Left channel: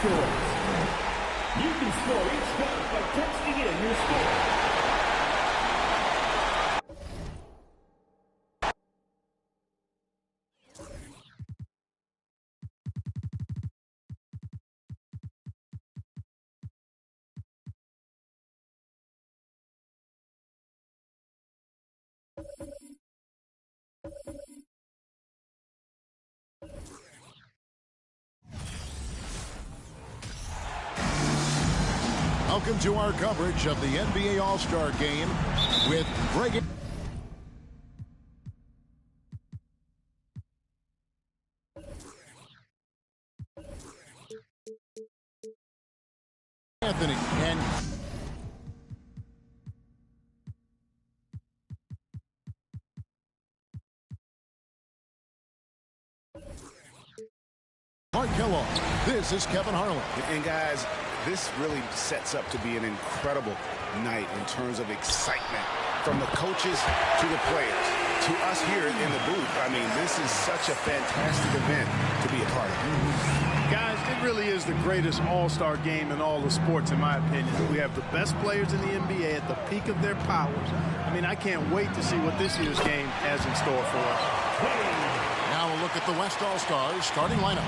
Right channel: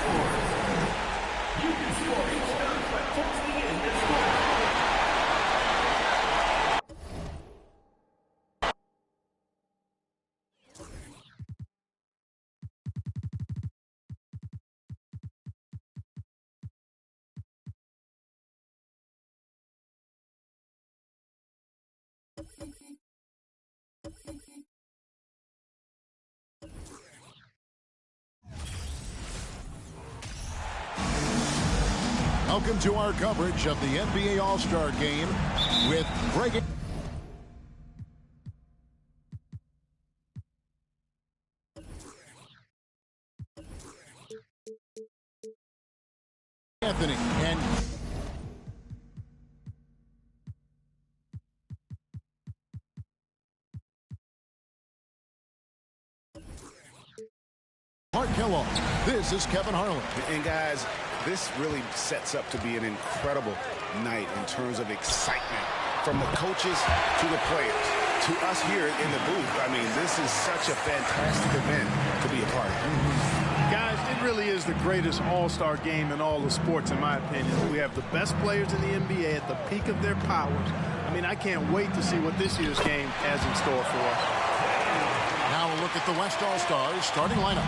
scores. You can score each dunk by texting in your score. Welcome to our coverage of the NBA All-Star Game with Greg Anthony and Mark Kellogg. This is Kevin Harlan. And guys, this really sets up to be an incredible night in terms of excitement from the coaches to the players to us here in the booth. I mean, this is such a fantastic event to be a part of. Guys, it really is the greatest all-star game in all the sports, in my opinion. We have the best players in the NBA at the peak of their powers. I mean, I can't wait to see what this year's game has in store for us. Now a look at the West All-Stars starting lineup.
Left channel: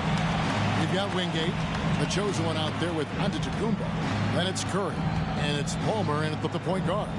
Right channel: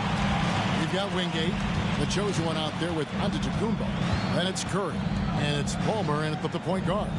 We've got Wingate, the chosen one out there with Antetokounmpo. Then it's Curry, and it's Palmer in at the point guard.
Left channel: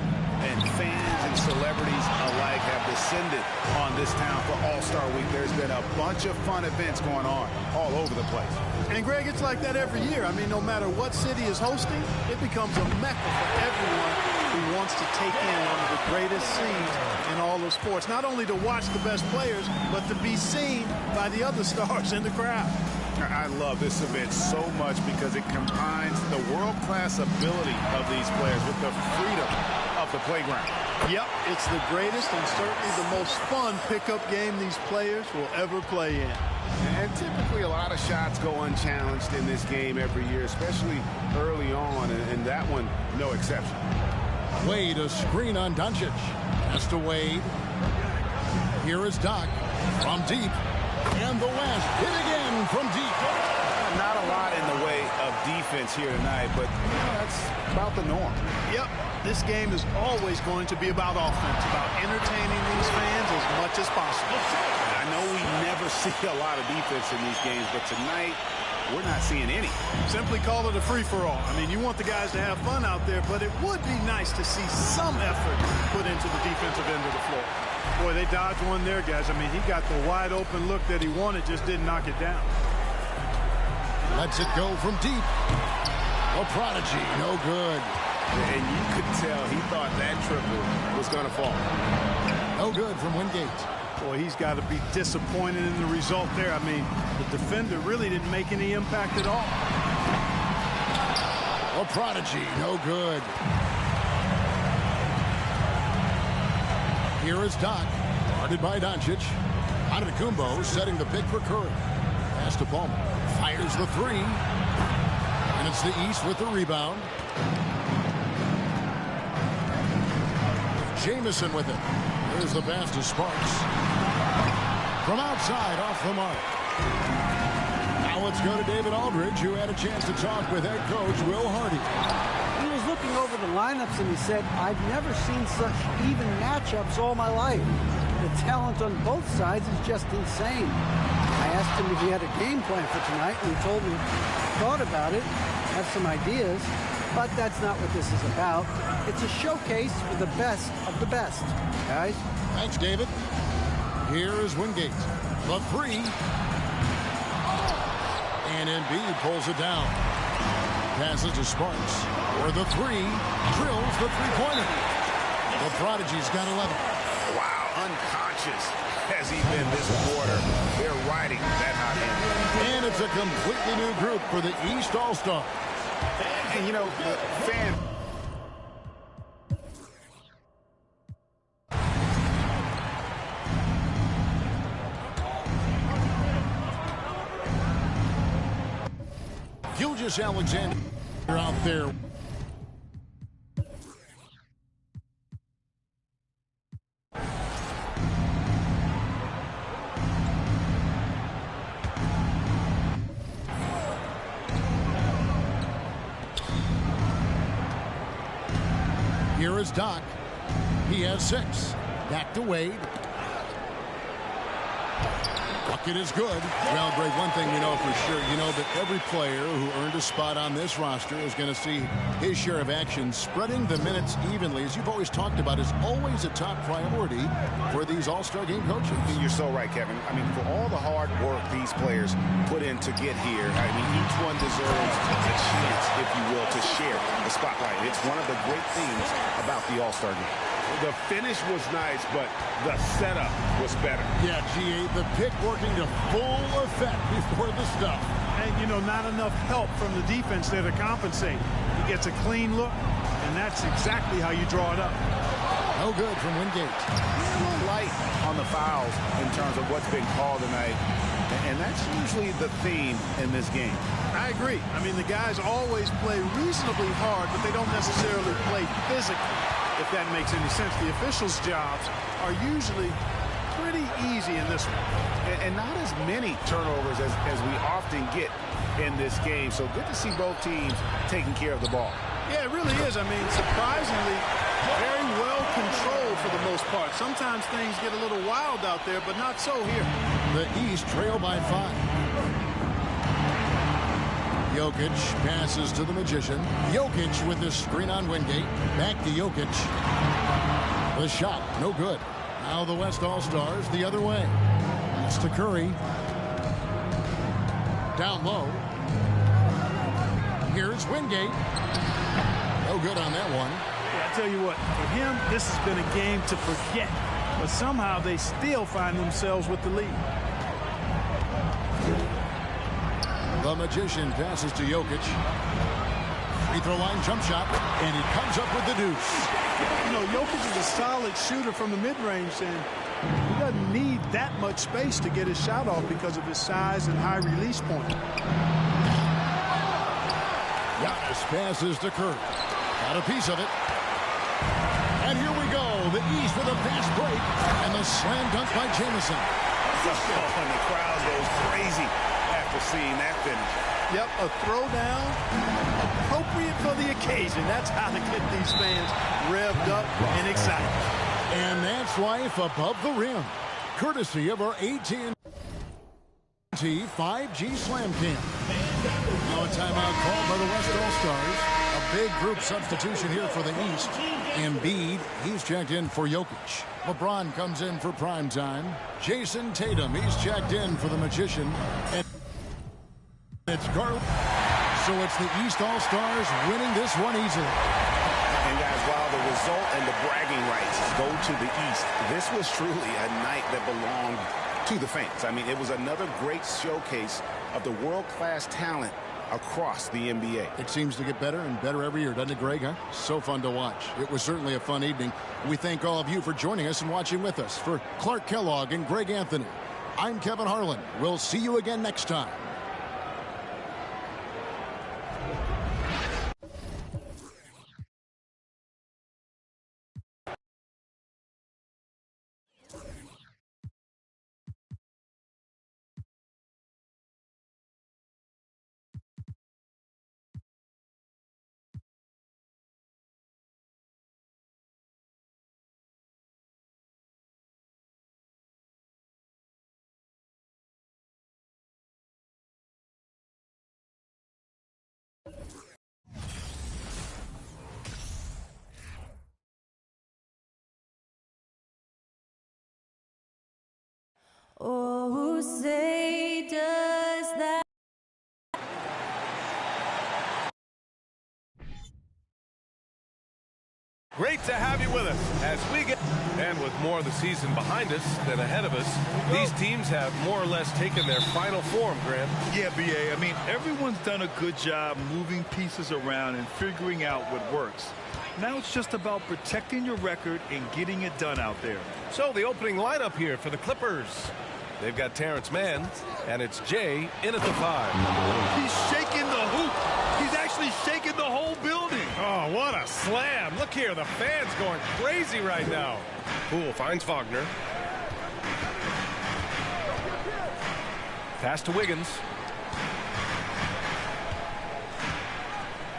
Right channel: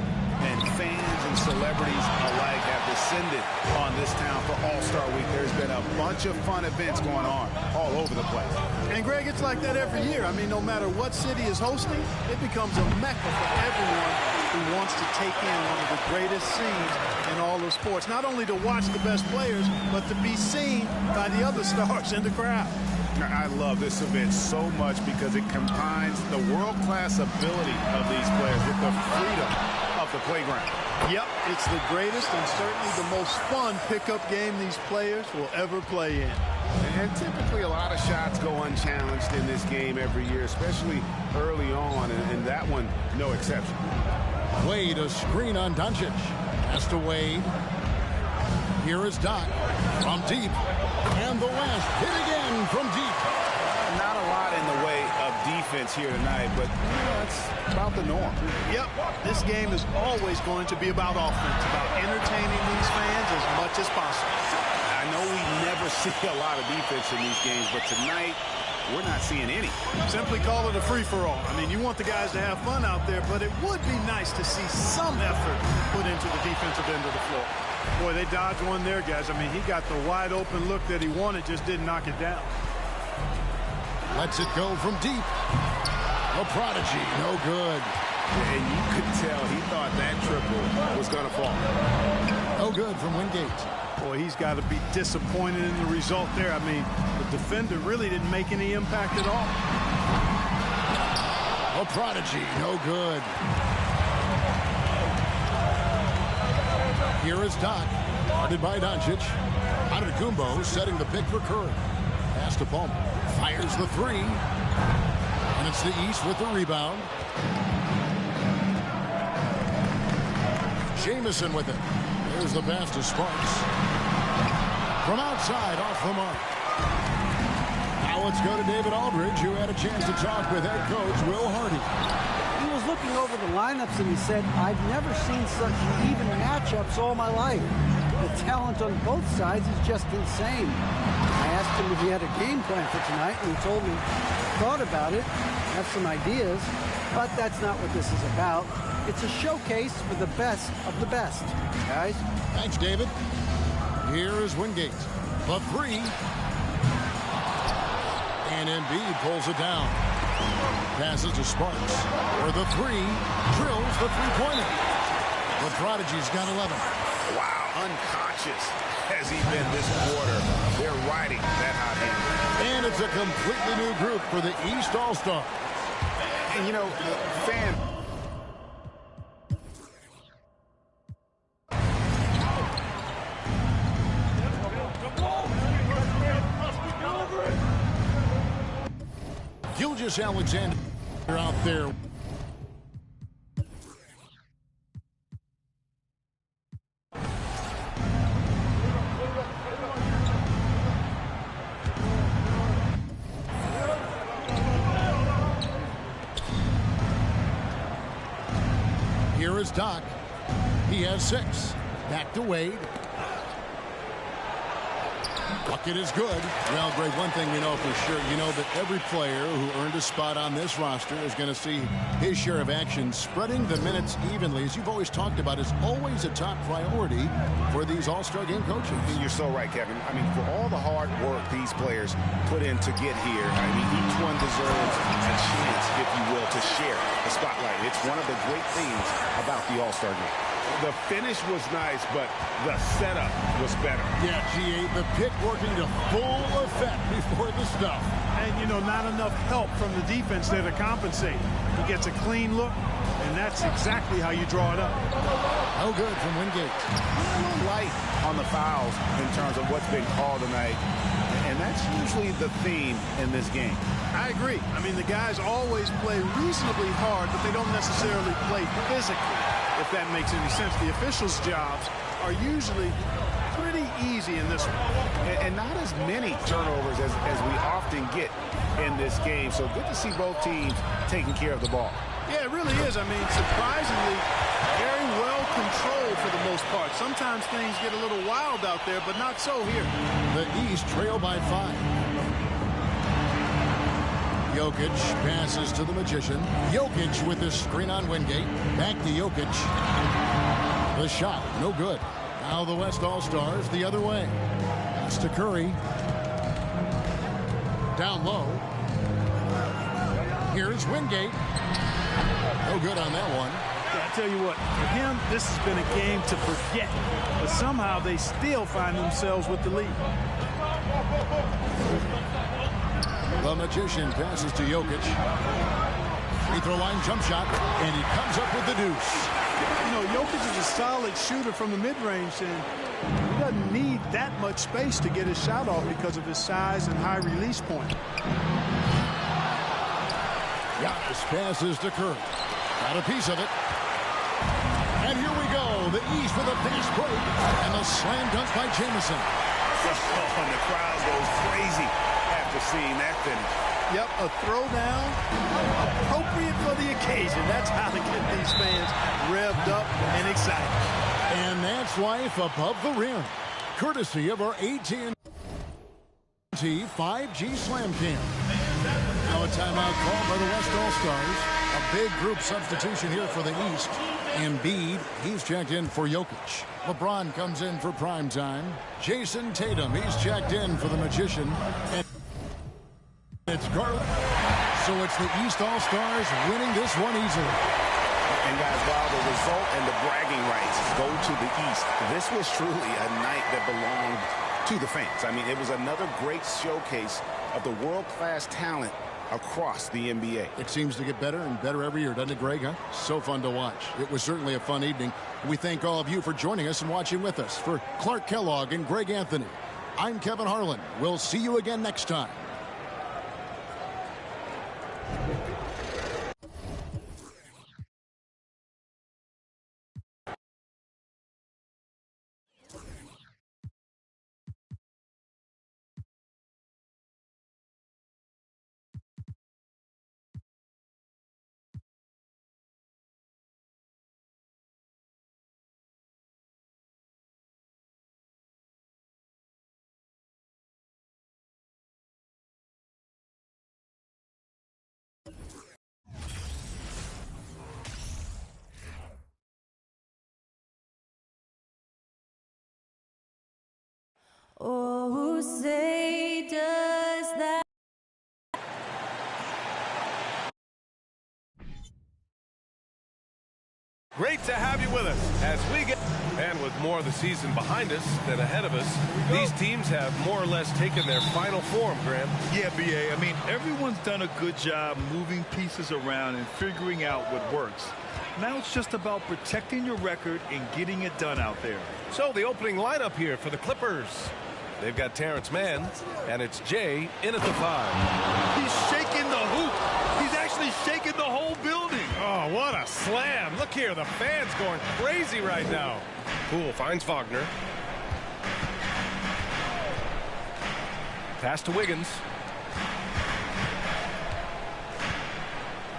And fans and celebrities alike have descended on this town for All-Star Week. There's been a bunch of fun events going on all over the place. And, Greg, it's like that every year. I mean, no matter what city is hosting, it becomes a mecca for everyone who wants to take in one of the greatest scenes in all of sports. Not only to watch the best players, but to be seen by the other stars in the crowd. I love this event so much because it combines the world-class ability of these players with the freedom of the playground. Yep, it's the greatest and certainly the most fun pickup game these players will ever play in. And typically a lot of shots go unchallenged in this game every year, especially early on, and that one no exception. Wade, a screen on Doncic. Pass to Wade. Here is Doc from deep. And the West hit again from deep. Not a lot in the way of defense here tonight, but that's about the norm. Yep, this game is always going to be about offense, about entertaining these fans as much as possible. I know we never see a lot of defense in these games, but tonight we're not seeing any. Simply call it a free-for-all. I mean, you want the guys to have fun out there, but it would be nice to see some effort put into the defensive end of the floor. Boy, they dodged one there, guys. I mean, he got the wide-open look that he wanted, just didn't knock it down. Lets it go from deep. A prodigy, no good. And you could tell he thought that triple was going to fall. No good from Wingate. Boy, he's got to be disappointed in the result there. I mean, the defender really didn't make any impact at all. A prodigy, no good. Here is Doc, guarded by Doncic. Antetokounmpo setting the pick for Curry. Pass to Palmer. Fires the three. And it's the East with the rebound. Jamison with it. There's the pass to Sparks. From outside, off the mark. Now let's go to David Aldridge, who had a chance to talk with head coach Will Hardy. He was looking over the lineups and he said, I've never seen such even matchups all my life. The talent on both sides is just insane. I asked him if he had a game plan for tonight, and he told me he thought about it, have some ideas, but that's not what this is about. It's a showcase for the best of the best, guys. Thanks, David. Here is Wingate. The three. And Embiid pulls it down. Passes to Sparks. For the three. Drills the three-pointer. The Prodigy's got 11. Wow, unconscious has he been this quarter. They're riding that hot hand. And it's a completely new group for the East All-Star. And, you know, the fan... Gilgeous-Alexander out there. Here is Doc. He has 6. Back to Wade. Bucket is good. Well, Greg, one thing we know for sure, you know that every player who earned a spot on this roster is going to see his share of action. Spreading the minutes evenly, as you've always talked about, is always a top priority for these All-Star Game coaches. And you're so right, Kevin. I mean, for all the hard work these players put in to get here, I mean, each one deserves a chance, if you will, to share the spotlight. It's one of the great things about the All-Star Game. The finish was nice, but the setup was better. Yeah, GA, the pick working to full effect before the stuff. And, you know, not enough help from the defense there to compensate. He gets a clean look, and that's exactly how you draw it up. No good from Wingate. A little light on the fouls in terms of what's been called tonight, and that's usually the theme in this game. I agree. I mean, the guys always play reasonably hard, but they don't necessarily play physically, if that makes any sense. The officials' jobs are usually pretty easy in this one. And not as many turnovers as we often get in this game. So good to see both teams taking care of the ball. Yeah, it really is. I mean, surprisingly, very well controlled for the most part. Sometimes things get a little wild out there, but not so here. The East trail by 5. Jokic passes to the Magician. Jokic with his screen on Wingate. Back to Jokic. The shot, no good. Now the West All-Stars the other way. Pass to Curry. Down low. Here's Wingate. No good on that one. Yeah, I tell you what, for him, this has been a game to forget. But somehow they still find themselves with the lead. The Magician passes to Jokic. Free throw line jump shot, and he comes up with the deuce. You know, Jokic is a solid shooter from the mid-range, and he doesn't need that much space to get his shot off because of his size and high release point. Giannis passes to Curry. Got a piece of it. And here we go. The East with a fast break, and the slam dunk by Jamison. Oh, and the crowd goes crazy after seeing that finish. Yep, a throwdown appropriate for the occasion. That's how to get these fans revved up and excited. And that's life above the rim, courtesy of our AT&T 5G Slam Cam. Now a timeout called by the West All-Stars. A big group substitution here for the East. Embiid, he's checked in for Jokic. LeBron comes in for prime time. Jason Tatum, he's checked in for the Magician. And it's Garland. So it's the East All-Stars winning this one easily. And guys, while the result and the bragging rights go to the East, this was truly a night that belonged to the fans. I mean, it was another great showcase of the world-class talent across the NBA. It seems to get better and better every year, doesn't it, Greg? Huh? So fun to watch. It was certainly a fun evening. We thank all of you for joining us and watching with us. For Clark Kellogg and Greg Anthony, I'm Kevin Harlan. We'll see you again next time. Oh, say does that. Great to have you with us as we get, and with more of the season behind us than ahead of us, these teams have more or less taken their final form, Grant. Yeah, BA. I mean, everyone's done a good job moving pieces around and figuring out what works. Now it's just about protecting your record and getting it done out there. So the opening lineup here for the Clippers. They've got Terrence Mann, and it's Jay in at the 5. He's shaking the hoop. He's actually shaking the whole building. Oh, what a slam. Look here, the fans going crazy right now. Poole finds Wagner. Pass to Wiggins.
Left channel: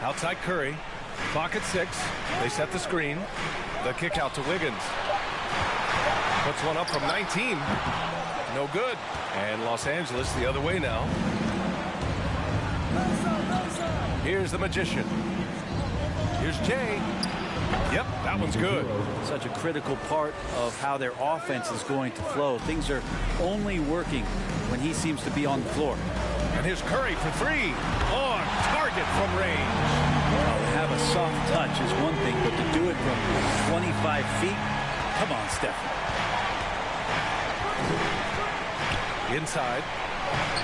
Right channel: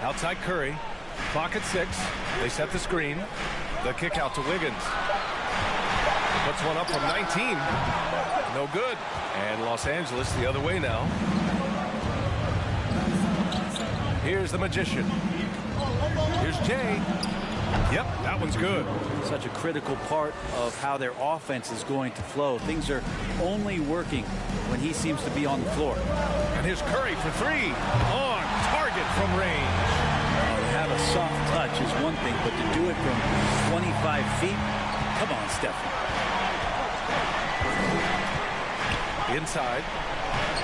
Outside Curry. Clock at 6. They set the screen. The kick out to Wiggins. Puts one up from 19. No good. And Los Angeles the other way now. Here's the Magician. Here's Jay. Yep, that one's good. Such a critical part of how their offense is going to flow. Things are only working when he seems to be on the floor. And here's Curry for 3. On target from range. To have a soft touch is one thing, but to do it from 25 feet, come on, Stephen. Inside.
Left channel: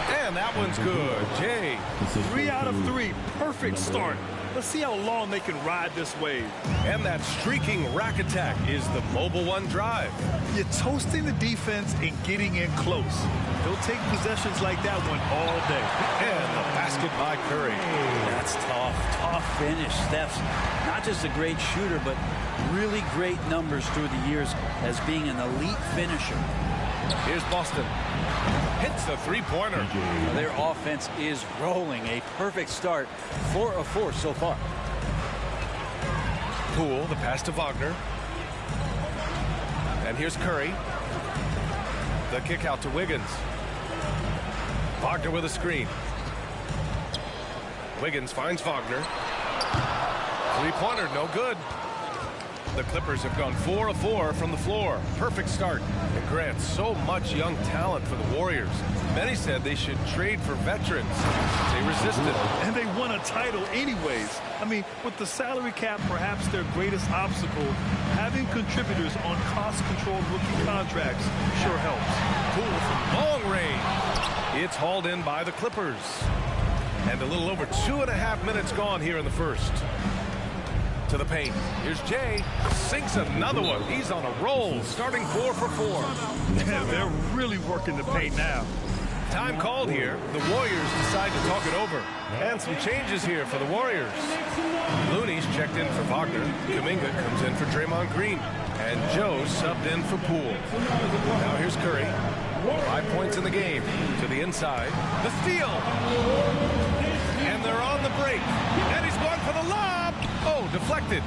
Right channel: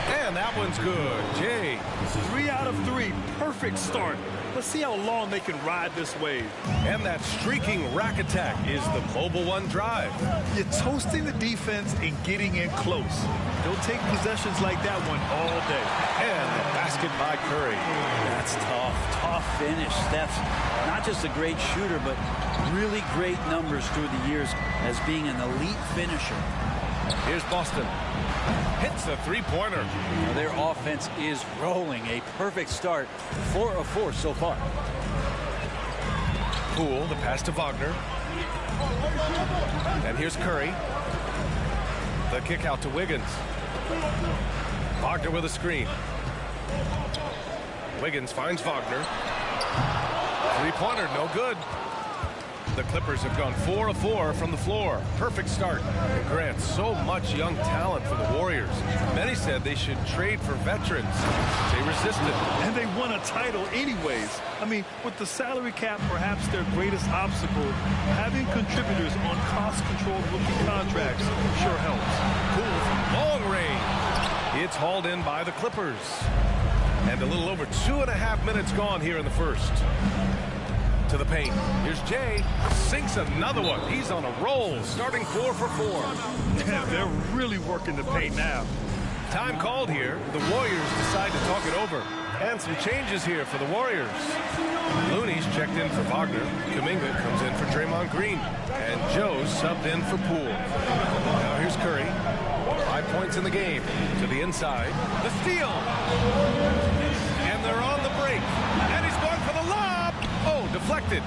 And that one's good. Jay. 3 out of 3. Perfect start. Let's see how long they can ride this wave. And that streaking rack attack is the Mobile One drive. You're toasting the defense and getting in close. They'll take possessions like that one all day. And the basket by Curry. That's tough. Tough finish. Steph's not just a great shooter, but really great numbers through the years as being an elite finisher. Here's Boston. Hits a three-pointer. Their offense is rolling. A perfect start. 4 of 4 so far. Poole, the pass to Wagner. And here's Curry. The kick out to Wiggins. Wagner with a screen. Wiggins finds Wagner. Three-pointer, no good. The Clippers have gone 4 of 4 from the floor. Perfect start. And Grant, so much young talent for the Warriors. Many said they should trade for veterans. They resisted. And they won a title anyways. I mean, with the salary cap perhaps their greatest obstacle, having contributors on cost-controlled rookie contracts sure helps. Poole from long range. It's hauled in by the Clippers. And a little over 2.5 minutes gone here in the first. To the paint. Here's Jay. Sinks another one. He's on a roll, starting 4 for 4. Yeah, they're really working the paint now. Time called here. The Warriors decide to talk it over. And some changes here for the Warriors. Looney's checked in for Wagner. Kuminga comes in for Draymond Green. And Joe subbed in for Poole. Now here's Curry. 5 points in the game. To the inside. The steal. And they're on the break. And he's going for the lob. Oh, deflected.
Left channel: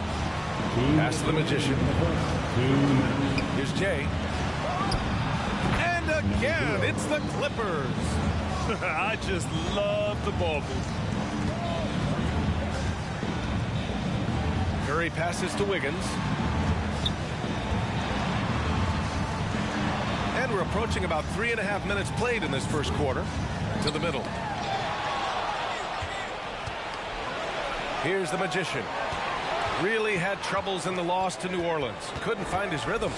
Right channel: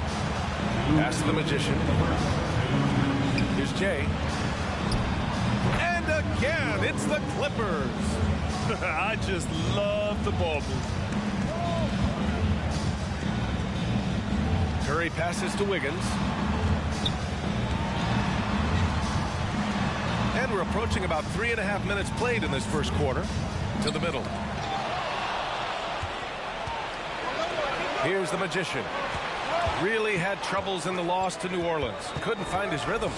Pass to the Magician. Here's Jay. And again, it's the Clippers. I just love the ball move. Curry passes to Wiggins. And we're approaching about 3.5 minutes played in this first quarter. To the middle. Here's the Magician. Really had troubles in the loss to New Orleans. Couldn't find his rhythm.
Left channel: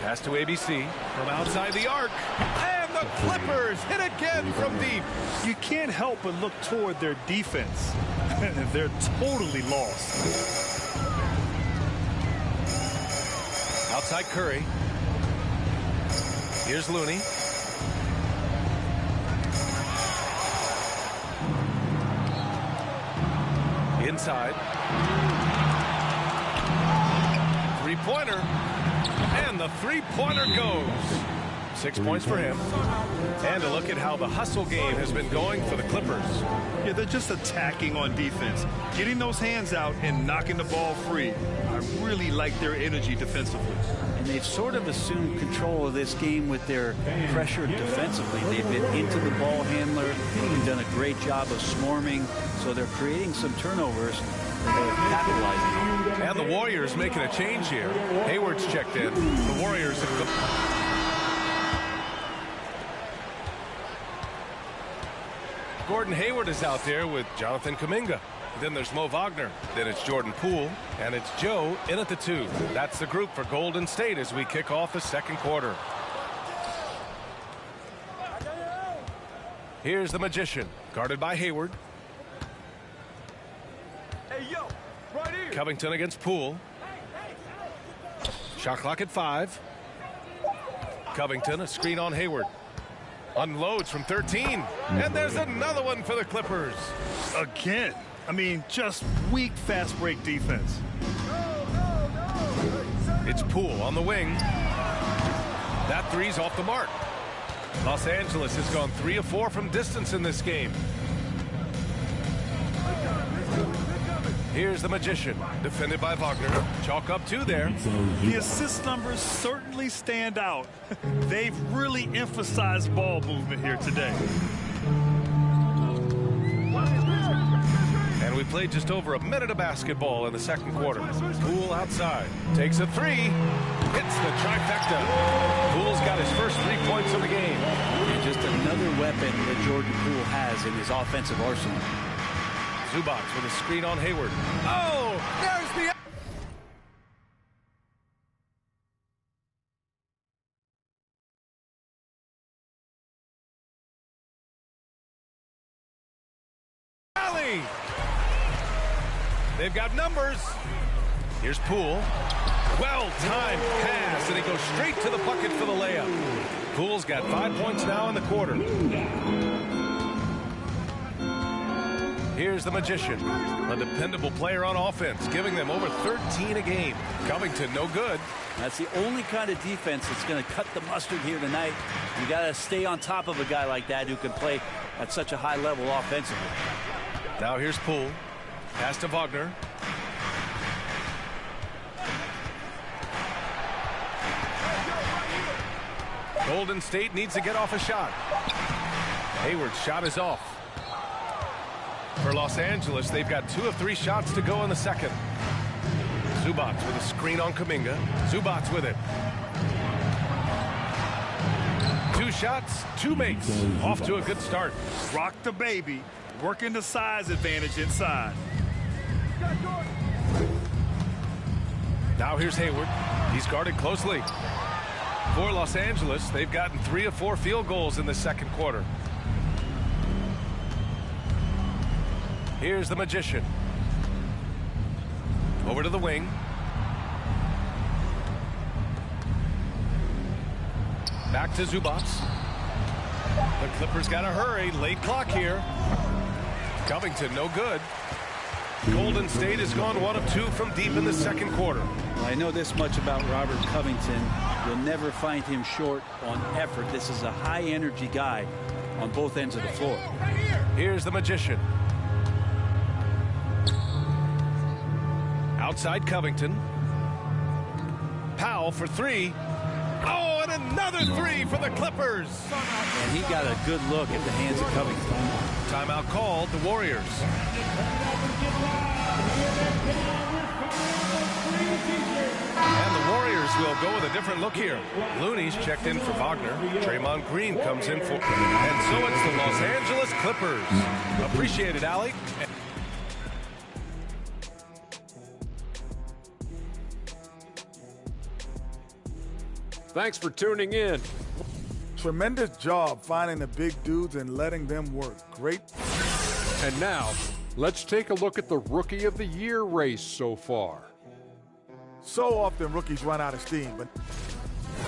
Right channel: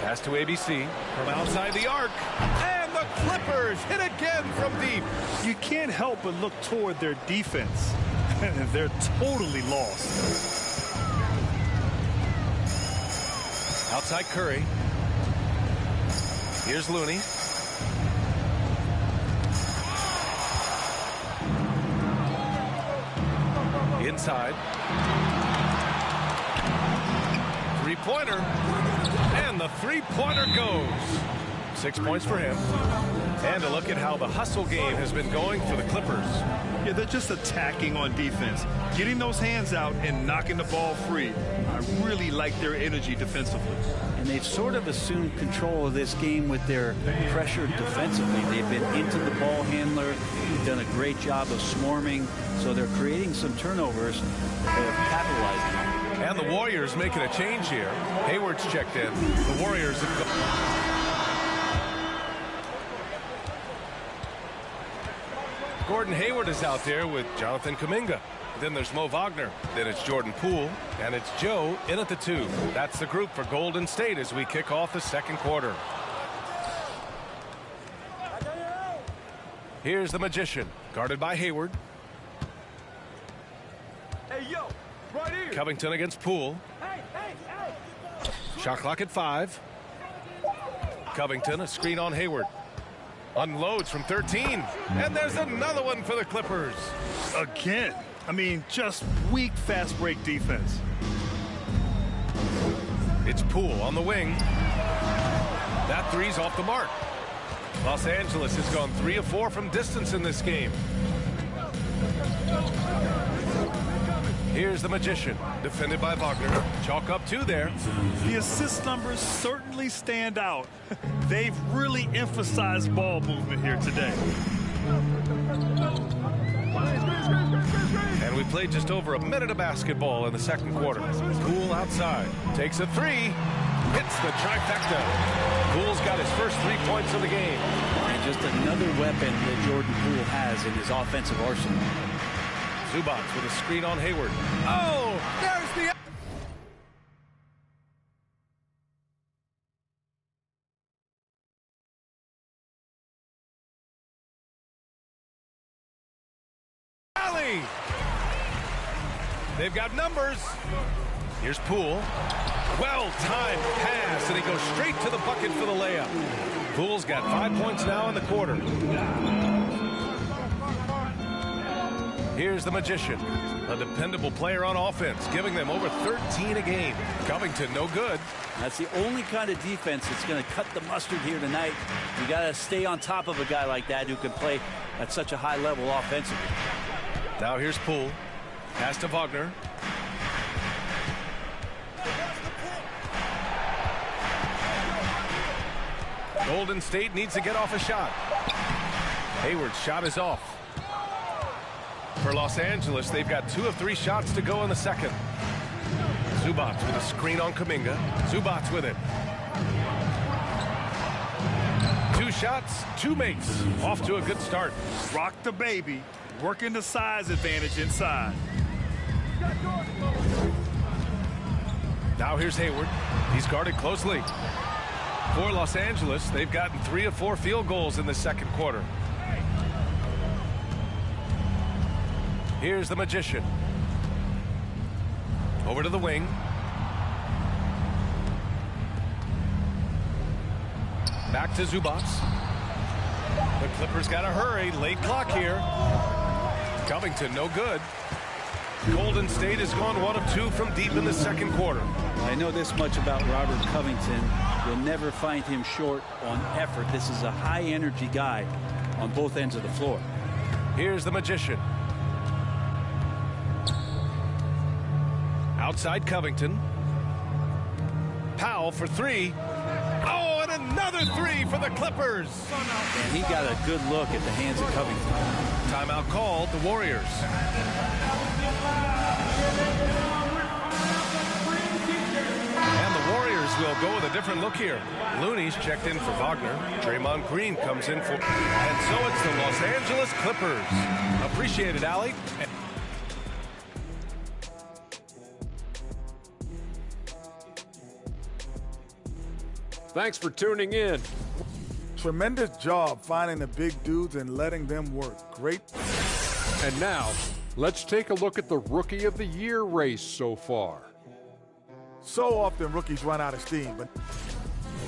Pass to ABC from outside the arc. And the Clippers hit again from deep. You can't help but look toward their defense. They're totally lost. Outside Curry. Here's Looney. Inside. Three-pointer. And the three-pointer goes. 6 points for him. And a look at how the hustle game has been going for the Clippers. Yeah, they're just attacking on defense. Getting those hands out and knocking the ball free. I really like their energy defensively. And they've sort of assumed control of this game with their pressure defensively. They've been into the ball handler. They've done a great job of swarming. So they're creating some turnovers that they're capitalizing on. And the Warriors making a change here. Hayward's checked in. The Warriors have Gordon Hayward is out there with Jonathan Kuminga. Then there's Mo Wagner. Then it's Jordan Poole. And it's Joe in at the 2. That's the group for Golden State as we kick off the second quarter. Here's the Magician, guarded by Hayward. Hey, yo, right here. Covington against Poole. Shot clock at 5. Covington, a screen on Hayward. Unloads from 13. And there's another one for the Clippers. Again. I mean, just weak fast break defense. It's Poole on the wing. That three's off the mark. Los Angeles has gone 3 of 4 from distance in this game. Here's the Magician, defended by Wagner. Chalk up 2 there. The assist numbers certainly stand out. They've really emphasized ball movement here today. And we played just over a minute of basketball in the second quarter. Poole outside, takes a 3, hits the trifecta. Poole's got his first 3 points of the game. And just another weapon that Jordan Poole has in his offensive arsenal. Zubac with a screen on Hayward. Oh, there's the... alley. They've got numbers. Here's Poole. Well-timed pass, and he goes straight to the bucket for the layup. Poole's got 5 points now in the quarter. Here's the Magician, a dependable player on offense, giving them over 13 a game. Covington, no good. That's the only kind of defense that's going to cut the mustard here tonight. You got to stay on top of a guy like that who can play at such a high level offensively. Now here's Poole. Pass to Wagner. Golden State needs to get off a shot. Hayward's shot is off. For Los Angeles, they've got 2 of 3 shots to go in the second. Zubac with a screen on Kuminga. Zubac with it. 2 shots, 2 makes. Off to a good start. Rock the baby, working the size advantage inside. Now here's Hayward. He's guarded closely. For Los Angeles, they've gotten 3 of 4 field goals in the second quarter. Here's the Magician. Over to the wing. Back to Zubac. The Clippers got to hurry. Late clock here. Covington, no good. Golden State has gone 1 of 2 from deep in the second quarter. I know this much about Robert Covington. You'll never find him short on effort. This is a high-energy guy on both ends of the floor. Here's the Magician. Outside Covington. Powell for 3. Oh, and another 3 for the Clippers. And he got a good look at the hands of Covington. Timeout called, the Warriors. And the Warriors will go with a different look here. Looney's checked in for Wagner. Draymond Green comes in for... And so it's the Los Angeles Clippers. Appreciate it, Allie. Thanks for tuning in. Tremendous job finding the big dudes and letting them work. Great. And now, let's take a look at the Rookie of the Year race so far. So often rookies run out of steam, but...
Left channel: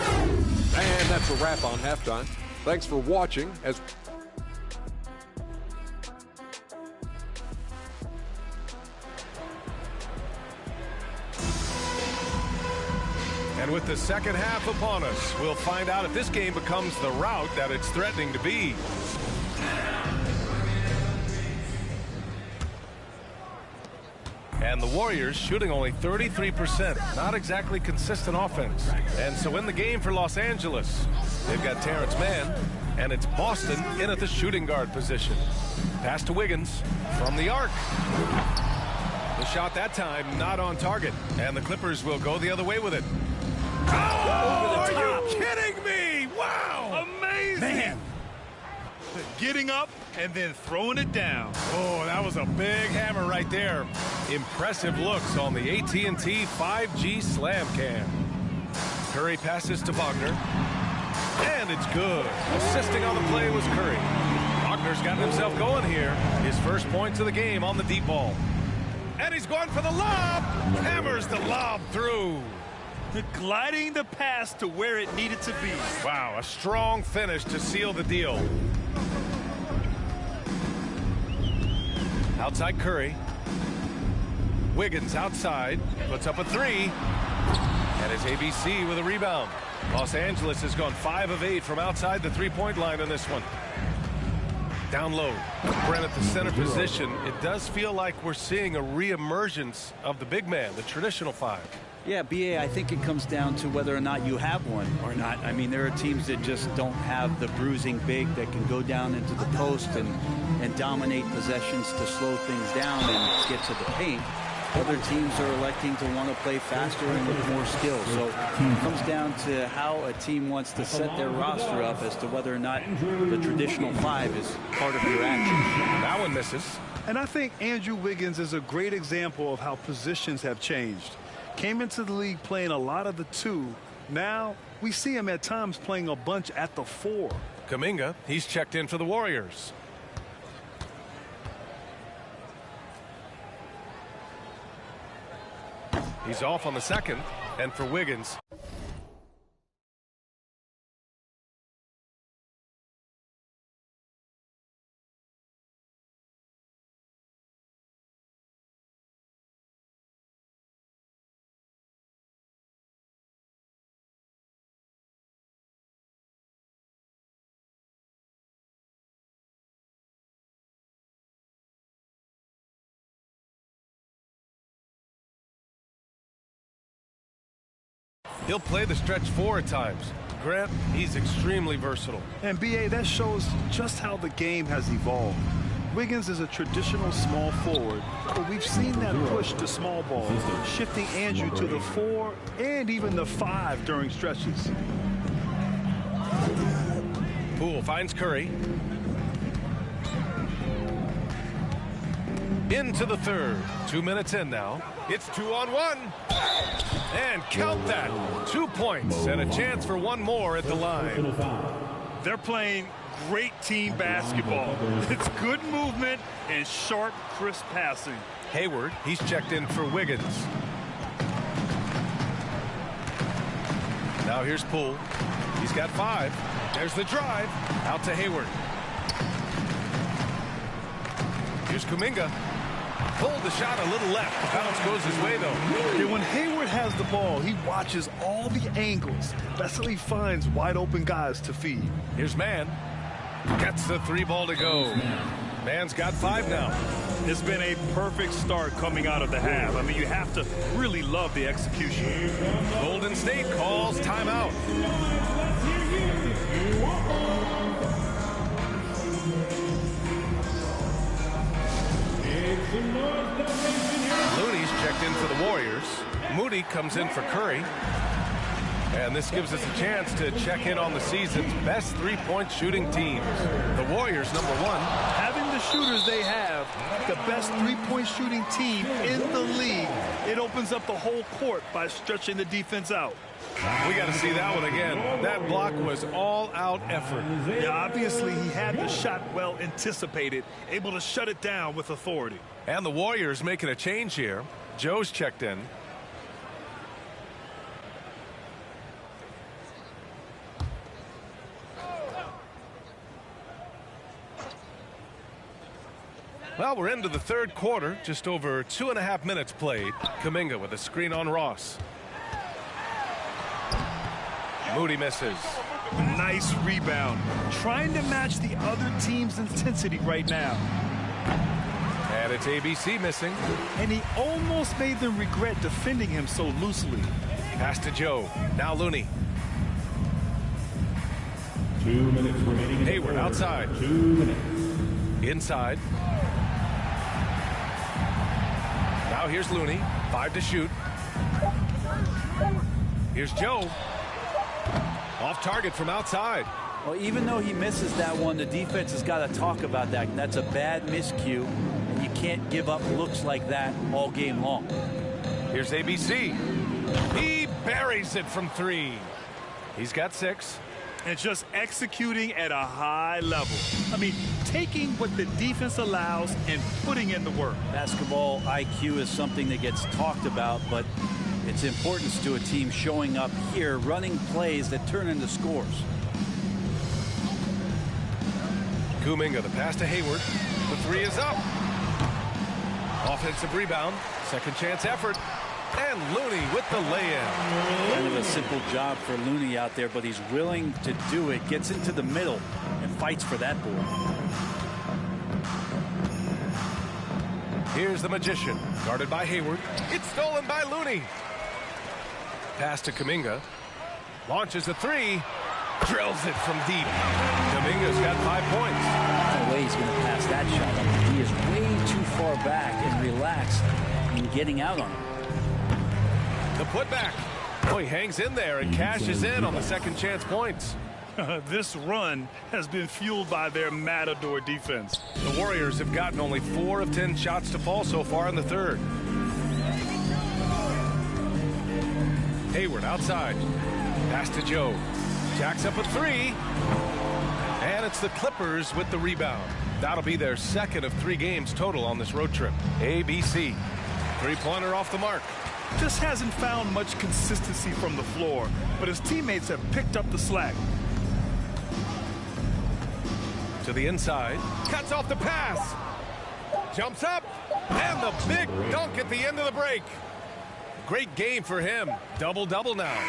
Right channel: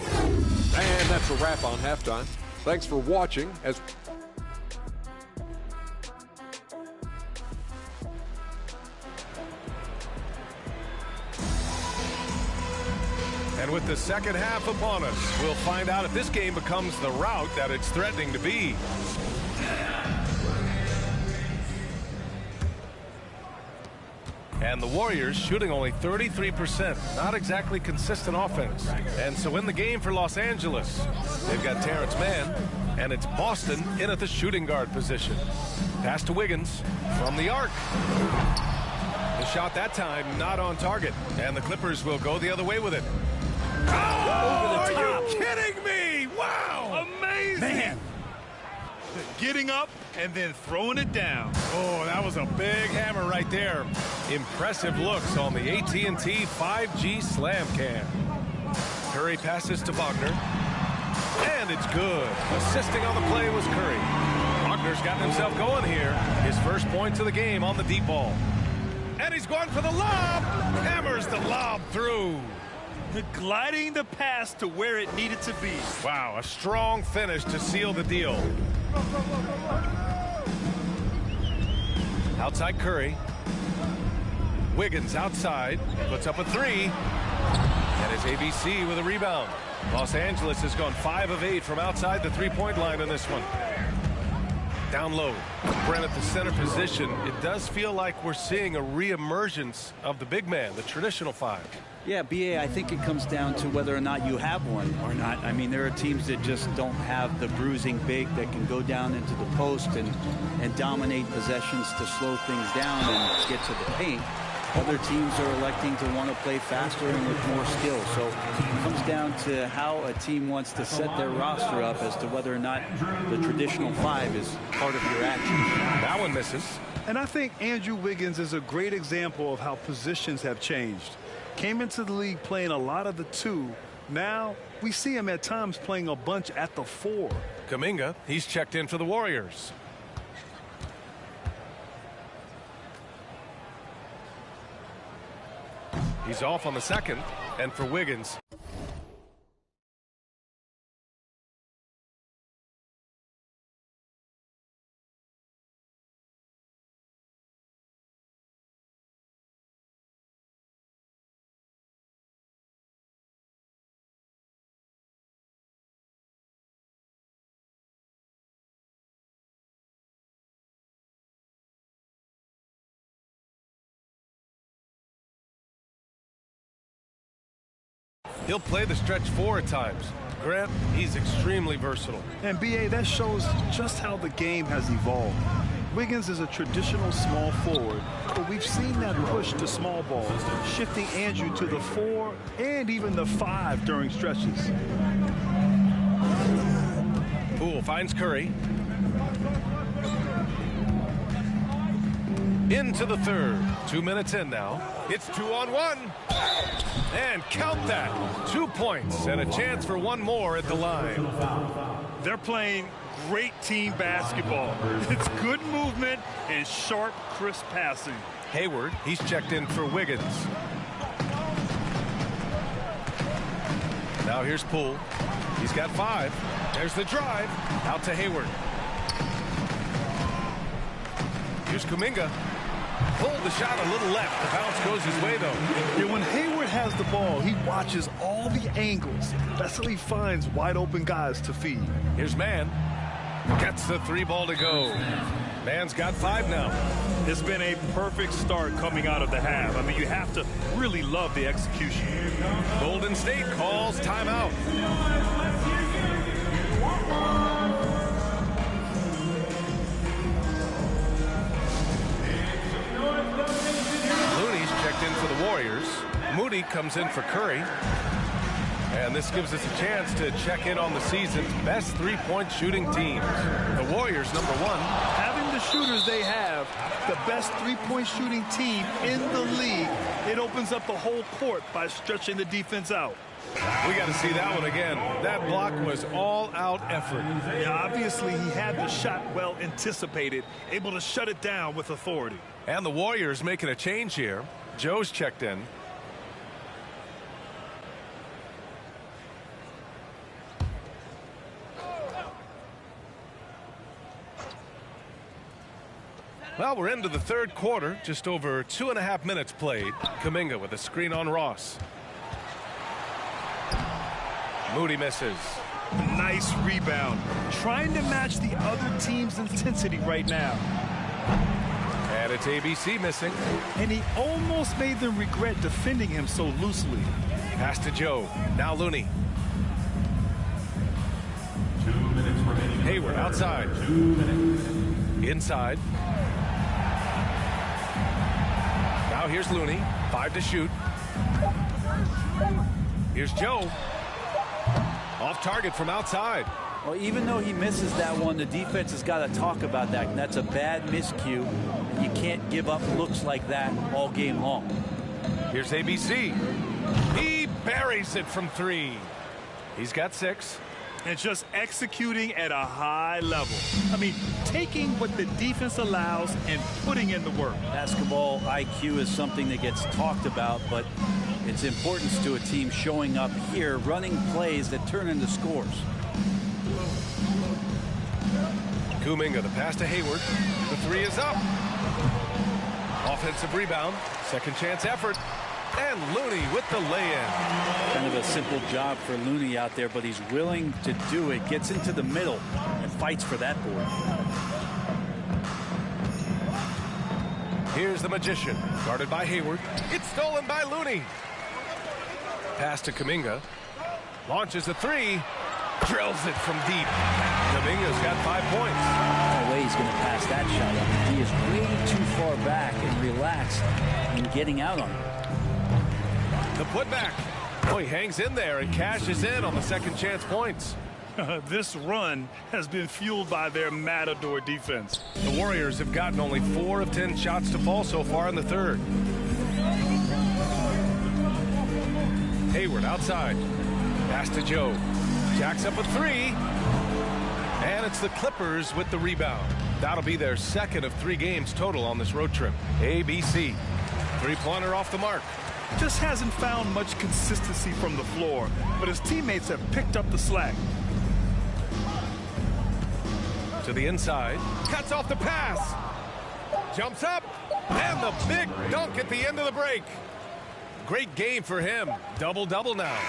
And that's a wrap on Halftime. Thanks for watching as... And with the second half upon us, we'll find out if this game becomes the rout that it's threatening to be. And the Warriors shooting only 33%. Not exactly consistent offense. And so in the game for Los Angeles, they've got Terrence Mann, and it's Boston in at the shooting guard position. Pass to Wiggins from the arc. The shot that time not on target. And the Clippers will go the other way with it. Oh, are you kidding me? Wow! Amazing! Man. Getting up and then throwing it down. Oh, that was a big hammer right there. Impressive looks on the AT&T 5G Slam Cam. Curry passes to Wagner. And it's good. Assisting on the play was Curry. Wagner's gotten himself going here. His first points of the game on the deep ball. And he's going for the lob. Hammers the lob through. Gliding the pass to where it needed to be. Wow, a strong finish to seal the deal. Outside Curry. Wiggins outside, puts up a 3. And it's ABC with a rebound. Los Angeles has gone 5 of 8 from outside the 3-point line in this one. Down low. Brent at the center position. It does feel like we're seeing a reemergence of the big man, the traditional 5. Yeah, BA, I think it comes down to whether or not you have one or not. I mean, there are teams that just don't have the bruising big that can go down into the post and dominate possessions to slow things down and get to the paint. Other teams are electing to want to play faster and with more skill. So it comes down to how a team wants to set their roster up as to whether or not the traditional 5 is part of your action. That one misses. And I think Andrew Wiggins is a great example of how positions have changed. Came into the league playing a lot of the 2. Now we see him at times playing a bunch at the 4. Kuminga, he's checked in for the Warriors. He's off on the second, and for Wiggins. He'll play the stretch 4 at times. Grant, he's extremely versatile. And BA, that shows just how the game has evolved. Wiggins is a traditional small forward, but we've seen that push to small ball, shifting Andrew to the 4 and even the 5 during stretches. Poole finds Curry. Into the third. 2 minutes in now. It's 2-on-1. And count that. 2 points and a chance for one more at the line. They're playing great team basketball. It's good movement and sharp, crisp passing. Hayward, he's checked in for Wiggins. Now here's Poole. He's got 5. There's the drive. Out to Hayward. Here's Kuminga. Pulled the shot a little left. The bounce goes his way, though. Yeah, when Hayward has the ball, he watches all the angles. That's how he finds wide open guys to feed. Here's Mann. Gets the 3 ball to go. Mann's got 5 now. It's been a perfect start coming out of the half. I mean, you have to really love the execution. Golden State calls timeout. Looney's checked in for the Warriors. Moody comes in for Curry. And this gives us a chance to check in on the season's best 3-point shooting teams. The Warriors, number 1. Having the shooters they have, the best 3-point shooting team in the league, it opens up the whole court by stretching the defense out. We got to see that one again. That block was all-out effort. Yeah, obviously he had the shot well anticipated, able to shut it down with authority. And the Warriors making a change here. Joe's checked in. Well, we're into the third quarter. Just over 2.5 minutes played. Kuminga with a screen on Ross. Moody misses. Nice rebound. Trying to match the other team's intensity right now. And it's ABC missing. And he almost made them regret defending him so loosely. Pass to Joe. Now Looney. 2 minutes remaining. Hayward outside. 2 minutes. Inside. Now here's Looney. 5 to shoot. Here's Joe. Off target from outside. Well, even though he misses that one, the defense has got to talk about that. And that's a bad miscue, and you can't give up looks like that all game long. Here's ABC. He buries it from 3. He's got 6. And just executing at a high level. I mean, taking what the defense allows and putting in the work. Basketball IQ is something that gets talked about, but its importance to a team showing up here, running plays that turn into scores. Kuminga, the pass to Hayward. The 3 is up. Offensive rebound. Second chance effort. And Looney with the lay-in. Kind of a simple job for Looney out there, but he's willing to do it. Gets into the middle and fights for that board. Here's the Magician, guarded by Hayward. It's stolen by Looney. Pass to Kuminga. Launches a three. Drills it from deep. Kuminga's got 5 points. No way he's going to pass that shot up. The D is way too far back and relaxed in getting out on it. The putback. Oh, he hangs in there and cashes in on the second chance points. This run has been fueled by their Matador defense. The Warriors have gotten only 4 of 10 shots to fall so far in the third. Hayward outside. Pass to Joe. Jacks up a three. And it's the Clippers with the rebound. That'll be their second of 3 games total on this road trip. ABC. Three-pointer off the mark. Just hasn't found much consistency from the floor, but his teammates have picked up the slack. To the inside. Cuts off the pass. Jumps up. And the big dunk at the end of the break. Great game for him. Double-double now.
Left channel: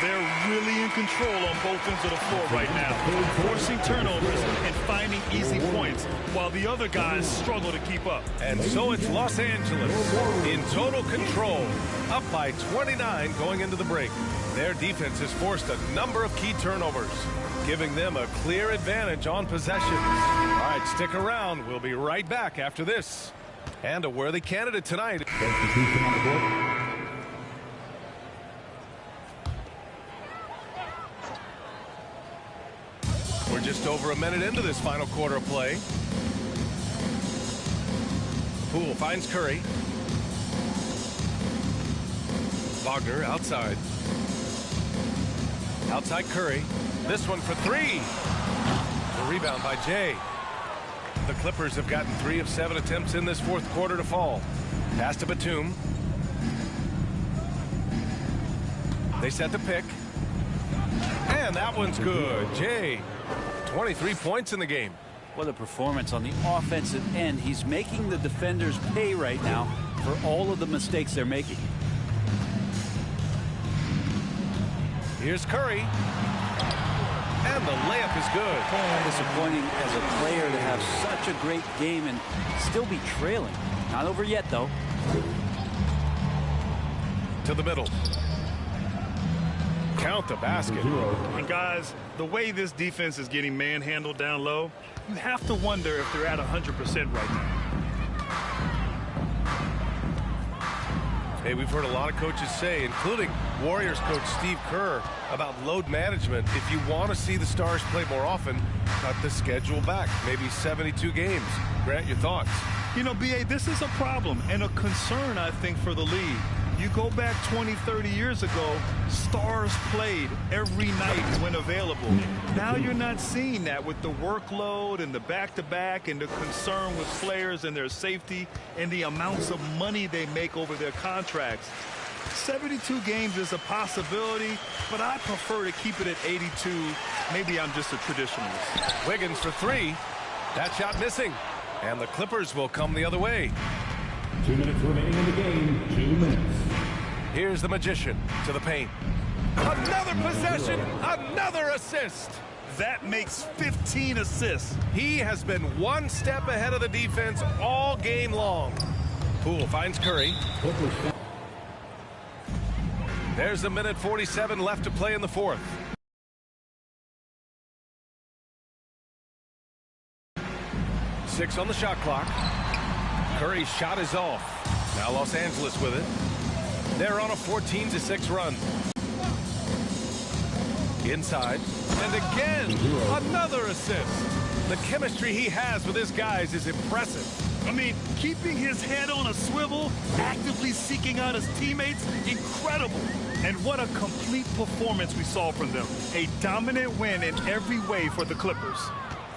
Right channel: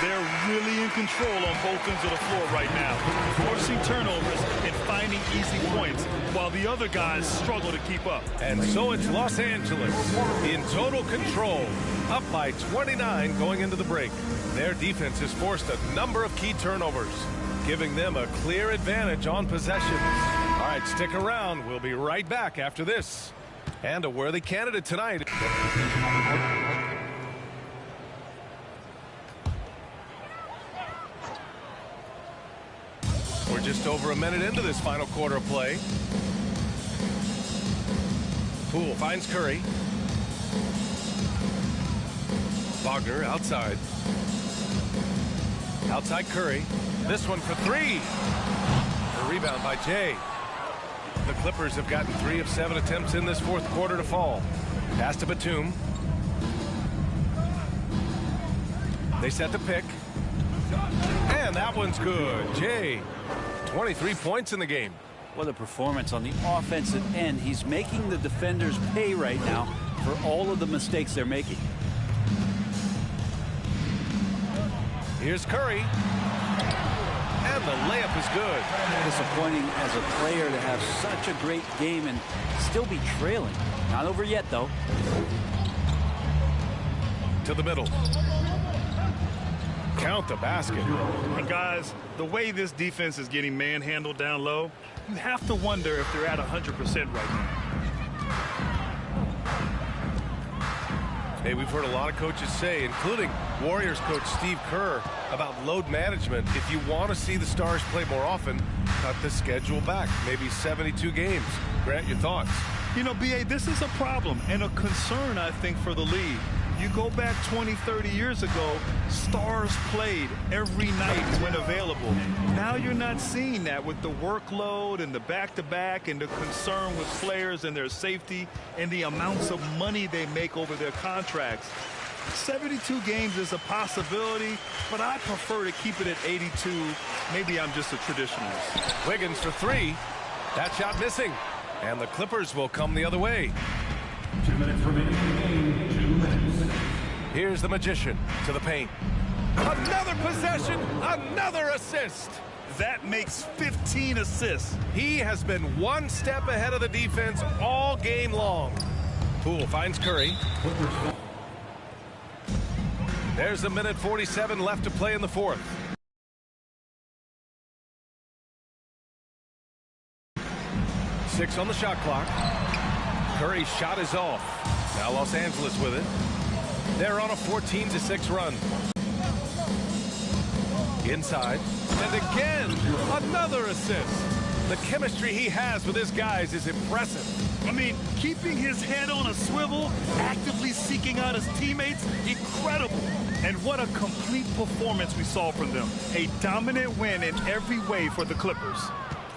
They're really in control on both ends of the floor right now, forcing turnovers and finding easy points while the other guys struggle to keep up. And so it's Los Angeles in total control, up by 29 going into the break. Their defense has forced a number of key turnovers, giving them a clear advantage on possessions. All right, stick around. We'll be right back after this. And a worthy candidate tonight. We're just over a minute into this final quarter of play. Poole finds Curry. Wagner outside. Outside Curry. This one for 3. The rebound by Jay. The Clippers have gotten 3 of 7 attempts in this fourth quarter to fall. Pass to Batum. They set the pick. And that one's good. Jay, 23 points in the game. What a performance on the offensive end. He's making the defenders pay right now for all of the mistakes they're making. Here's Curry. And the layup is good. Disappointing as a player to have such a great game and still be trailing. Not over yet, though. To the middle. Count the basket. And guys, the way this defense is getting manhandled down low, you have to wonder if they're at 100% right now. Hey, we've heard a lot of coaches say, including Warriors coach Steve Kerr, about load management. If you want to see the Stars play more often, cut the schedule back, maybe 72 games. Grant, your thoughts? You know, B.A., this is a problem and a concern, I think, for the league. You go back 20, 30 years ago, Stars played every night when available. Now you're not seeing that with the workload and the back-to-back and the concern with players and their safety and the amounts of money they make over their contracts. 72 games is a possibility, but I prefer to keep it at 82. Maybe I'm just a traditionalist. Wiggins for 3. That shot missing. And the Clippers will come the other way. 2 minutes remaining in the game. 2 minutes. Here's the Magician to the paint. Another possession, another assist. That makes 15 assists. He has been one step ahead of the defense all game long. Poole finds Curry. There's a minute 47 left to play in the fourth. Six on the shot clock. Curry's shot is off. Now Los Angeles with it. They're on a 14-6 run. Inside. And again, another assist. The chemistry he has with his guys is impressive. I mean, keeping his head on a swivel, actively seeking out his teammates, incredible. And what a complete performance we saw from them. A dominant win in every way for the Clippers.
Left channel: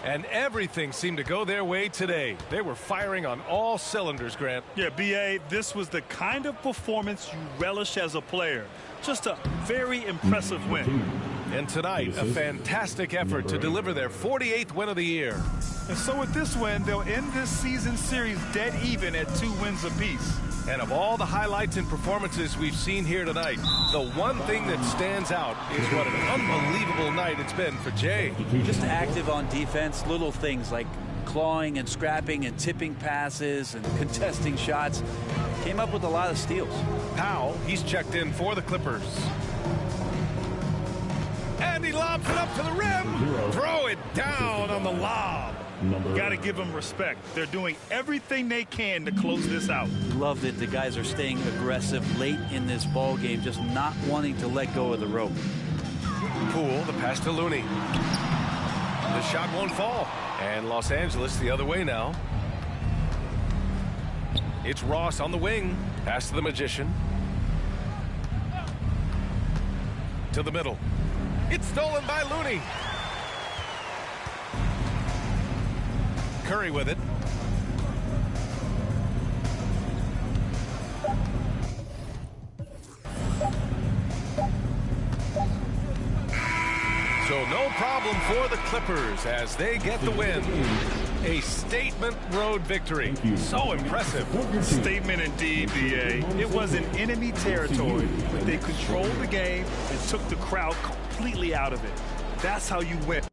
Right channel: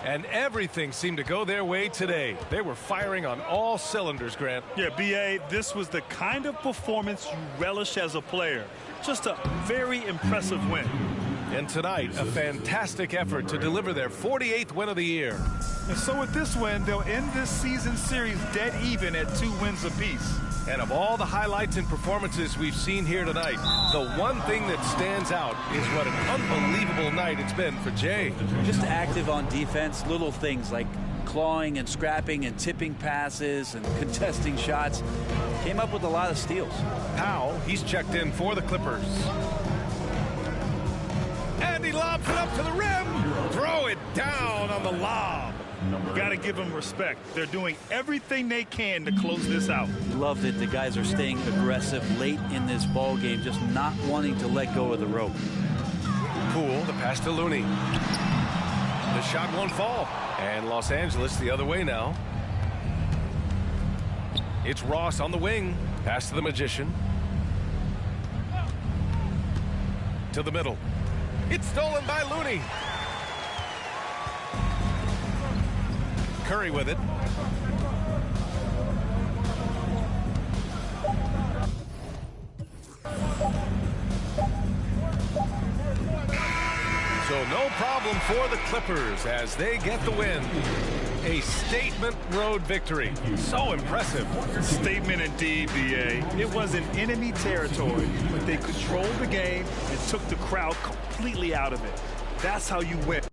And everything seemed to go their way today. They were firing on all cylinders, Grant. Yeah, B.A., this was the kind of performance you relish as a player. Just a very impressive win. And tonight, a fantastic effort to deliver their 48th win of the year. And so with this win, they'll end this season series dead even at 2 wins apiece. And of all the highlights and performances we've seen here tonight, the one thing that stands out is what an unbelievable night it's been for Jay. Just active on defense, little things like clawing and scrapping and tipping passes and contesting shots. Came up with a lot of steals. Powell, he's checked in for the Clippers. And he lobs it up to the rim. Throw it down on the lob. Got to give them respect. They're doing everything they can to close this out. Love that the guys are staying aggressive late in this ball game, just not wanting to let go of the rope. Poole, the pass to Looney. The shot won't fall. And Los Angeles the other way now. It's Ross on the wing. Pass to the Magician. To the middle. It's stolen by Looney. Curry with it. So no problem for the Clippers as they get the win. A statement road victory. So impressive. Statement indeed, DA. It was in enemy territory, but they controlled the game and took the crowd completely out of it. That's how you win.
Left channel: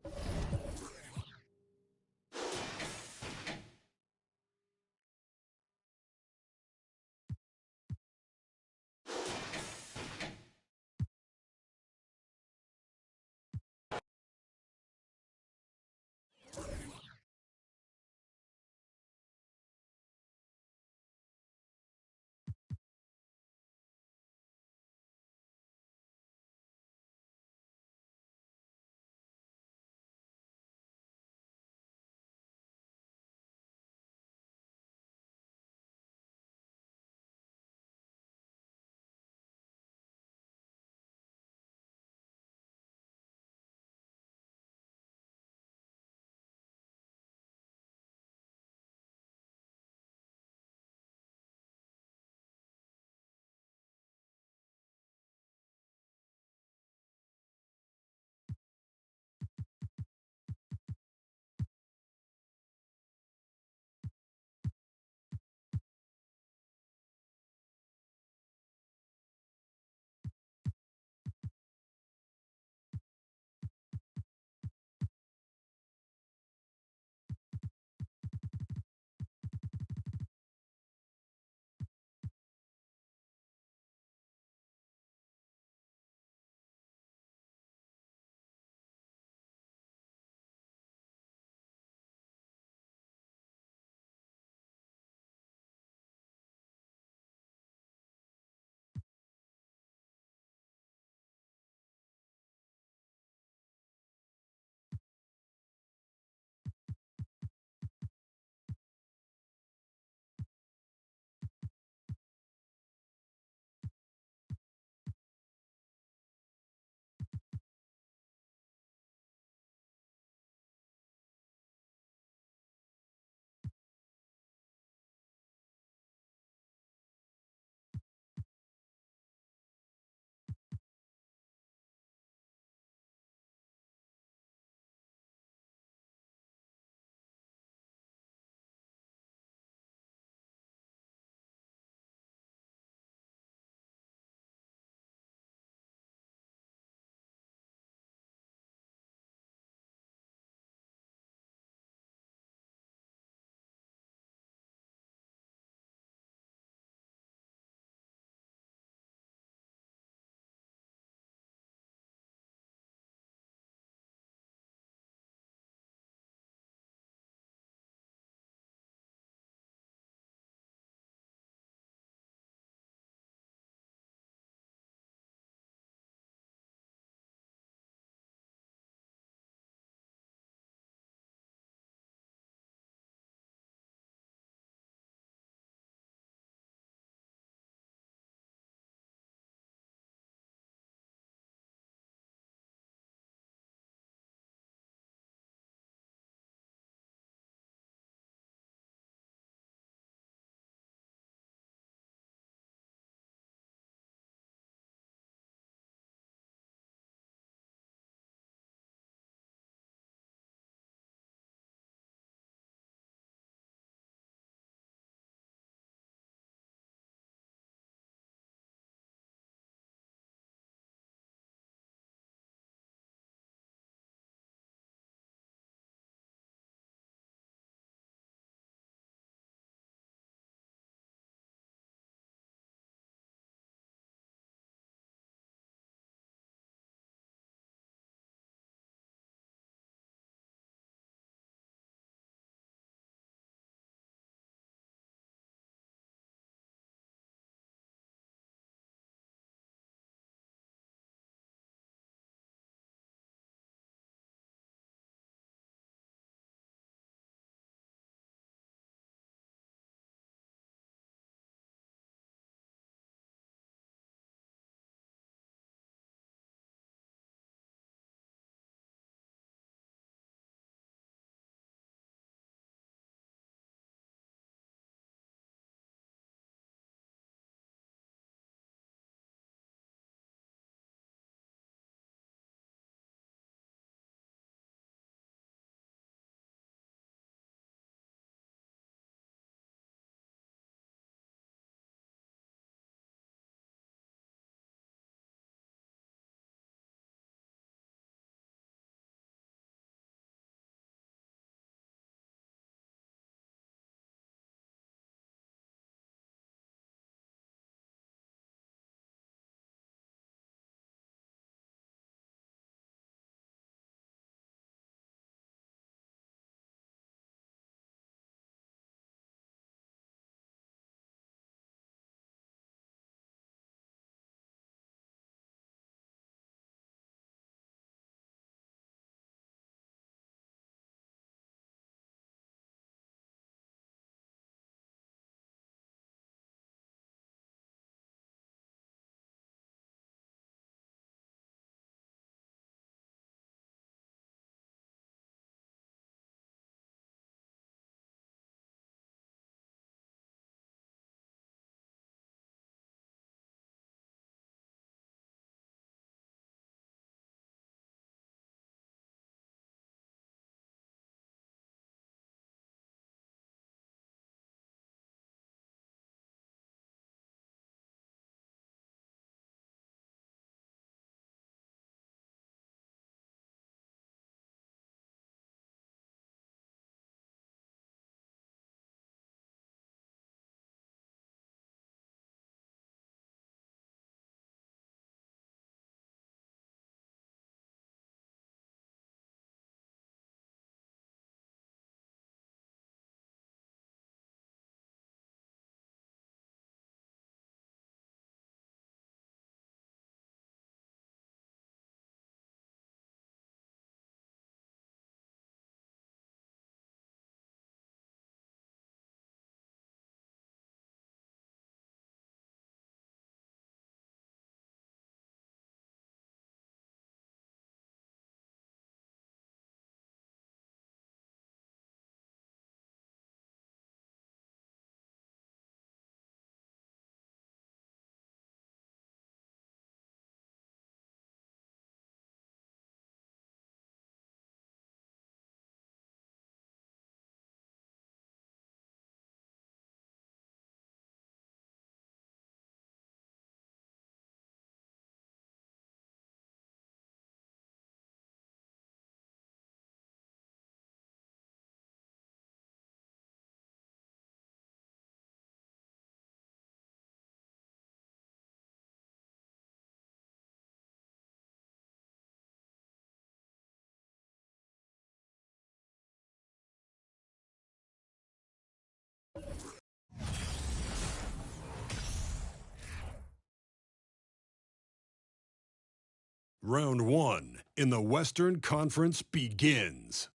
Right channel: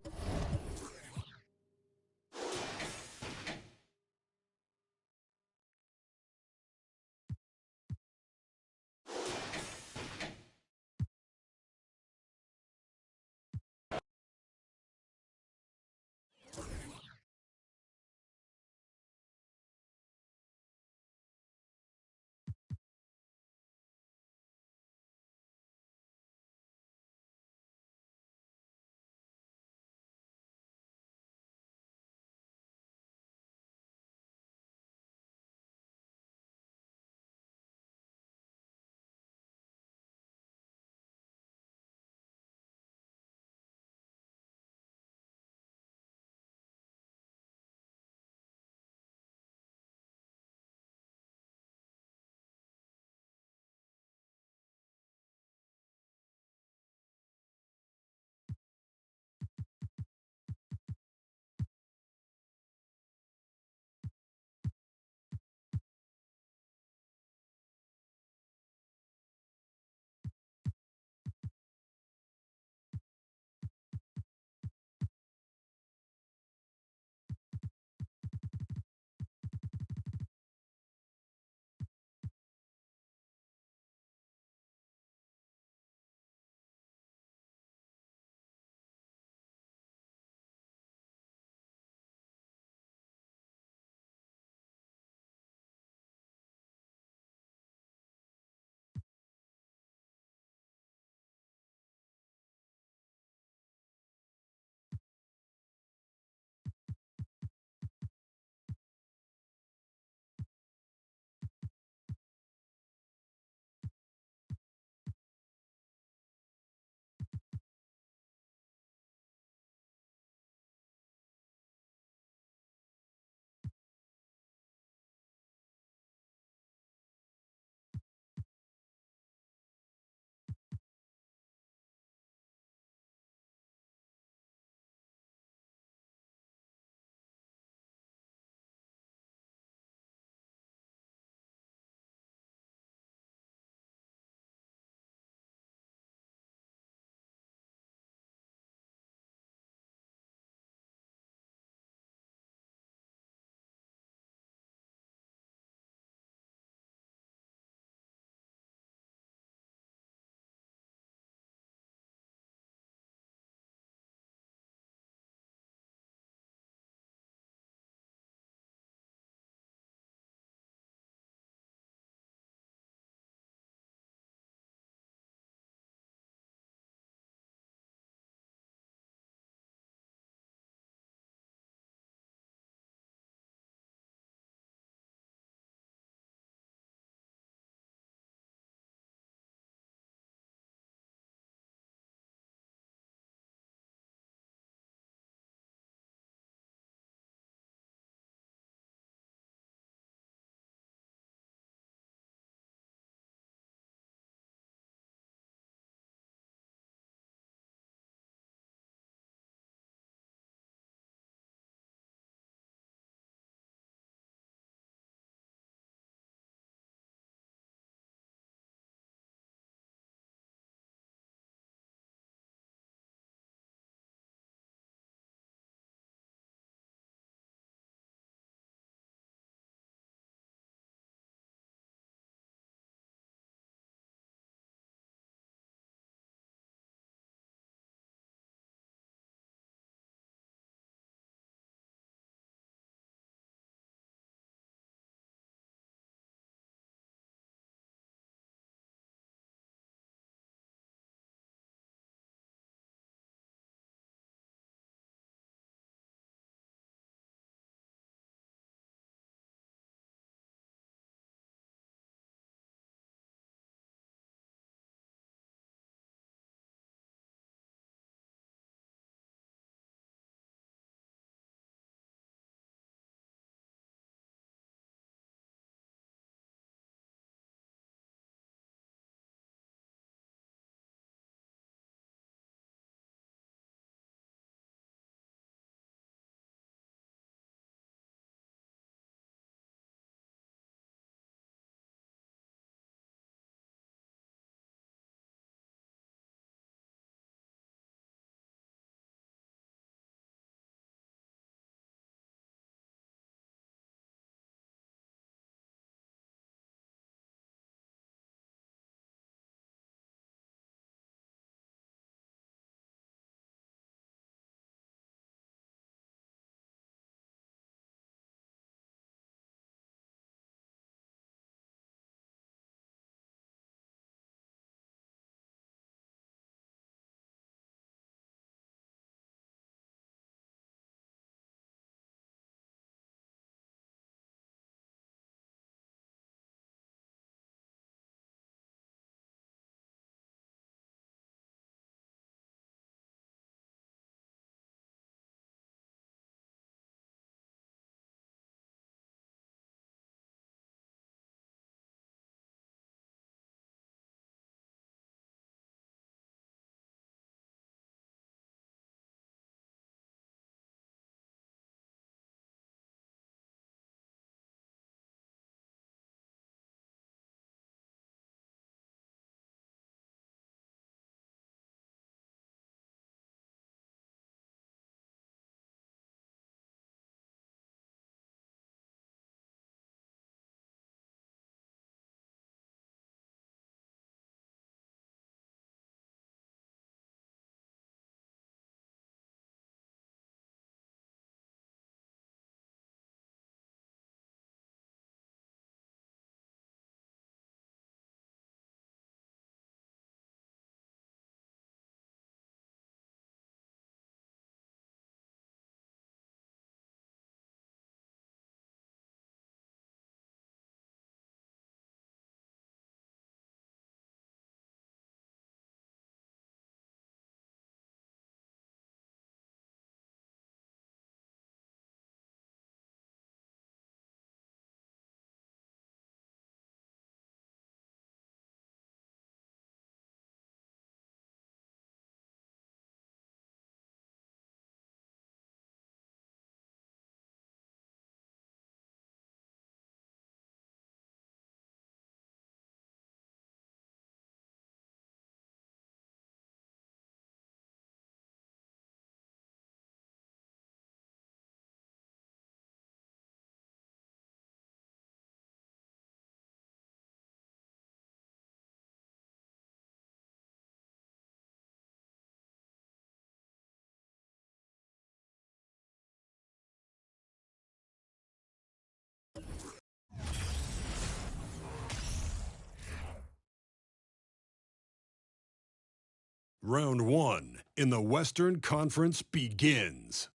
Round 1 in the Western Conference begins.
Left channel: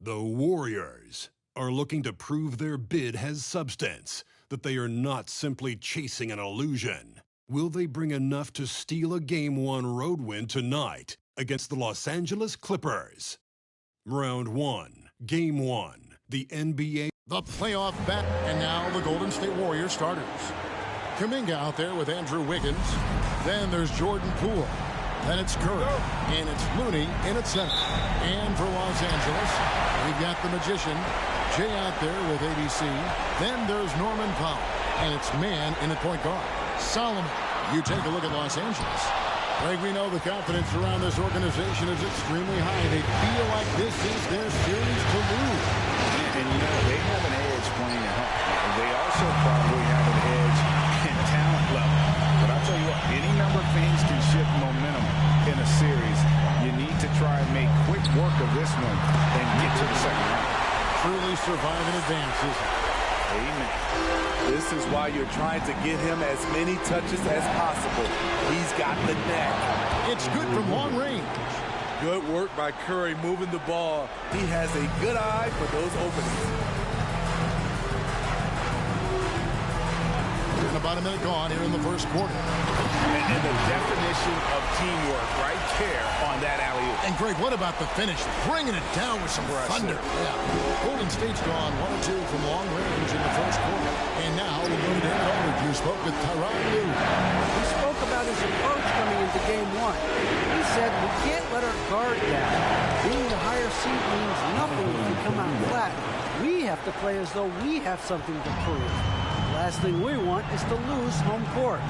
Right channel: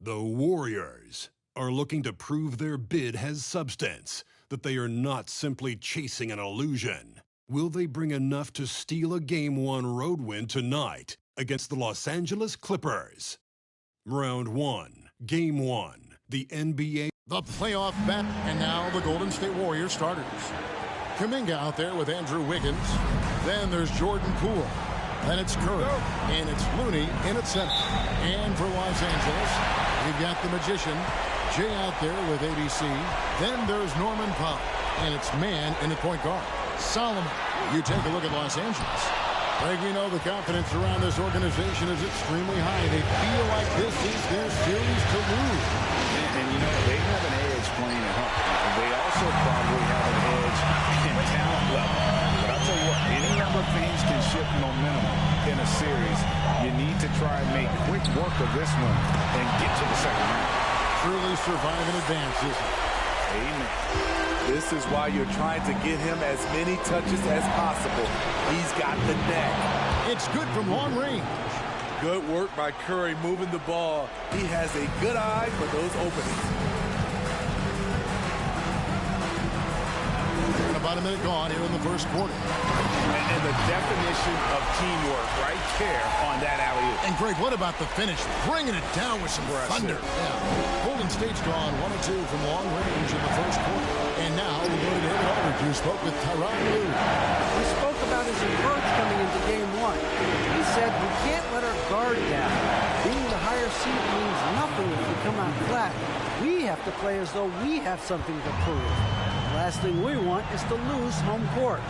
The Warriors are looking to prove their bid has substance, that they are not simply chasing an illusion. Will they bring enough to steal a Game 1 road win tonight against the Los Angeles Clippers? Round 1, Game 1, the NBA. The playoff bet, and now the Golden State Warriors starters. Kuminga out there with Andrew Wiggins. Then there's Jordan Poole. Then it's Curry. And it's Looney in at center. And for Los Angeles, we've got the Magician, Jay out there with ABC. Then there's Norman Powell. And it's Man in at point guard. Solomon. You take a look at Los Angeles. Greg, we know the confidence around this organization is extremely high. They feel like this is their series to lose. And you know, they have an edge playing at home. They also probably have an edge in talent level. But I'll tell you what, any number of things can shift momentum in a series. You need to try and make quick work of this one and get to the second round. Truly survive in advance, isn't it? Amen. This is why you're trying to get him as many touches as possible. He's got the knack. It's good from long range. Good work by Curry moving the ball. He has a good eye for those openings. And about a minute gone here in the first quarter. And the definition of teamwork right there on that alley-oop. And Greg, what about the finish? Bringing it down with some thunder. Yeah. Golden State's gone 1 or 2 from long range in the first quarter. And now we'll go to David Aldridge, who spoke with Tyronn Lue. He spoke about his approach coming into Game 1. He said, we can't let our guard down. Being the higher seed means nothing if we come out flat. We have to play as though we have something to prove. The last thing we want is to lose home court.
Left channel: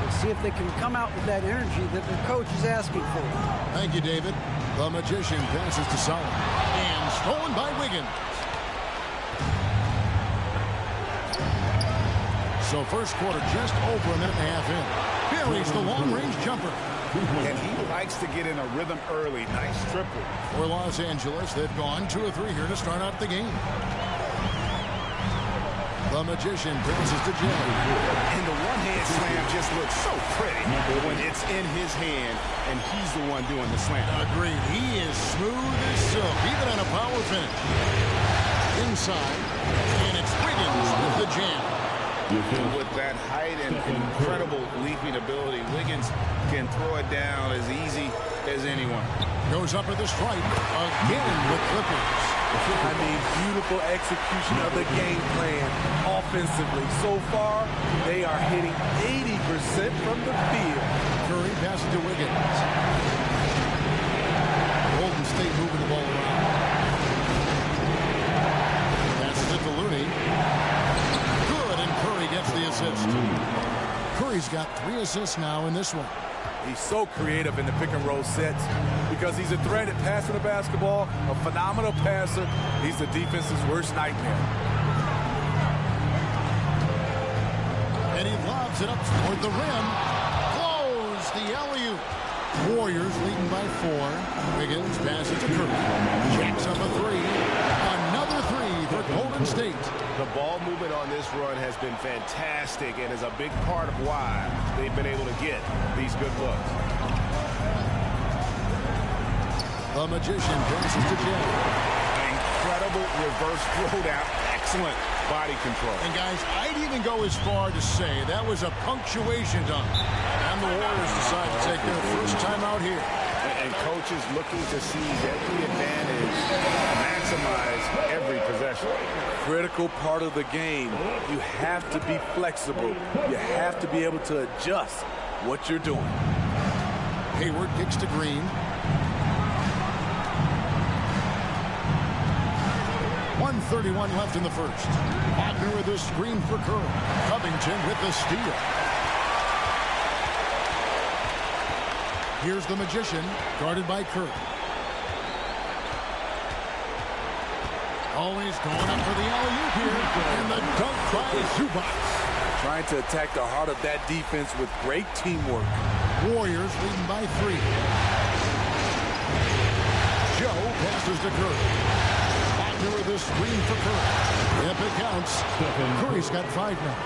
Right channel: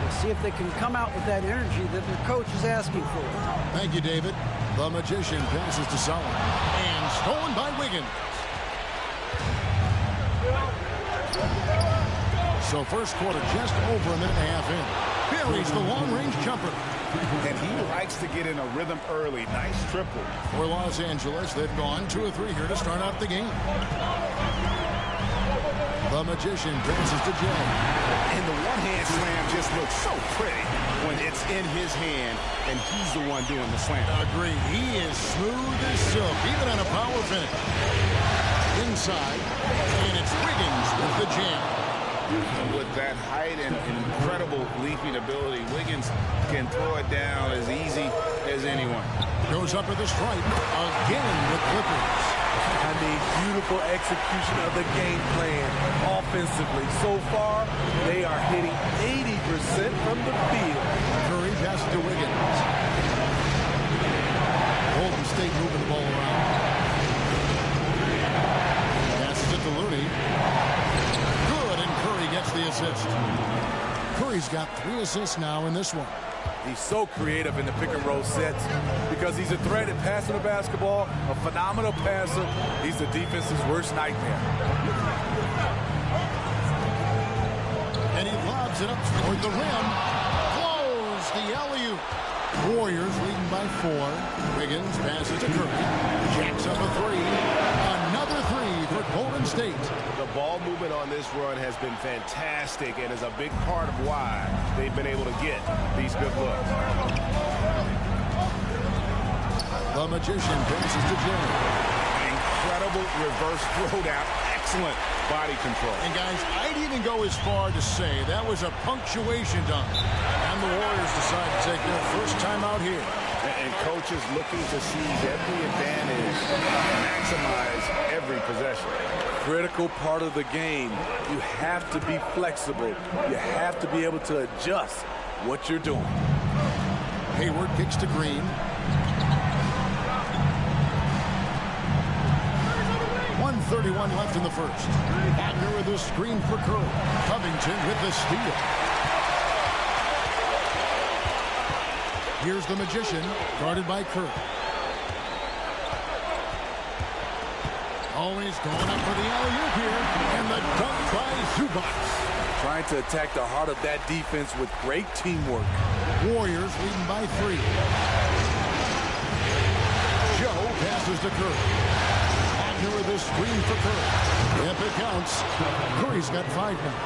We'll see if they can come out with that energy that their coach is asking for. Thank you, David. The Magician passes to Solomon. And stolen by Wiggins. So first quarter just over a minute and a half in. Buries the long-range jumper. And he likes to get in a rhythm early. Nice triple. For Los Angeles, they've gone 2 or 3 here to start out the game. The Magician passes to Jay. And the one-hand slam just looks so pretty when it's in his hand and he's the one doing the slam. Agreed. He is smooth as silk, even on a power finish. Inside, and it's Wiggins with the jam. And with that height and incredible leaping ability, Wiggins can throw it down as easy as anyone. Goes up at the stripe again with Clippers. I mean, beautiful execution of the game plan offensively. So far, they are hitting 80% from the field. Curry passes to Wiggins. Golden State moving the ball around. Passes it to Looney. Good, and Curry gets the assist. Curry's got 3 assists now in this one. He's so creative in the pick and roll sets because he's a threat at passing the basketball, a phenomenal passer. He's the defense's worst nightmare. And he lobs it up toward the rim. Blows the alley-oop. Warriors leading by 4. Wiggins passes to Curry. Jacks up a 3. Another 3 for Golden State. The ball movement on this run has been fantastic and is a big part of why they've been able to get these good looks. The Magician passes to Jay. An incredible reverse throwdown. Excellent body control. And guys, I'd even go as far to say that was a punctuation dunk. And the Warriors decide to take their first time out here. And coaches looking to seize every advantage, maximize every possession. Critical part of the game. You have to be flexible. You have to be able to adjust what you're doing. Hayward kicks to Green. 1:31 left in the first. Wagner with a screen for Curry. Covington with the steal. Here's the Magician, guarded by Curry. Always going up for the alley-oop here. And the dunk by Zubac. Trying to attack the heart of that defense with great teamwork. Warriors leading by 3. Joe passes to Curry. Wagner with a screen for Curry. Yep, it counts. Curry's got 5 now.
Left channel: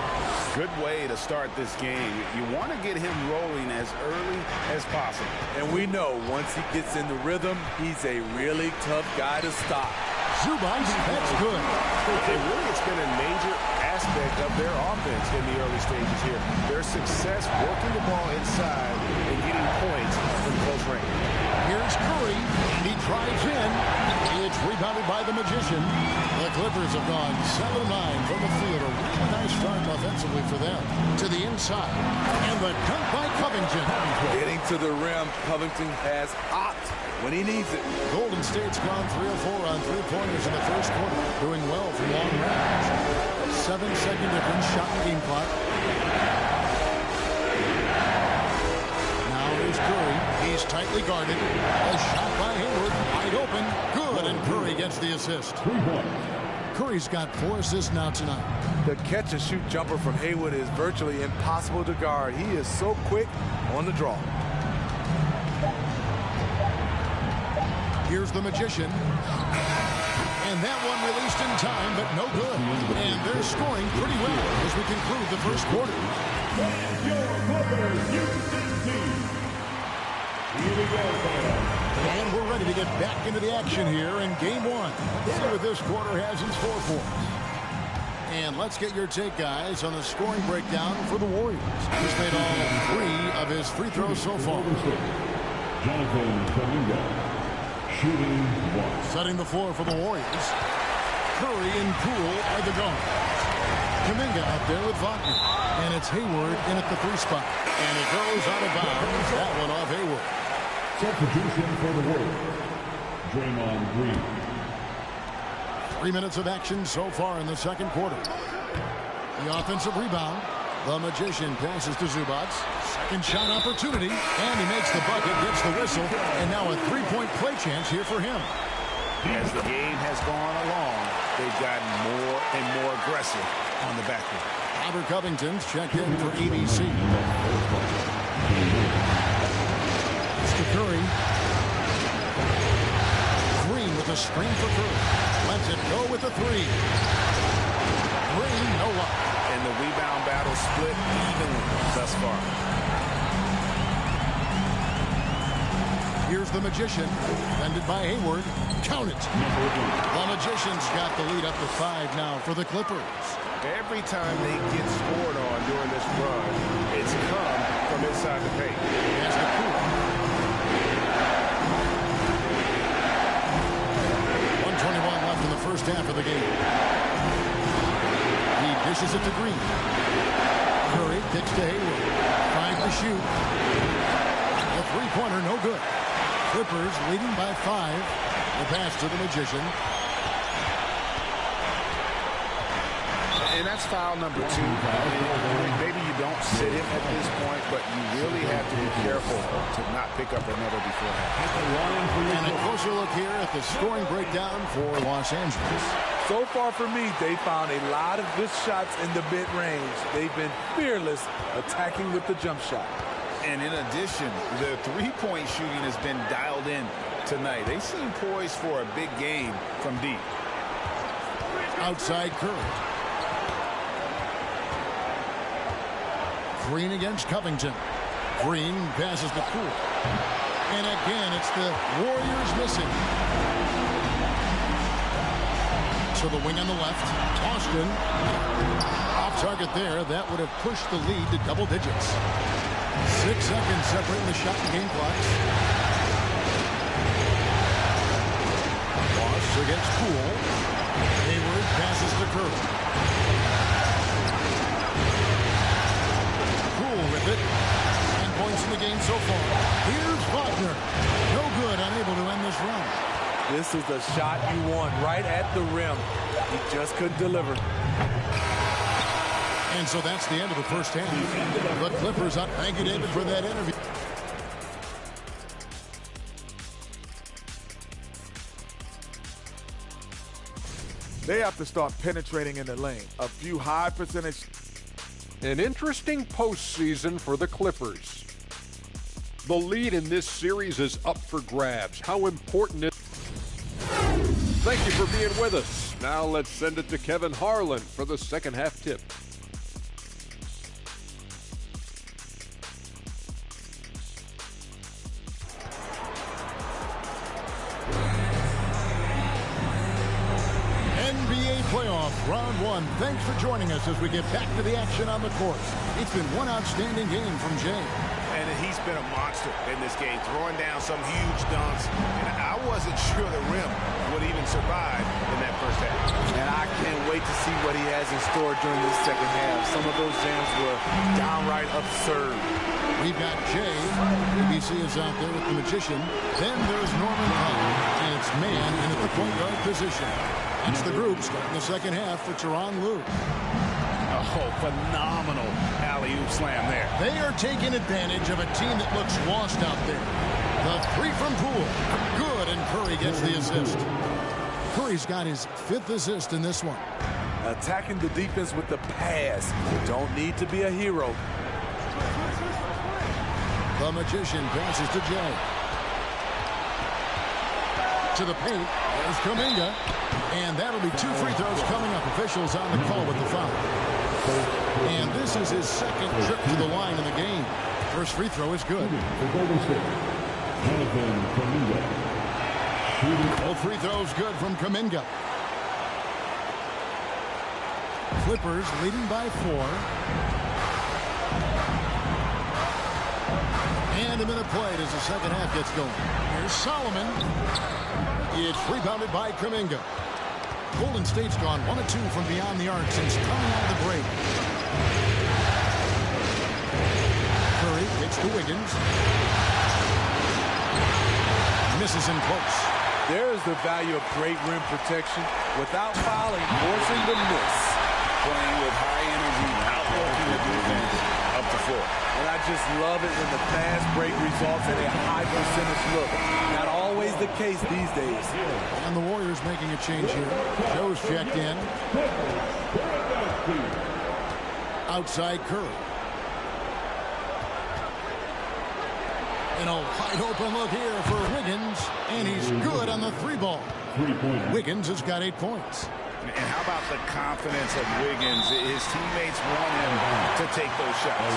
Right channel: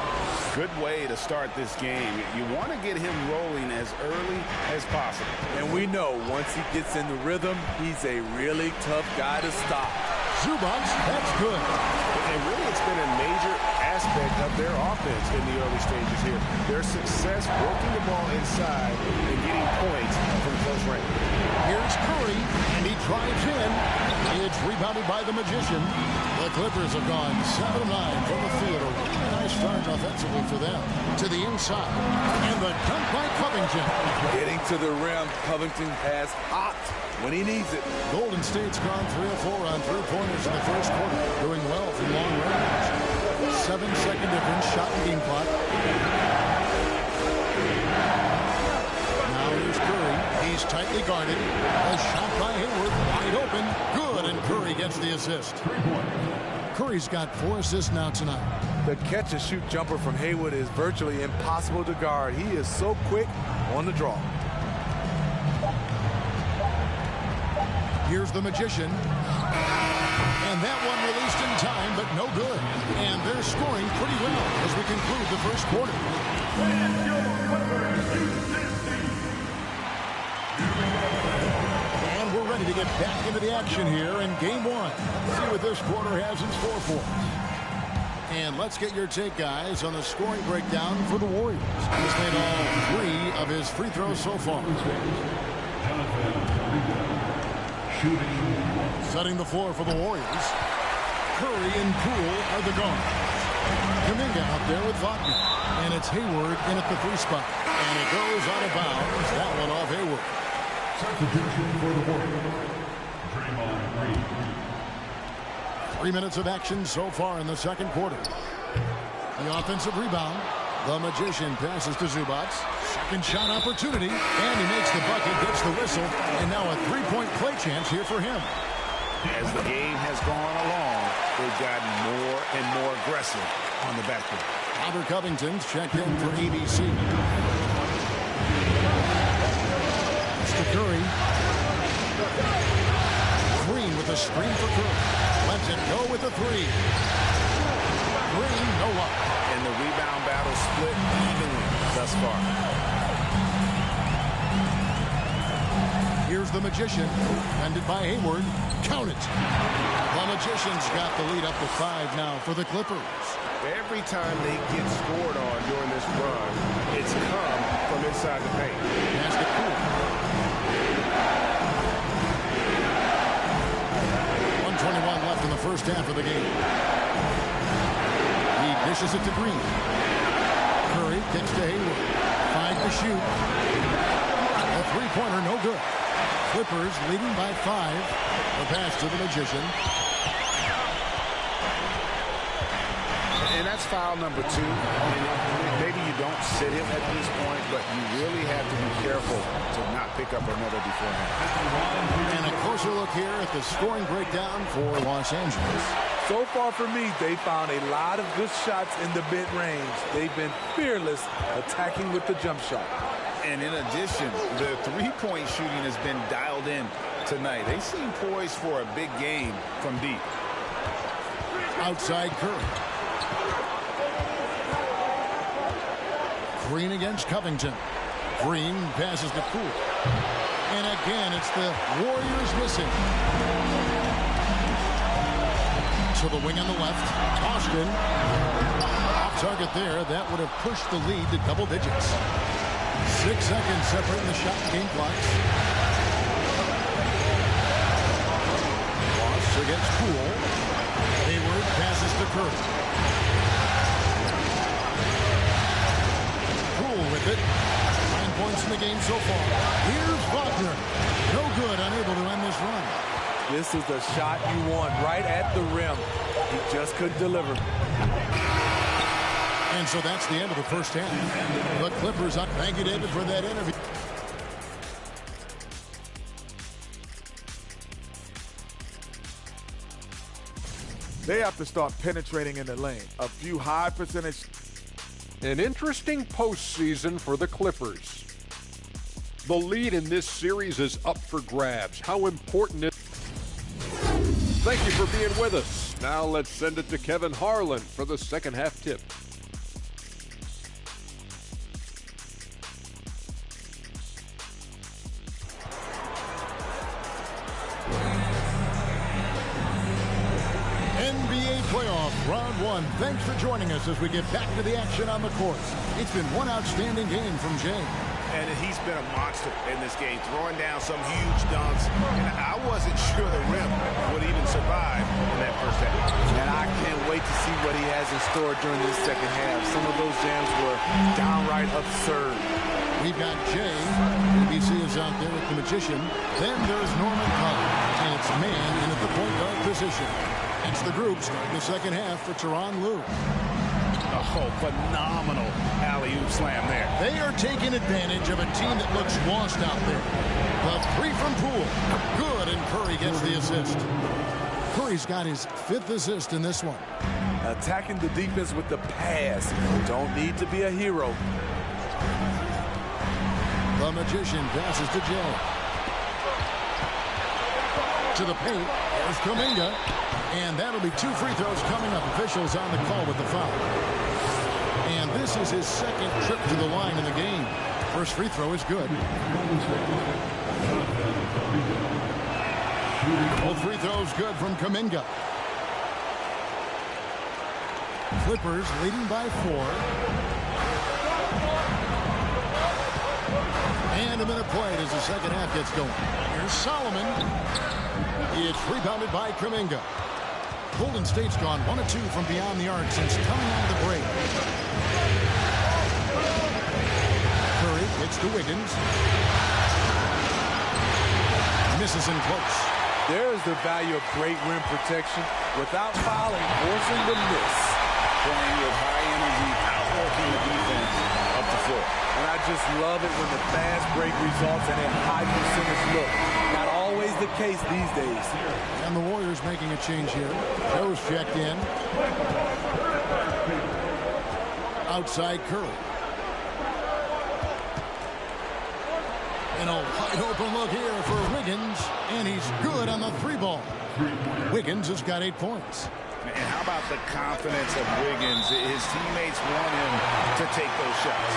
Good way to start this game. You want to get him rolling as early as possible. And we know once he gets in the rhythm, he's a really tough guy to stop. Zubac, that's good. And really, it's been a major aspect of their offense in the early stages here. Their success working the ball inside and getting points from close range. Here's Curry, and he drives in. It's rebounded by the Magician. The Clippers have gone 7 of 9 from the field. A really nice start offensively for them. To the inside. And the dunk by Covington. Getting to the rim, Covington has hot when he needs it. Golden State's gone 3 of 4 on three-pointers in the first quarter. Doing well from long range. 7-second difference, shot and game clock. Now here's Curry. He's tightly guarded. A shot by Hayward. Wide open. Good, and Curry gets the assist. Curry's got 4 assists now tonight. The catch-and-shoot jumper from Hayward is virtually impossible to guard. He is so quick on the draw. Here's the Magician. And that one released in time, but no good. And they're scoring pretty well as we conclude the first quarter. And your Clippers Houston team. Here we go. And we're ready to get back into the action here in game 1. Let's see what this quarter has in store for us. And let's get your take, guys, on the scoring breakdown for the Warriors. He's made all 3 of his free throws so far. Jonathan Kuminga. Shooting 1. Setting the floor for the Warriors. Curry and Poole are the guards. Kuminga out there with Wagner. And it's Hayward in at the 3 spot. And it goes out of bounds. That one off Hayward. Substitution for the Warriors. Draymond Green. 3 minutes of action so far in the second quarter. The offensive rebound. The Magician passes to Zubac. Second shot opportunity. And he makes the bucket, gets the whistle. And now a 3-point play chance here for him. As the game has gone along, they've gotten more and more aggressive on the backcourt. Robert Covington's checked in for ABC. It's to Curry. Green with a screen for Curry. Lets it go with a 3. Green, no luck. And the rebound battle split evenly thus far. Here's the Magician. Defended by Hayward. Count it. The Magician's got the lead up to 5 now for the Clippers. Every time they get scored on during this run, it's come from inside the paint. Has the Poole. 1:21 left in the first half of the game. He dishes it to Green. Curry kicks to Hayward. 5 to shoot. A 3-pointer, no good. Clippers leading by 5. The pass to the Magician. And that's foul number 2. Maybe you don't sit him at this point, but you really have to be careful to not pick up another beforehand. And a closer look here at the scoring breakdown for Los Angeles. So far for me, they found a lot of good shots in the mid-range. They've been fearless attacking with the jump shot. And in addition, the three-point shooting has been dialed in tonight. They seem poised for a big game from deep. Outside Curry. Green against Covington. Green passes to Poole. And again, it's the Warriors missing. To the wing on the left. Austin. Off target there. That would have pushed the lead to double digits. 6 seconds separating the shot and game clocks. Ross against Poole. Hayward passes to Curry. Poole with it. 9 points in the game so far. Here's Wagner. No good, unable to end this run. This is the shot you want right at the rim. He just couldn't deliver. And so that's the end of the first half. The Clippers up. Thank you, David, for that interview. They have to start penetrating in the lane. A few high percentage. An interesting postseason for the Clippers. The lead in this series is up for grabs. How important is... Thank you for being with us. Now let's send it to Kevin Harlan for the second half tip. playoff round one. Thanks for joining us as we get back to the action on the course. It's been one outstanding game from Jay. And he's been a monster in this game, throwing down some huge dunks. And I wasn't sure the rim would even survive in that first half. And I can't wait to see what he has in store during this second half. Some of those jams were downright absurd. We've got Jay. ABC is out there with the Magician. Then there's Norman Powell. And it's man in at the point guard position. That's the group starting the second half for Tyronn Lue. Oh, phenomenal alley-oop slam there. They are taking advantage of a team that looks lost out there. The three from Poole. Good, and Curry gets the assist. Curry's got his 5th assist in this one. Attacking the defense with the pass. Don't need to be a hero. The Magician passes to Jay. To the paint. Here's Kuminga. And that'll be 2 free throws coming up. Officials on the call with the foul. And this is his 2nd trip to the line in the game. First free throw is good. Both free throws good from Kuminga. Clippers leading by 4. And a minute played as the second half gets going. Here's Solomon. It's rebounded by Kuminga. Golden State's gone 1 of 2 from beyond the arc since coming out of the break. Curry gets to Wiggins. Misses in close. There's the value of great rim protection without fouling, forcing the miss. Playing with high energy, outworking the defense up the floor. And I just love it when the fast break results in a high percentage look. Not always the case these days. And the Warriors making a change here. Joe's checked in. Outside Curry. And a wide open look here for Wiggins. And he's good on the 3-ball. Wiggins has got 8 points. And how about the confidence of Wiggins? His teammates want him to take those shots.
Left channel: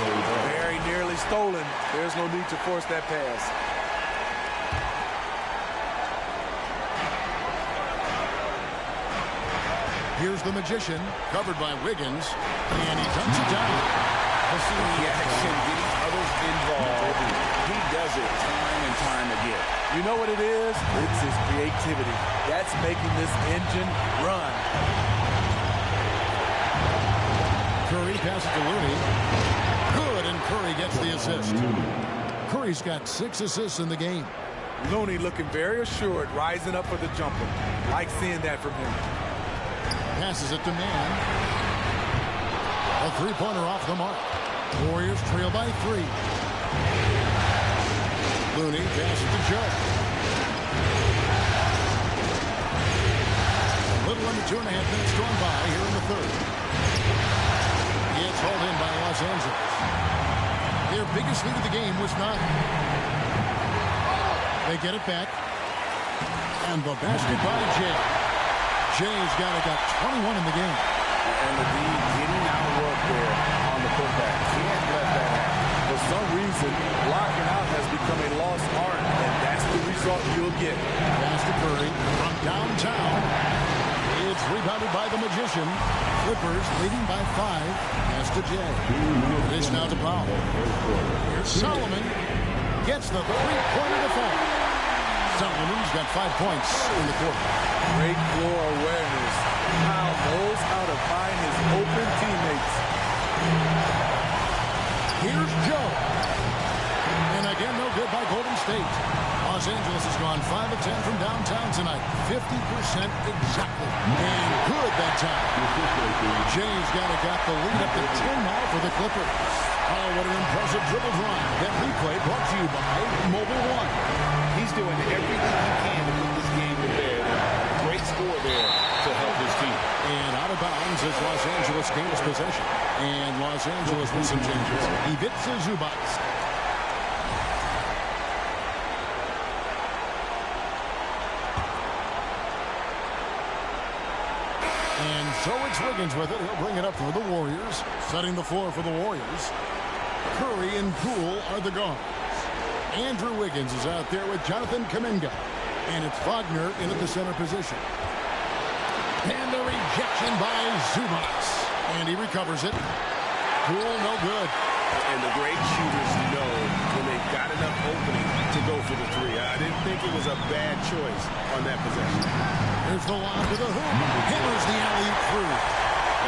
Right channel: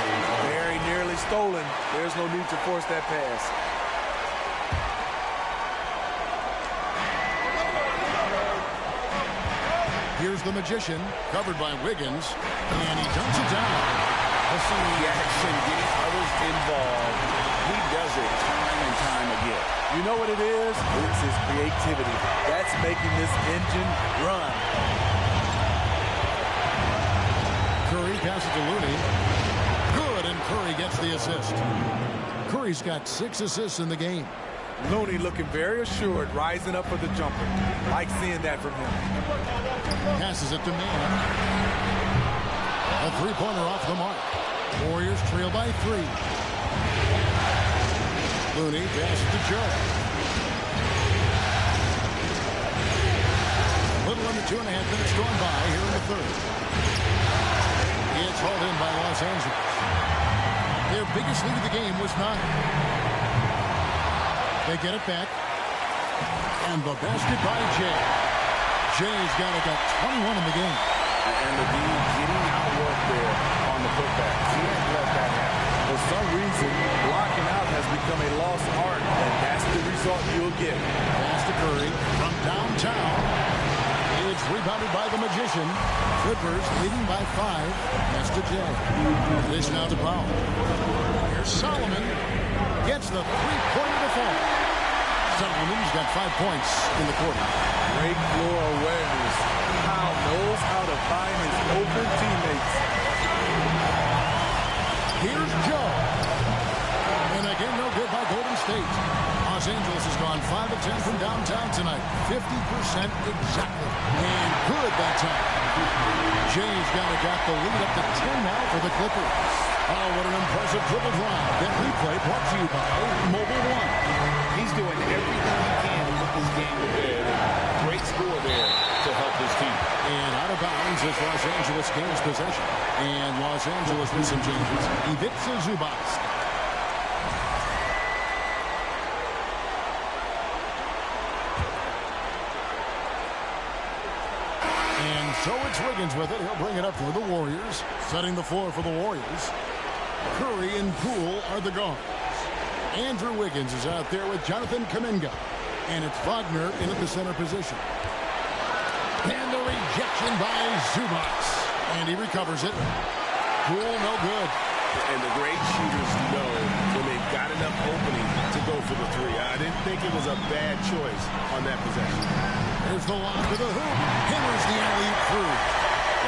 Very nearly stolen. There's no need to force that pass. Here's the Magician, covered by Wiggins, and he dunks it down. Pushing the action, getting others involved. He does it time and time again. You know what it is? It's his creativity. That's making this engine run. Curry passes to Looney. Good, and Curry gets the assist. Curry's got 6 assists in the game. Looney looking very assured, rising up for the jumper. Like seeing that from him. Passes it to Man. A 3-pointer off the mark. Warriors trail by 3. Looney passes to Joe. A little under 2.5 minutes gone by here in the 3rd. It's hauled in by Los Angeles. Their biggest lead of the game was 9. They get it back. And the basket by Jay. Jay's got 21 in the game. And the D getting outworked there on the putback. Can't let that happen. For some reason, blocking out has become a lost art, and that's the result you'll get. Pass to Curry from downtown. It's rebounded by the Magician. Clippers leading by 5. Pass to Jay. Dish now to Powell. Here's Solomon. Gets the 3-pointer to fall. Solomon's got 5 points in the quarter. Great floor awareness. Powell knows how to find his open teammates. Here's Joe. And again, no good by Golden State. Los Angeles has gone 5 of 10 from downtown tonight. 50% exactly. And good that time. Jay's got the lead up to 10 now for the Clippers. Oh, what an impressive dribble drive. That replay brought to you by Mobile One. He's doing everything he can to put this game to bed. And great score there to help his team. And out of bounds is Los Angeles gains possession. And Los Angeles with some changes. Ivica Zubac. And so it's Wiggins with it. He'll bring it up for the Warriors. Setting the floor for the Warriors. Curry and Poole are the guards. Andrew Wiggins is out there with Jonathan Kuminga. And it's Wagner in at the center position. And the rejection by Zubac. And he recovers it. Poole, no good. And the great shooters know when they've got enough opening to go for the three. I didn't think it was a bad choice on that possession. Here's the lob to the hoop. Hammers the alley-oop through.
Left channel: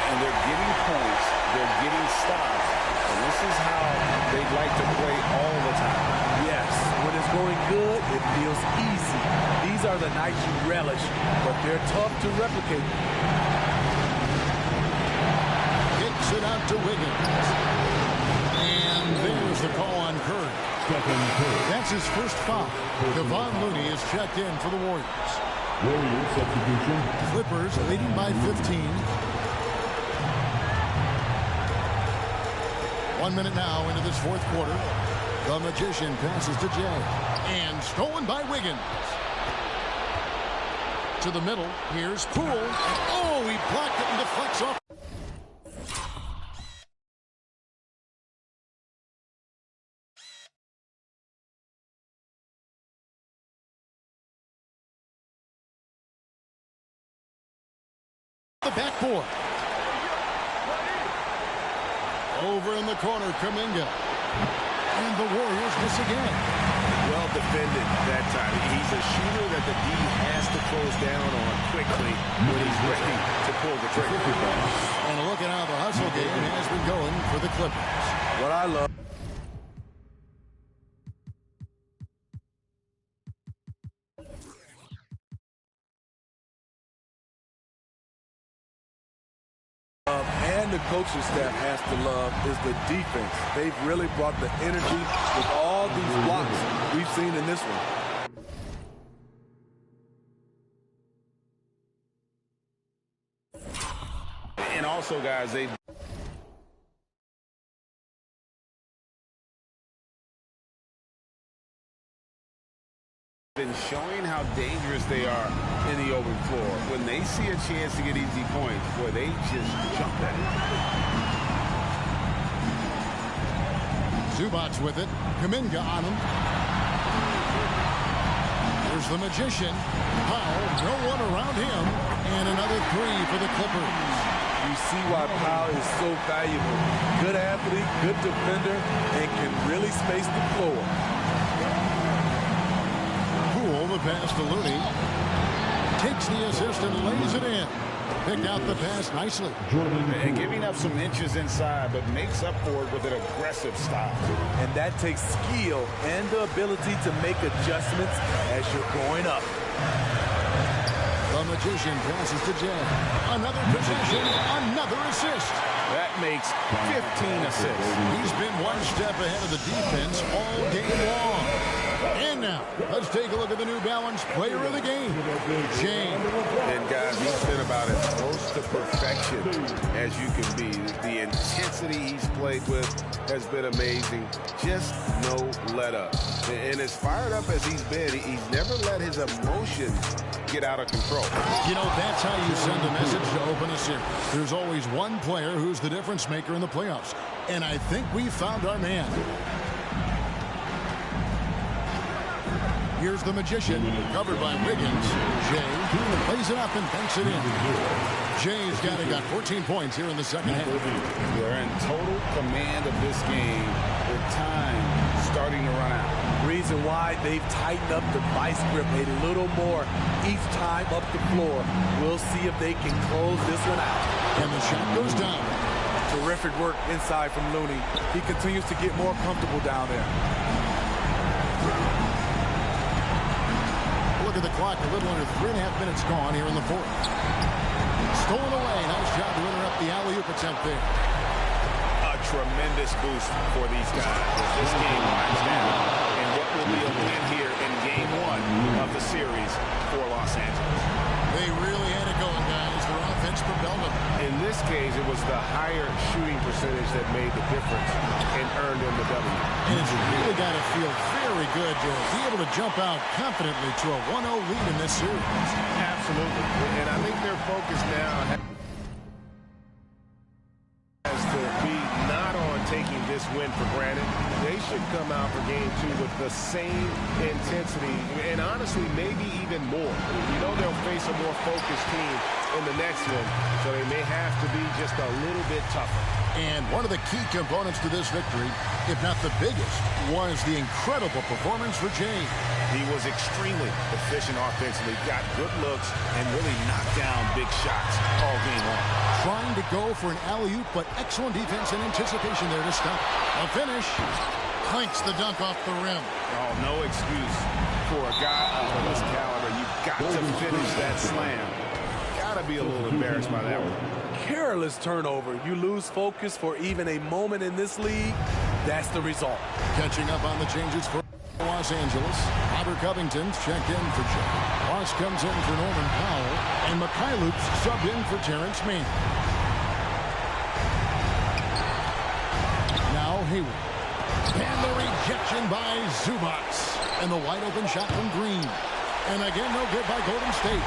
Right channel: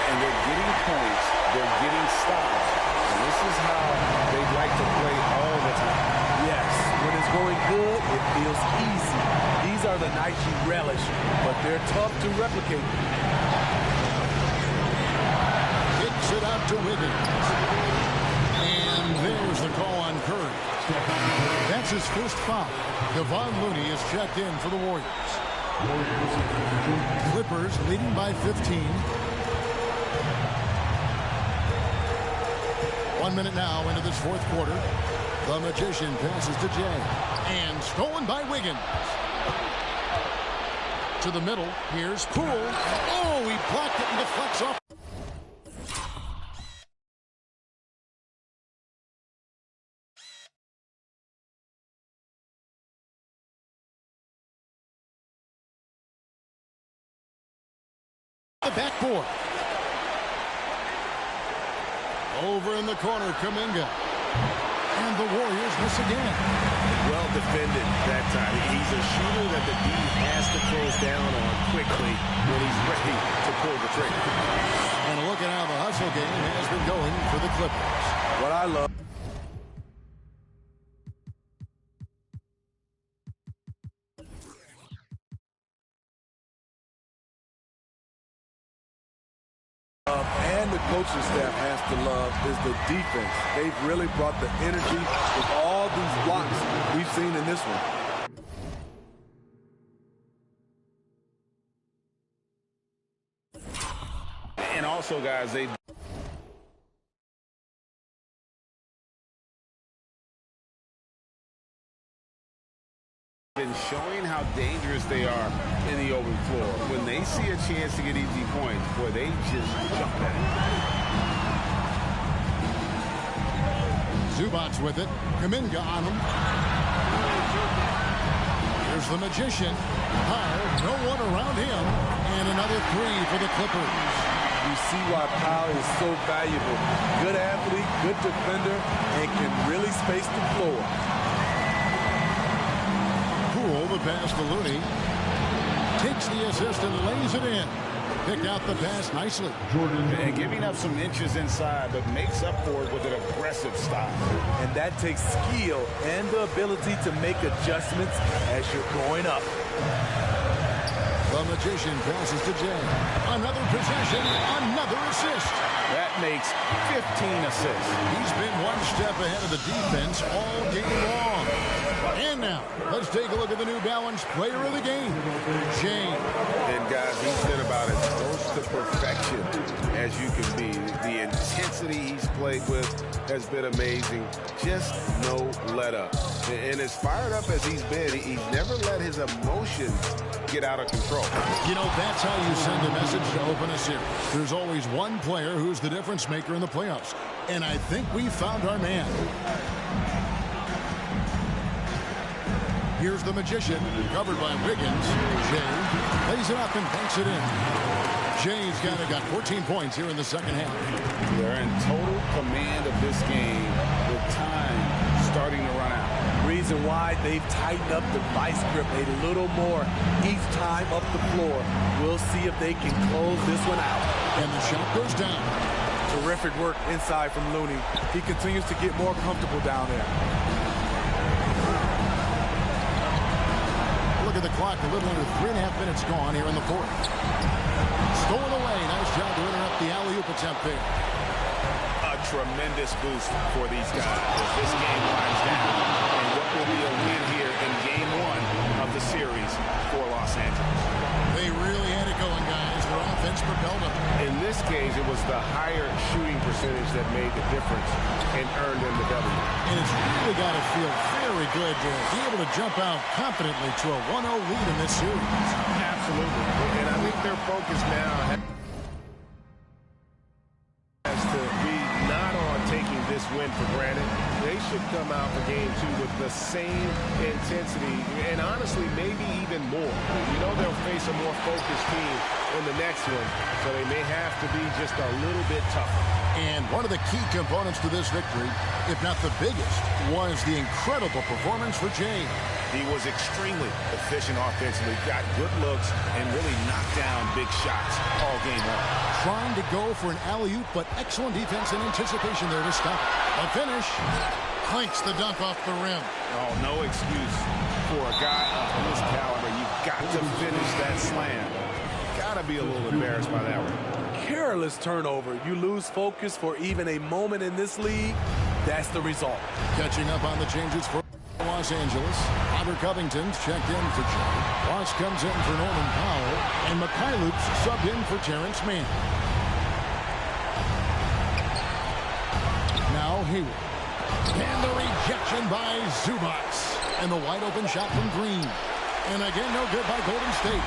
And they're getting points. They're getting stops. And this is how they'd like to play all the time. Yes, when it's going good, it feels easy. These are the nights you relish, but they're tough to replicate. Kicks it out to Wiggins. And there's the call on Curry. That's his first foul. Kevon Looney is checked in for the Warriors. Clippers leading by 15. 1 minute now into this fourth quarter. The Magician passes to Jay. And stolen by Wiggins. To the middle. Here's Poole. Oh, he blocked it and deflects off. The backboard. Over in the corner, Kuminga. And the Warriors miss again. Well defended that time. He's a shooter that the D has to close down on quickly when he's ready to pull the trigger. And look at how the hustle game has been going for the Clippers. What I love. And the coaching staff has to love is the defense. They've really brought the energy with all these blocks we've seen in this one. And also, guys, they've been showing how dangerous they are in the open floor. When they see a chance to get easy points, boy, they just jump at it. Zubac with it. Kuminga on him. Here's the Magician. Powell, no one around him. And another three for the Clippers. You see why Powell is so valuable. Good athlete, good defender, and can really space the floor. Poole, the pass to Looney. Takes the assist and lays it in. Picked out the pass nicely. And giving up some inches inside, but makes up for it with an aggressive stop. And that takes skill and the ability to make adjustments as you're going up. The Magician passes to Jay. Another possession, another assist. That makes 15 assists. He's been one step ahead of the defense all game long. And now, let's take a look at the New Balance player of the game, Jay. And guys, he's been about as close to perfection as you can be. The intensity he's played with has been amazing. Just no let up. And as fired up as he's been, he's never let his emotions get out of control. You know, that's how you send a message to open a series. There's always one player who's the difference maker in the playoffs. And I think we found our man. Here's the Magician, covered by Wiggins. Jay plays it up and banks it in. Jay's got 14 points here in the second half. They're in total command of this game with time starting to run out. Reason why they've tightened up the vice grip a little more each time up the floor. We'll see if they can close this one out. And the shot goes down. Terrific work inside from Looney. He continues to get more comfortable down there. Look at the clock, a little under 3.5 minutes gone here in the fourth. Stolen away. Nice job to interrupt the alley-oop attempt there. A tremendous boost for these guys as this game winds down. And what will be a win here in game one of the series for Los Angeles. They really had it going, guys. Their offense propelled them. In this case, it was the higher shooting percentage that made the difference and earned them the W. And it's really got to feel very good to be able to jump out confidently to a 1-0 lead in this series. Absolutely. And I think their focus now has to be not on taking this this win for granted. They should come out for game 2 with the same intensity and honestly maybe even more. You know they'll face a more focused team in the next one, so they may have to be just a little bit tougher. And one of the key components to this victory, if not the biggest, was the incredible performance for Jay. He was extremely efficient offensively, got good looks, and really knocked down big shots all game long. Trying to go for an alley-oop, but excellent defense and anticipation there to stop it. A finish. Clanks the dunk off the rim. Oh, no excuse for a guy of this caliber. You've got to finish that slam. Got to be a little embarrassed by that one. Careless turnover. You lose focus for even a moment in this league. That's the result. Catching up on the changes for Los Angeles. Robert Covington's checked in for Jay. Ross comes in for Norman Powell. And Mikhailuk's subbed in for Terrence Mann. Now Hayward. And the rejection by Zubats. And the wide open shot from Green. And again, no good by Golden State.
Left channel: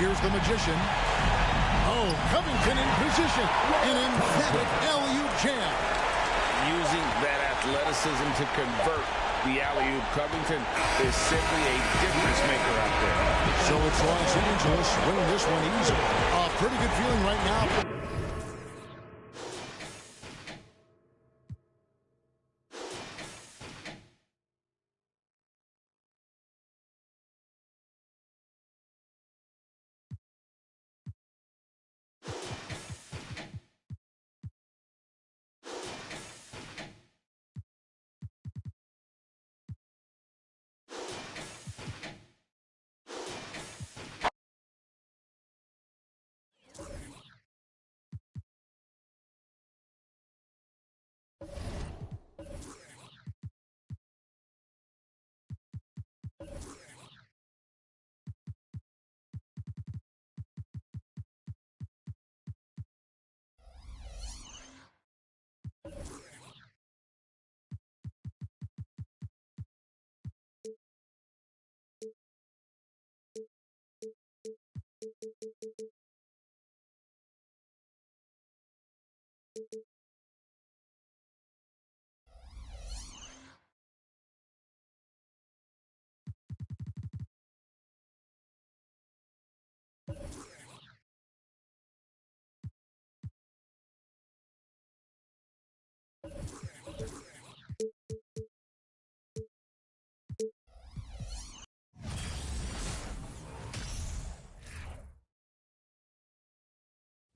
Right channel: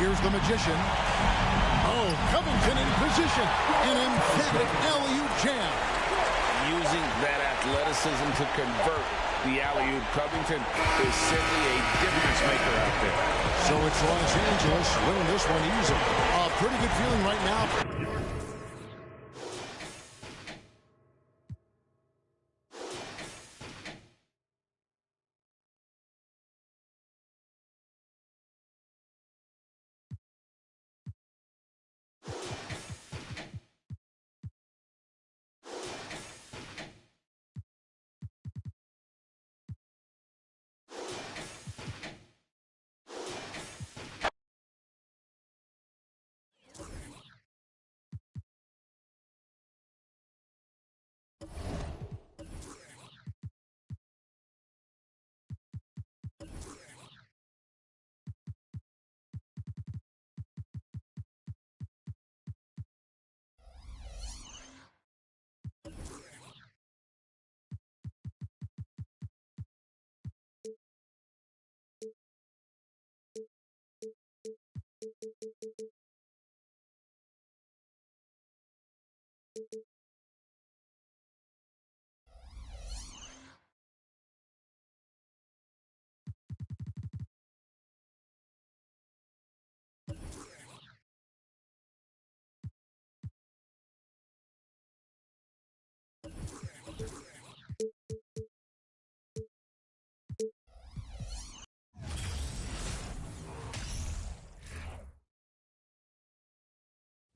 Here's the Magician. Oh, Covington in position. An emphatic alley-oop jam. Using that athleticism to convert the alley-oop. Covington is simply a difference maker out there. So it's Los Angeles winning this one easy. A pretty good feeling right now.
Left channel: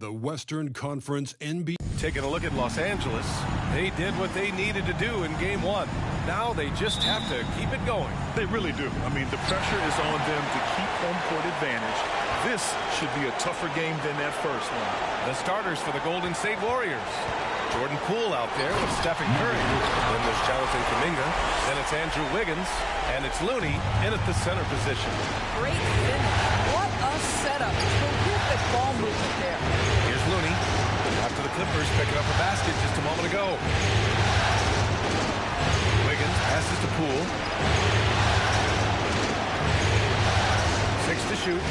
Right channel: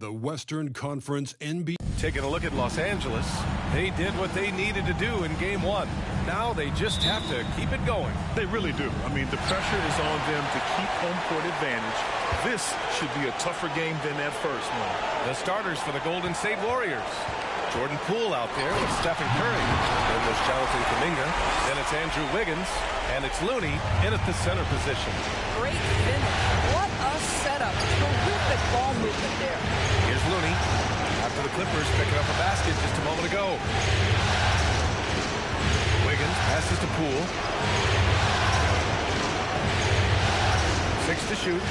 The Western Conference NBA. Taking a look at Los Angeles, they did what they needed to do in game 1. Now they just have to keep it going. They really do. I mean, the pressure is on them to keep home court advantage. This should be a tougher game than that first one. The starters for the Golden State Warriors. Jordan Poole out there with Stephen Curry. Then there's Jonathan Kuminga. Then it's Andrew Wiggins. And it's Looney in at the center position. Great finish. What a setup. Terrific ball movement there. Here's Looney. After the Clippers picking up a basket just a moment ago. Wiggins passes to Poole. 6 to shoot.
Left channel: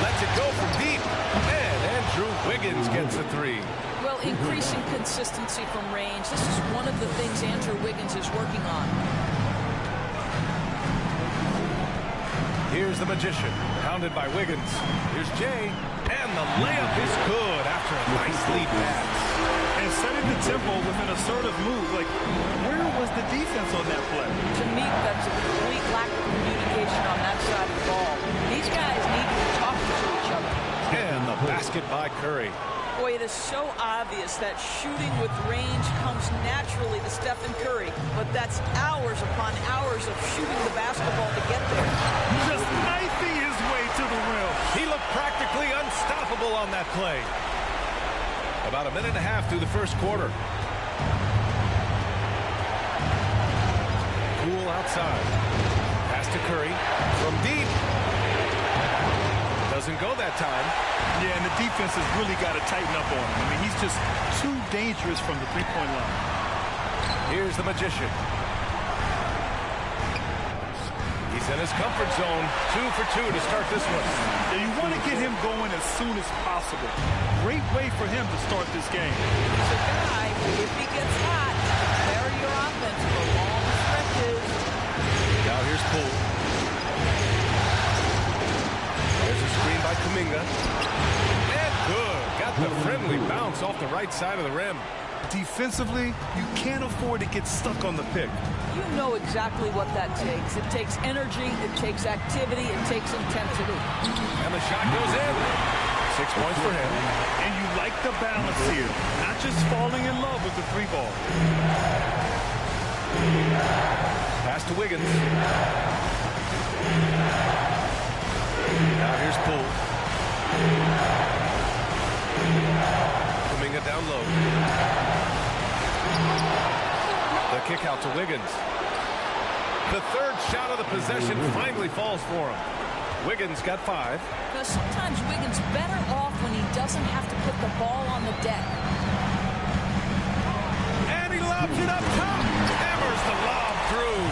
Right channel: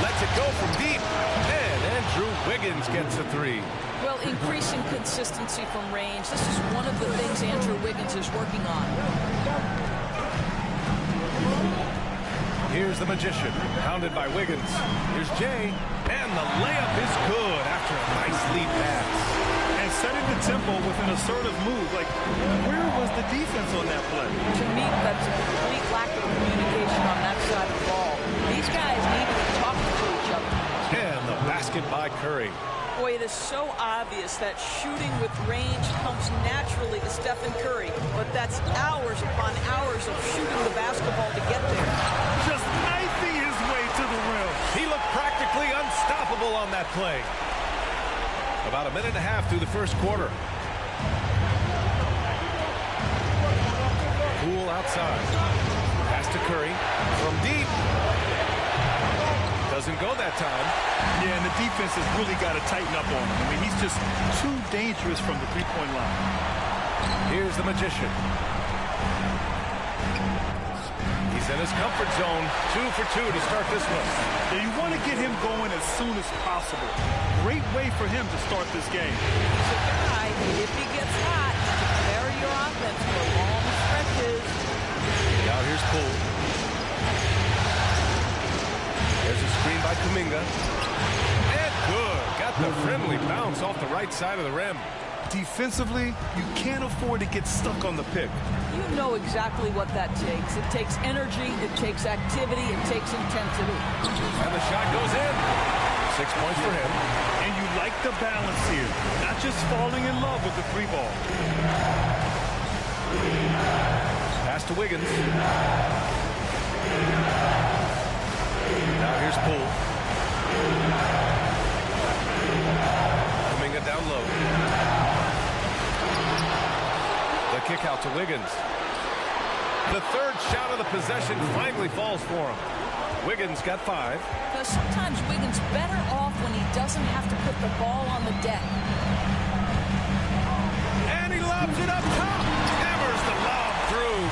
Lets it go from deep. And Andrew Wiggins gets a 3. Well, increasing consistency from range. This is one of the things Andrew Wiggins is working on. Here's the Magician, pounded by Wiggins. Here's Jay, and the layup is good after a nice lead pass. And setting the tempo with an assertive move. Like, where was the defense on that play? To me, that's a complete lack of communication on that side of the ball. These guys need to be talking to each other. And the basket by Curry. Boy, it is so obvious that shooting with range comes naturally to Stephen Curry, but that's hours upon hours of shooting the basketball to get there. Just knifing his way to the rim. He looked practically unstoppable on that play. About a minute and a half through the first quarter. Poole outside. Pass to Curry from deep. Doesn't go that time. Yeah, and the defense has really got to tighten up on him. I mean, he's just too dangerous from the three-point line. Here's the Magician. He He's in his comfort zone. 2 for 2 to start this one. Yeah, you want to get him going as soon as possible. Great way for him to start this game. He's a guy who, if he gets hot, he can carry your offense for long stretches. Now here's Poole. There's a screen by Kuminga. And good. Got the friendly bounce off the right side of the rim. Defensively, you can't afford to get stuck on the pick. You know exactly what that takes. It takes energy, it takes activity, it takes intensity. And the shot goes in. 6 points for him. And you like the balance here, not just falling in love with the three ball. Pass to Wiggins. Now here's Poole. Kuminga down low. The kick out to Wiggins. The third shot of the possession finally falls for him. Wiggins got 5. Because sometimes Wiggins better off when he doesn't have to put the ball on the deck. And he lobs it up top. Hammers the lob through.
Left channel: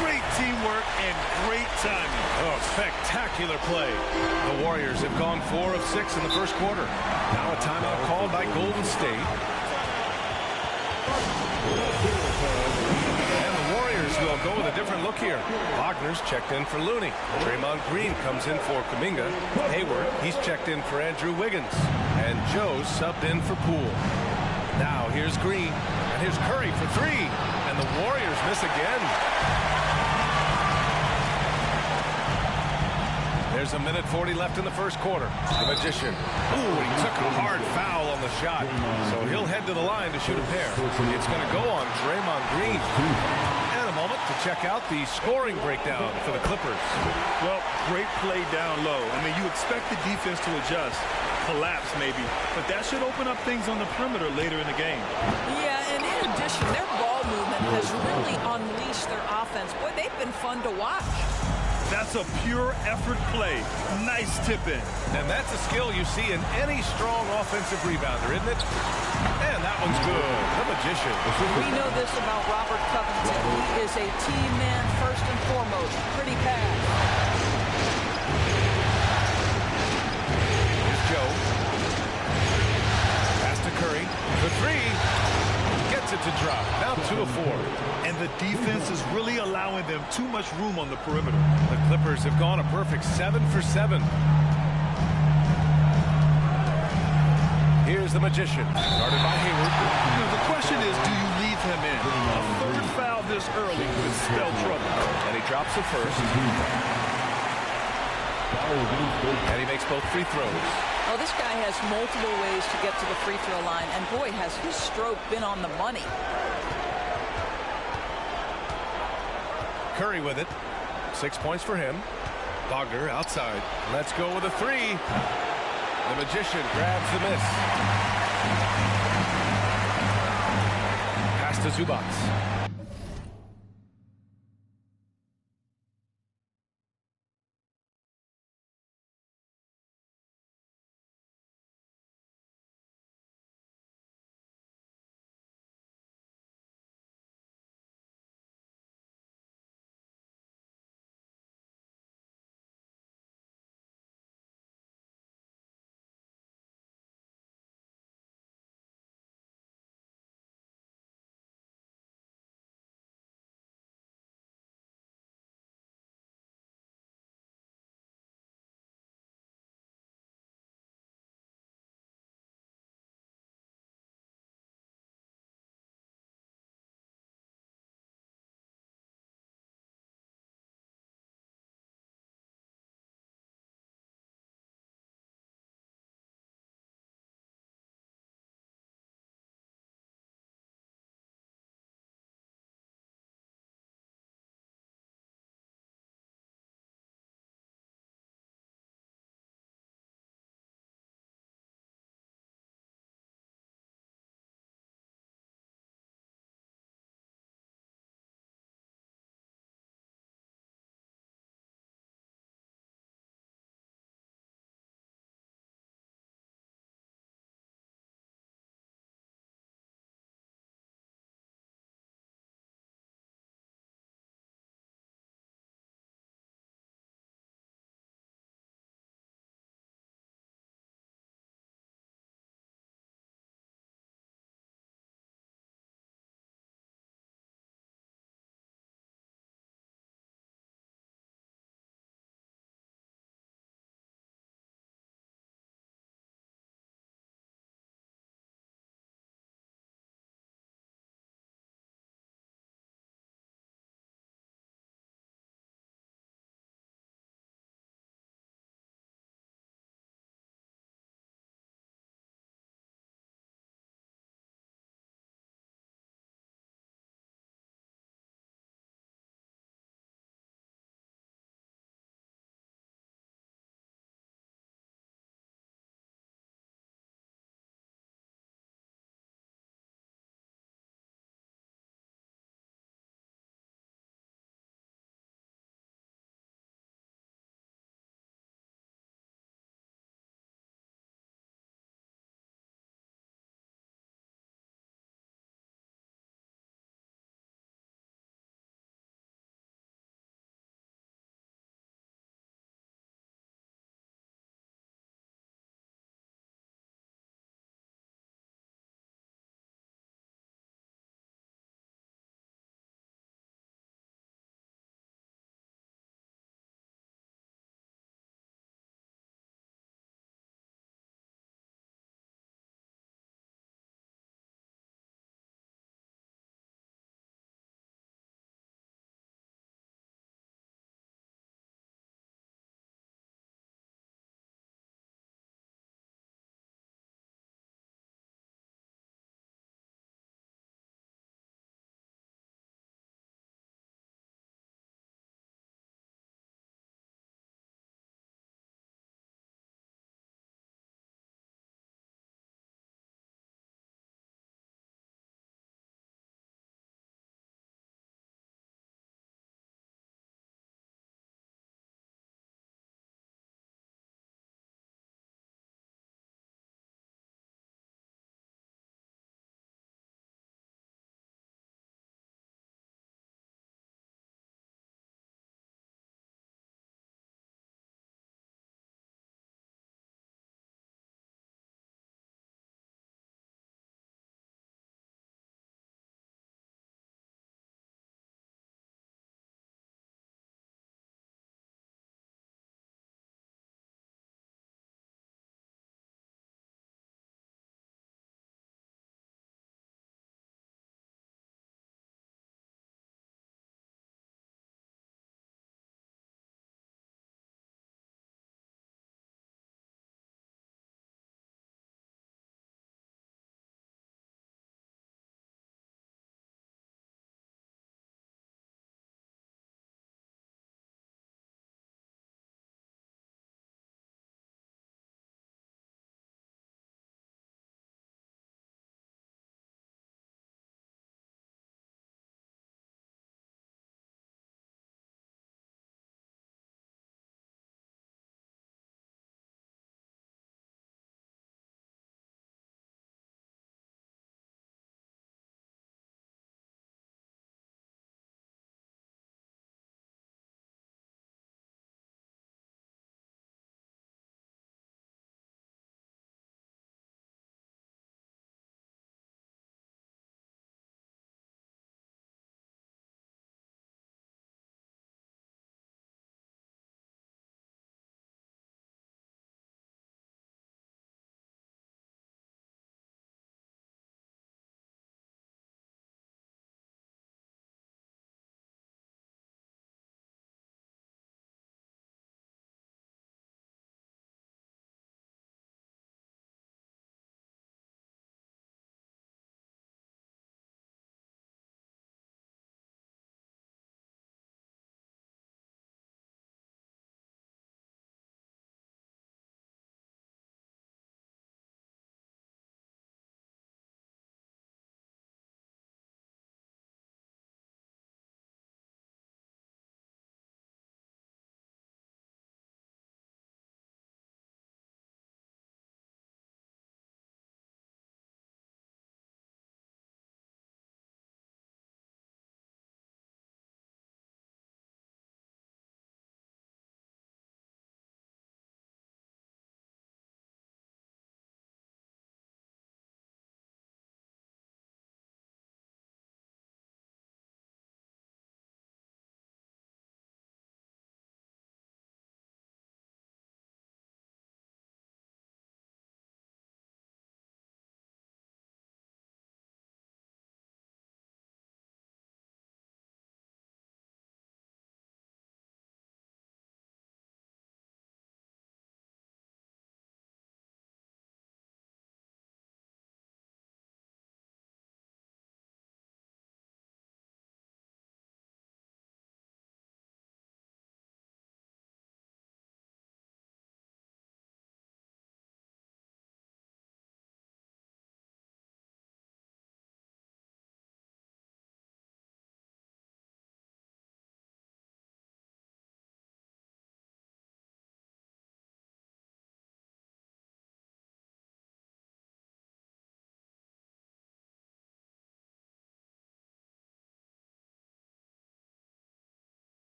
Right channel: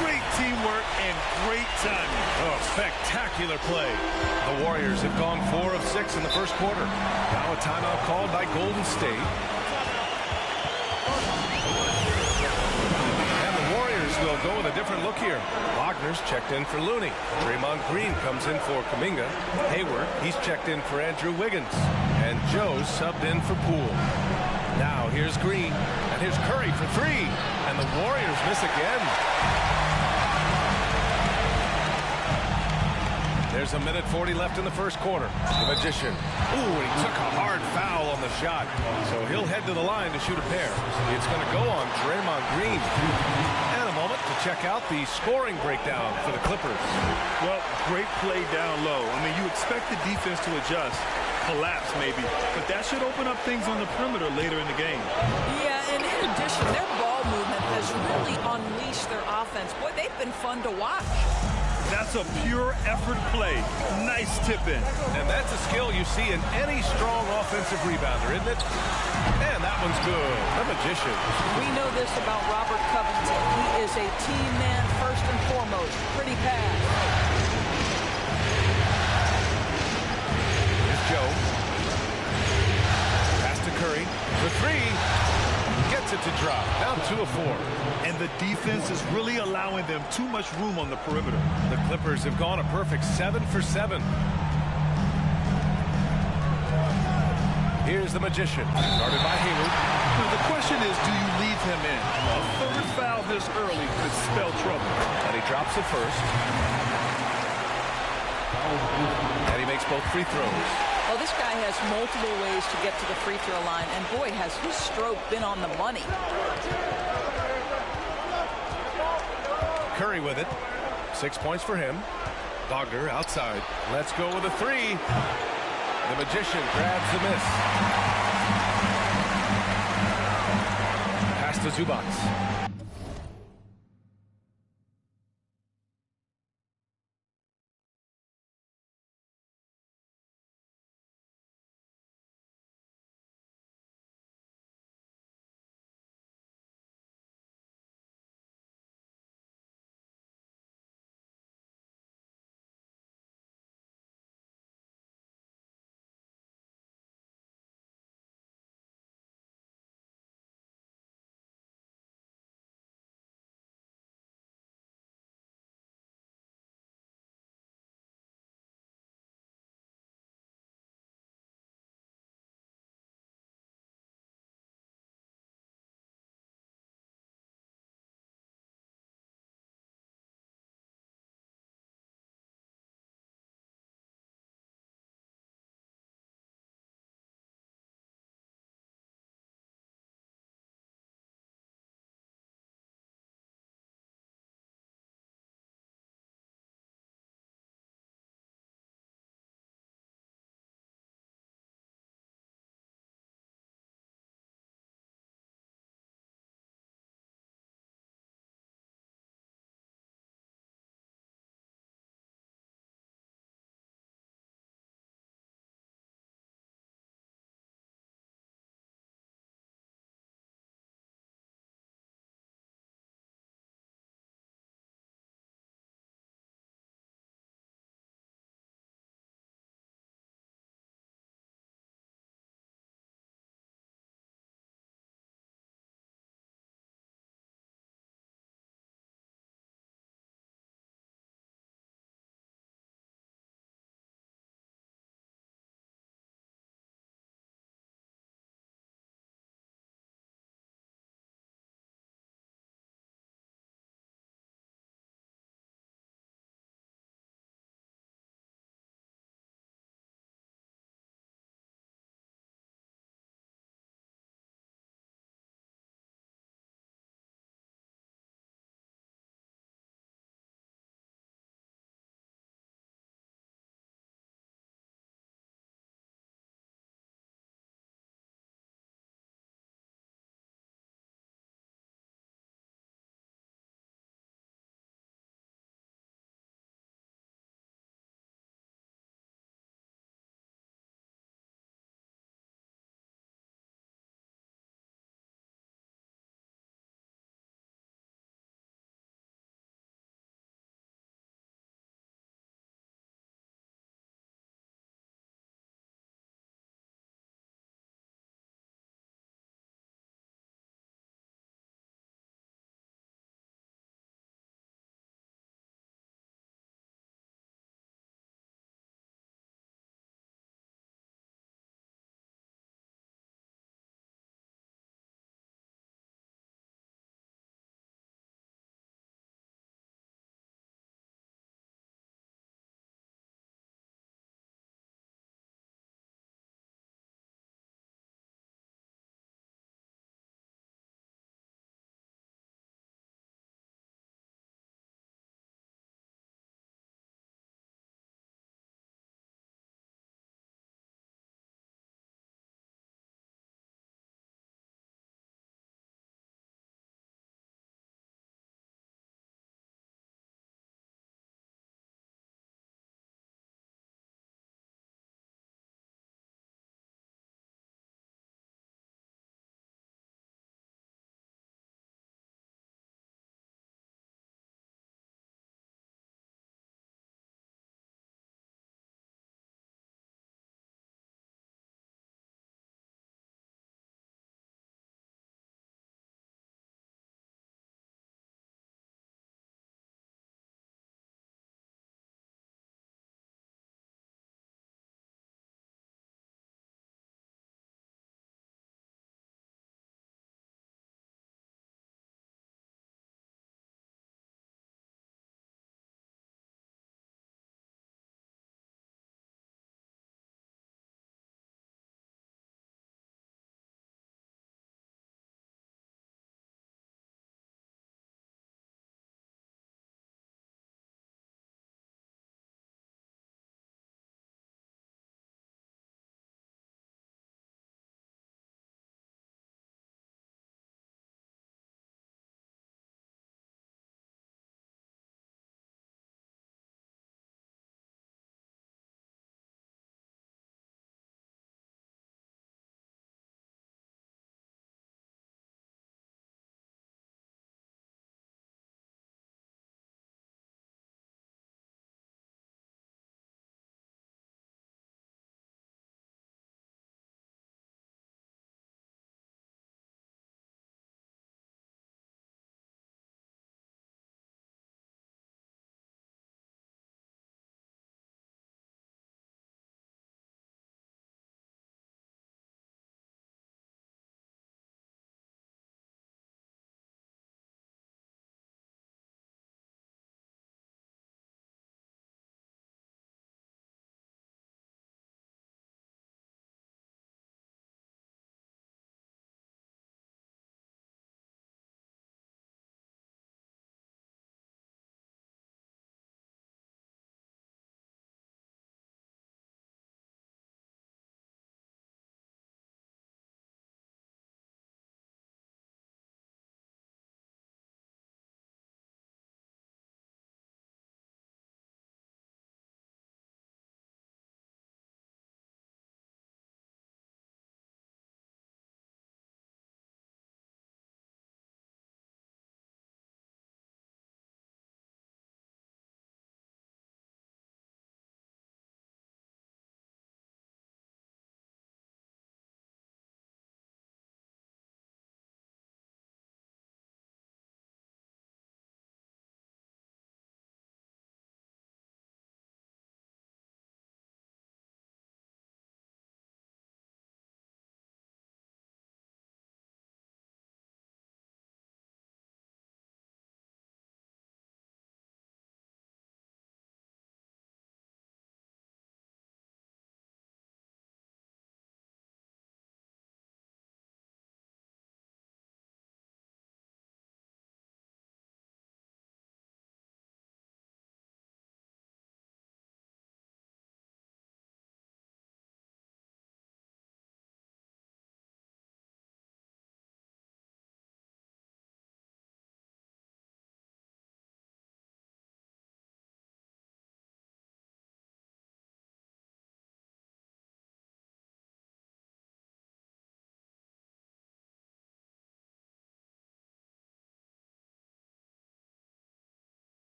Great teamwork and great timing. Oh, spectacular play. The Warriors have gone 4 of 6 in the first quarter. Now a timeout called by Golden State. And the Warriors will go with a different look here. Wagner's checked in for Looney. Draymond Green comes in for Kuminga. Hayward, he's checked in for Andrew Wiggins. And Joe's subbed in for Poole. Now here's Green. And here's Curry for 3. And the Warriors miss again. There's a minute 40 left in the first quarter. The Magician. Ooh, and he took a hard foul on the shot. So he'll head to the line to shoot a pair. It's going to go on Draymond Green. And a moment to check out the scoring breakdown for the Clippers. Well, great play down low. I mean, you expect the defense to adjust, collapse maybe, but that should open up things on the perimeter later in the game. Yeah, and in addition, their ball movement has really unleashed their offense. Boy, they've been fun to watch. That's a pure effort play. Nice tip in. And that's a skill you see in any strong offensive rebounder, isn't it? And that one's good. The Magician. We know this about Robert Covington. He is a team man first and foremost. Pretty pass. Here's Joe. Pass to Curry. The 3. Gets it to drop. Now 2 of 4. And the defense is really allowing them too much room on the perimeter. The Clippers have gone a perfect 7 for 7. Here's the Magician. Started by Hayward. You know, the question is, do you leave him in? A third foul this early could spell trouble. And he drops the first. And he makes both free throws. Oh, this guy has multiple ways to get to the free throw line, and boy, has his stroke been on the money. Curry with it. 6 points for him. Wagner outside. Let's go with a 3. The Magician grabs the miss. Pass to Zubac.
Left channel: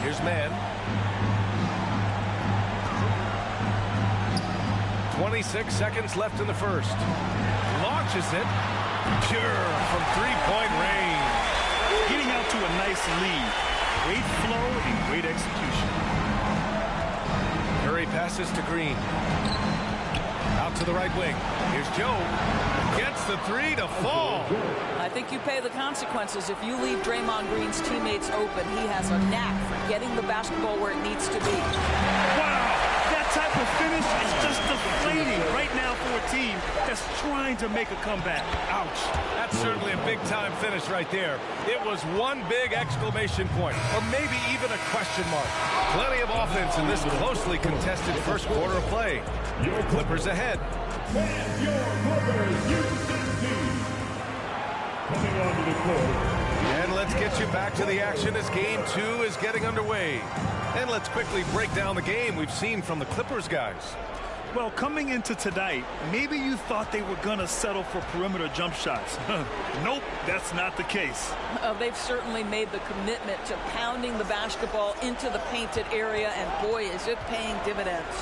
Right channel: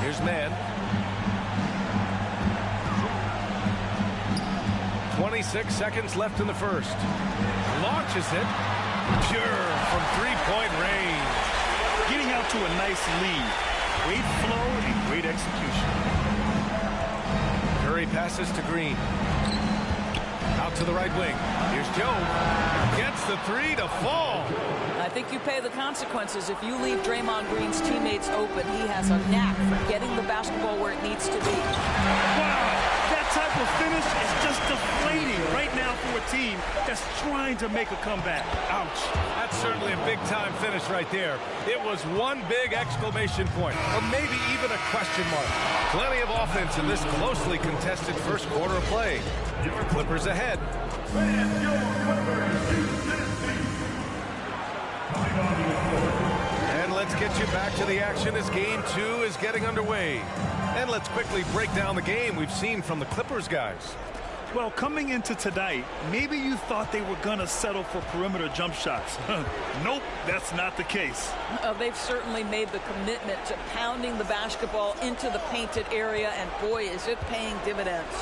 Here's Mann. 26 seconds left in the first. Launches it. Pure from three-point range. Getting out to a nice lead. Great flow and great execution. Curry passes to Green. Out to the right wing. Here's Joe. Gets the three to fall. I think you pay the consequences if you leave Draymond Green's teammates open. He has a knack for getting the basketball where it needs to be. Wow, that type of finish is just deflating right now for a team that's trying to make a comeback. Ouch. That's certainly a big-time finish right there. It was one big exclamation point, or maybe even a question mark. Plenty of offense in this closely contested first quarter of play. Your Clippers ahead. And your Clippers, Houston team. Coming onto the court. And let's get you back to the action as Game 2 is getting underway. And let's quickly break down the game we've seen from the Clippers guys. Well, coming into tonight, maybe you thought they were going to settle for perimeter jump shots. Nope, that's not the case. They've certainly made the commitment to pounding the basketball into the painted area, and boy, is it paying dividends.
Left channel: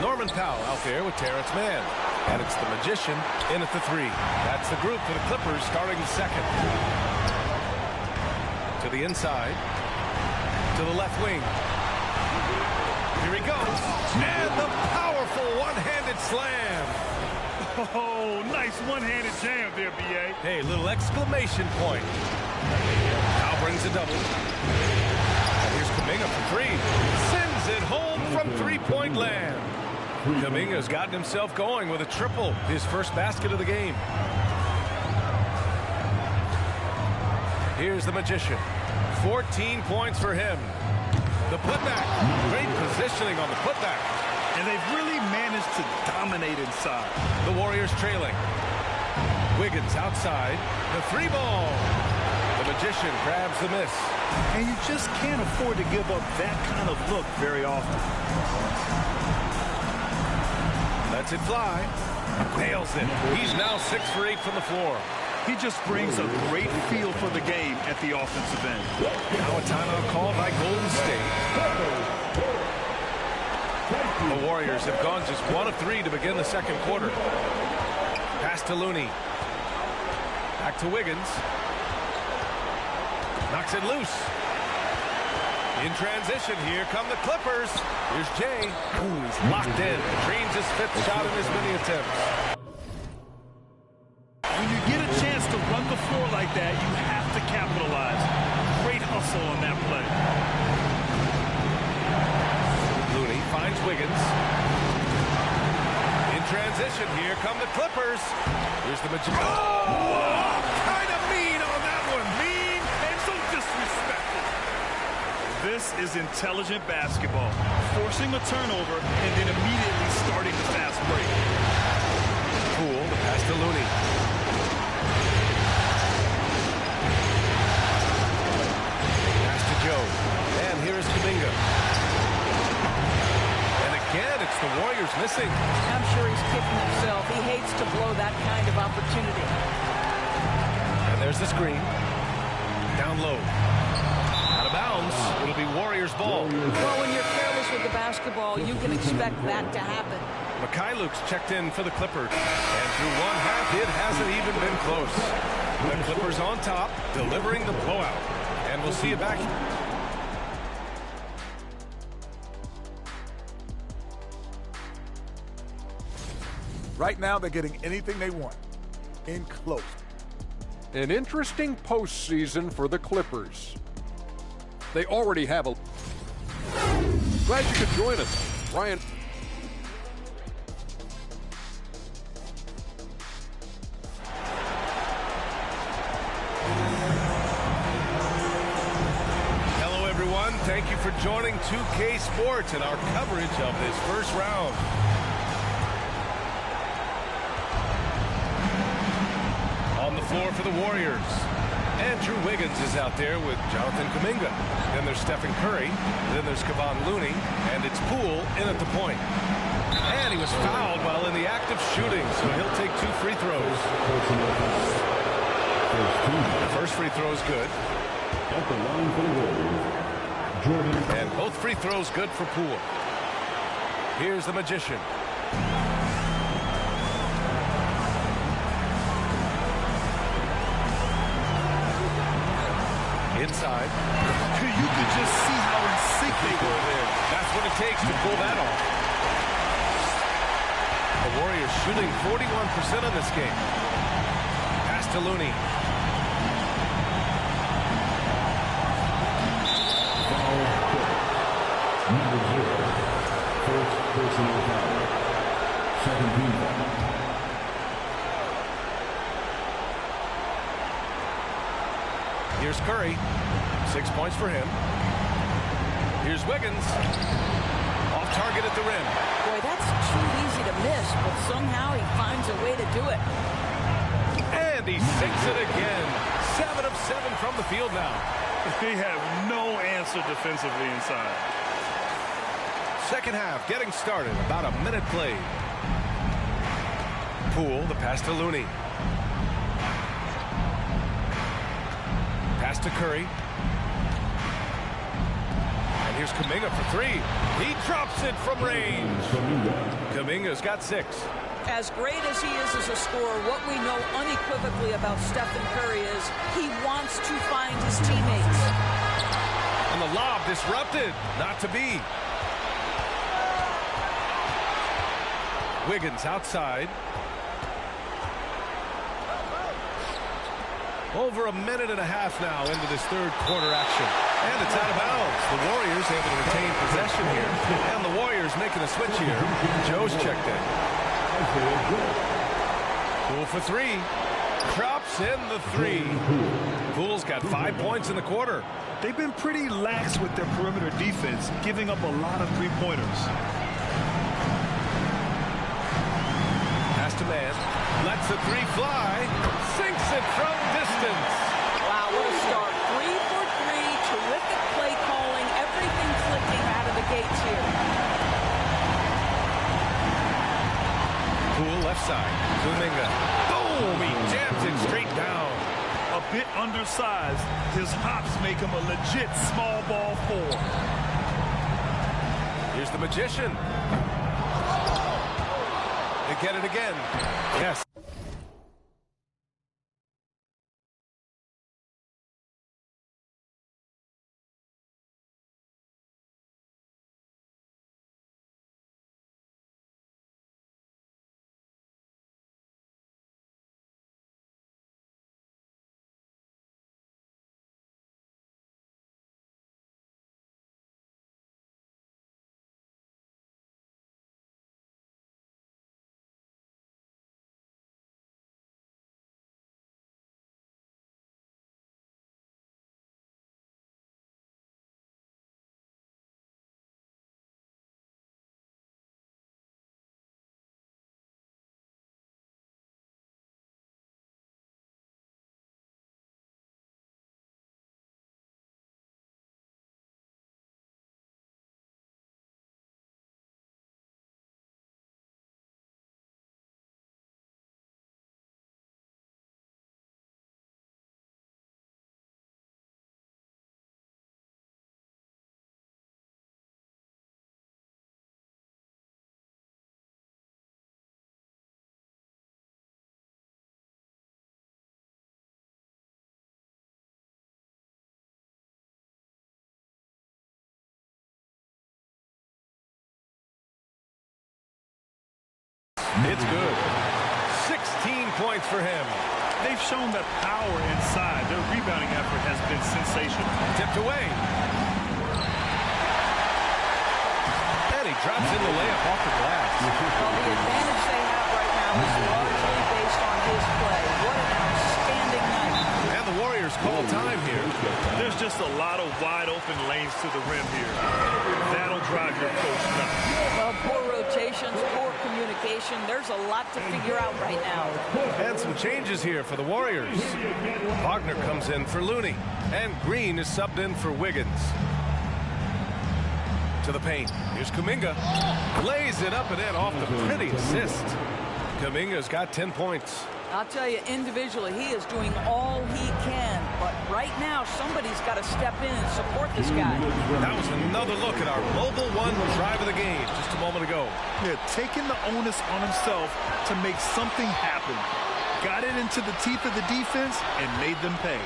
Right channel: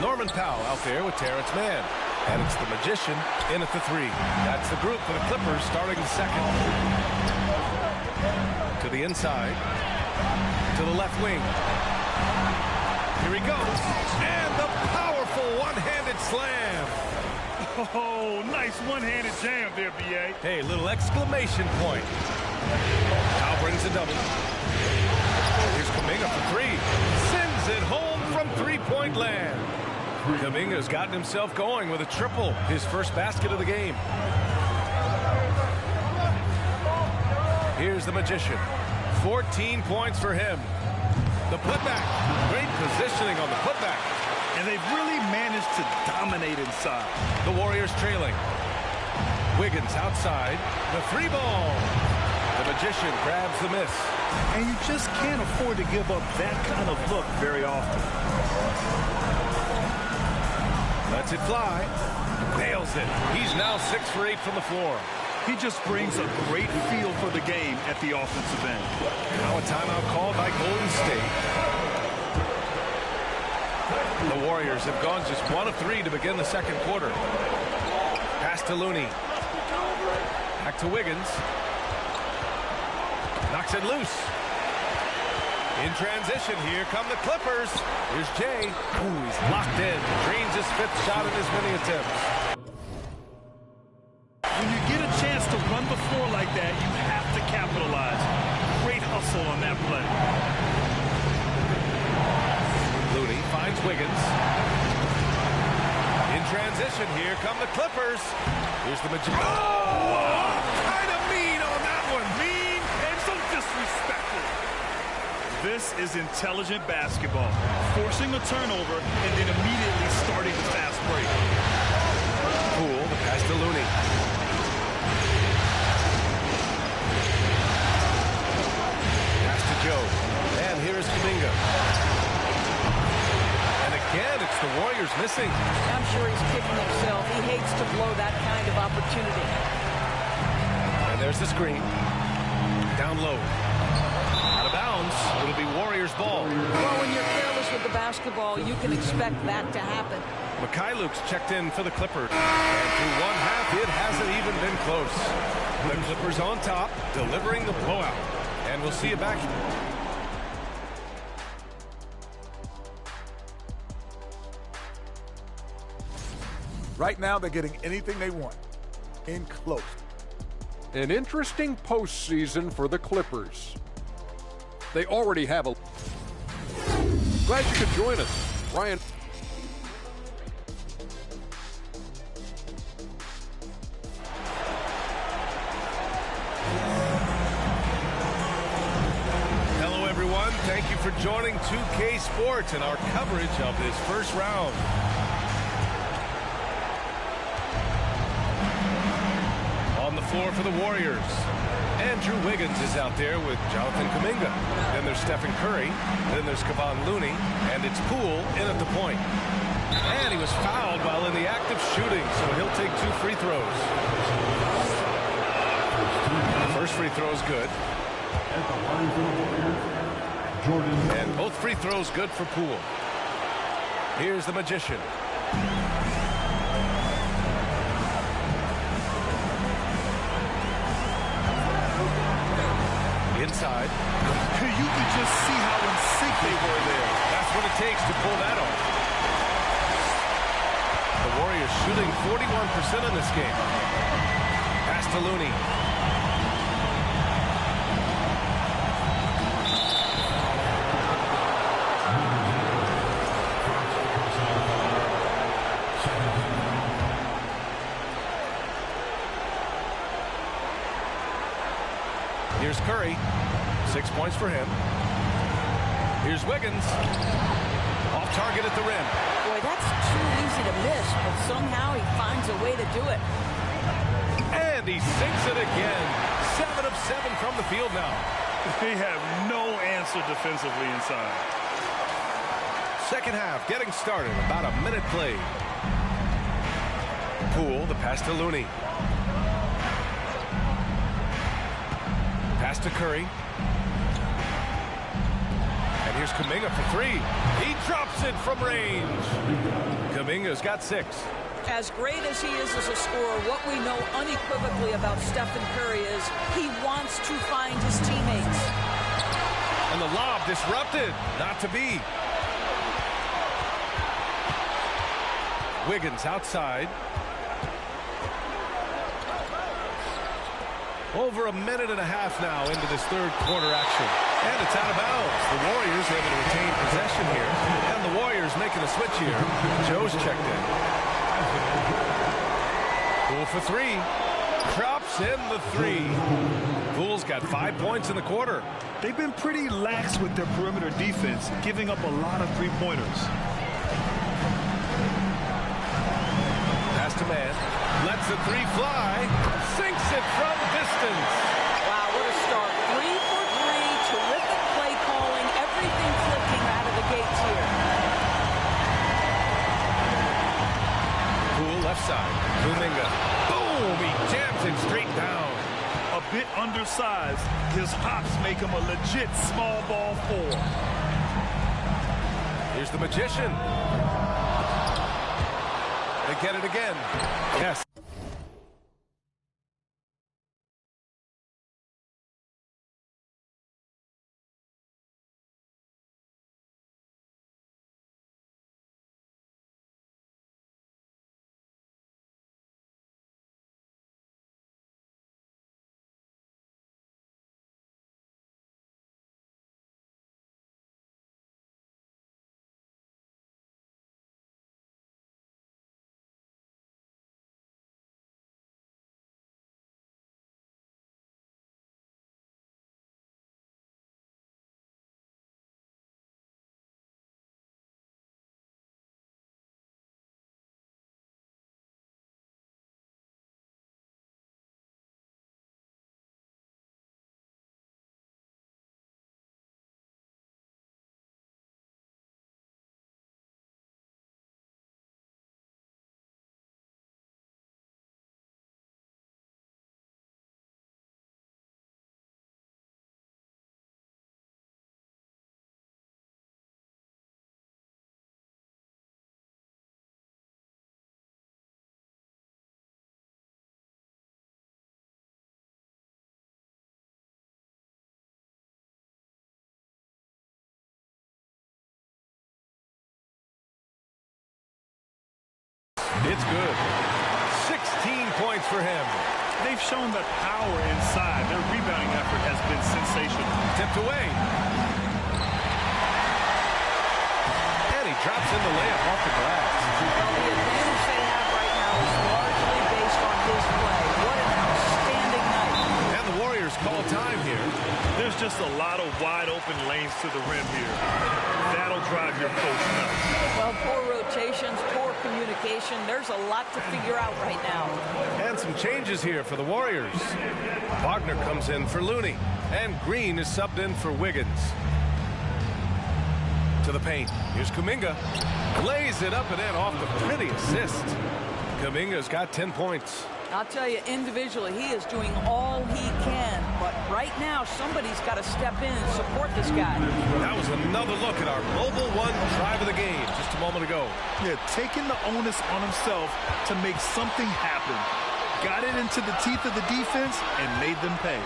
Norman Powell out there with Terrence Mann. And it's the Magician in at the three. That's the group for the Clippers starting the second. To the inside. To the left wing. Here he goes. And the powerful one-handed slam. Oh, nice one-handed jam there, B.A. Hey, little exclamation point. Now brings a double. Here's Kuminga for three. Sends it home from three-point land. Kuminga's gotten himself going with a triple, his first basket of the game. Here's the Magician. 14 points for him. The putback. Great positioning on the putback. And they've really managed to dominate inside. The Warriors trailing. Wiggins outside. The three ball. The Magician grabs the miss. And you just can't afford to give up that kind of look very often. Lets it fly. Nails it. He's now 6 for 8 from the floor. He just brings a great feel for the game at the offensive end. Now a timeout called by Golden State. The Warriors have gone just 1 of 3 to begin the second quarter. Pass to Looney. Back to Wiggins. Knocks it loose. In transition, here come the Clippers. Here's Jay. Ooh, he's locked in. Drains his 5th shot in as many attempts. When you get a chance to run the floor like that, you have to capitalize. Great hustle on that play. Looney finds Wiggins. In transition, here come the Clippers. Here's the Magician. Oh, kind of mean on that one. Mean and so disrespectful. This is intelligent basketball. Forcing a turnover and then immediately starting the fast break. Poole, the pass to Looney. Pass to Joe. And here is Kuminga. And again, it's the Warriors missing. I'm sure he's kicking himself. He hates to blow that kind of opportunity. And there's the screen. Down low. Out of bounds. It'll be Warriors ball. Well, when you're careless with the basketball, you can expect that to happen. Mikhailuk's checked in for the Clippers. And through one half, it hasn't even been close. The Clippers on top, delivering the blowout. And we'll see you back. Right now, they're getting anything they want. In close. An interesting postseason for the Clippers. They already have a... Glad you could join us. Ryan... Hello, everyone. Thank you for joining 2K Sports and our coverage of this first round. On the floor for the Warriors. Andrew Wiggins is out there with Jonathan Kuminga. Then there's Stephen Curry. Then there's Kevon Looney. And it's Poole in at the point. And he was fouled while in the act of shooting, so he'll take 2 free throws. The first free throw is good. At the line for the Warriors, And both free throws good for Poole. Here's the Magician. Inside. You could just see how in sync they were there. That's what it takes to pull that off. The Warriors shooting 41% in this game. Pass to Looney. Here's Curry. 6 points for him. Here's Wiggins. Off target at the rim. Boy, that's too easy to miss, but somehow he finds a way to do it. And he sinks it again. 7 of 7 from the field now. They have no answer defensively inside. Second half getting started. About a minute played. Poole, the pass to Looney. Pass to Curry. And here's Kuminga for three. He drops it from range. Kuminga's got 6. As great as he is as a scorer, what we know unequivocally about Stephen Curry is he wants to find his teammates. And the lob disrupted. Not to be. Wiggins outside. Over a minute and a half now into this third quarter action. And it's out of bounds. The Warriors able to retain possession here. And the Warriors making a switch here. Joe's checked in. Poole for three. Drops in the three. Poole's got 5 points in the quarter. They've been pretty lax with their perimeter defense, giving up a lot of three-pointers. Pass to man. Lets the three fly. Sinks it from distance. Wow, what a start. 3 for 3. Terrific play calling. Everything clicking out of the gates here. Poole left side. Kuminga. Boom! He jams it straight down. A bit undersized. His hops make him a legit small ball 4. Here's the Magician. They get it again. Yes. It's good. 16 points for him. They've shown that power inside. Their rebounding effort has been sensational. Tipped away. And he drops in the layup off the glass. Well, the advantage they have right now is largely based on his play. What an outstanding night. And the Warriors call time here. There's just a lot of wide open lanes to the rim here. That'll drive your coach nuts. Well, poor rotations, poor communication. There's a lot to figure out right now. And some changes here for the Warriors. Wagner comes in for Looney. And Green is subbed in for Wiggins. To the paint. Here's Kuminga. Lays it up and in off the pretty assist. Kuminga's got 10 points. I'll tell you, individually, he is doing all he can. But right now, somebody's got to step in and support this guy. That was another look at our Mobile One drive of the game just a moment ago. Yeah, taking the onus on himself to make something happen. Got it into the teeth of the defense and made them pay.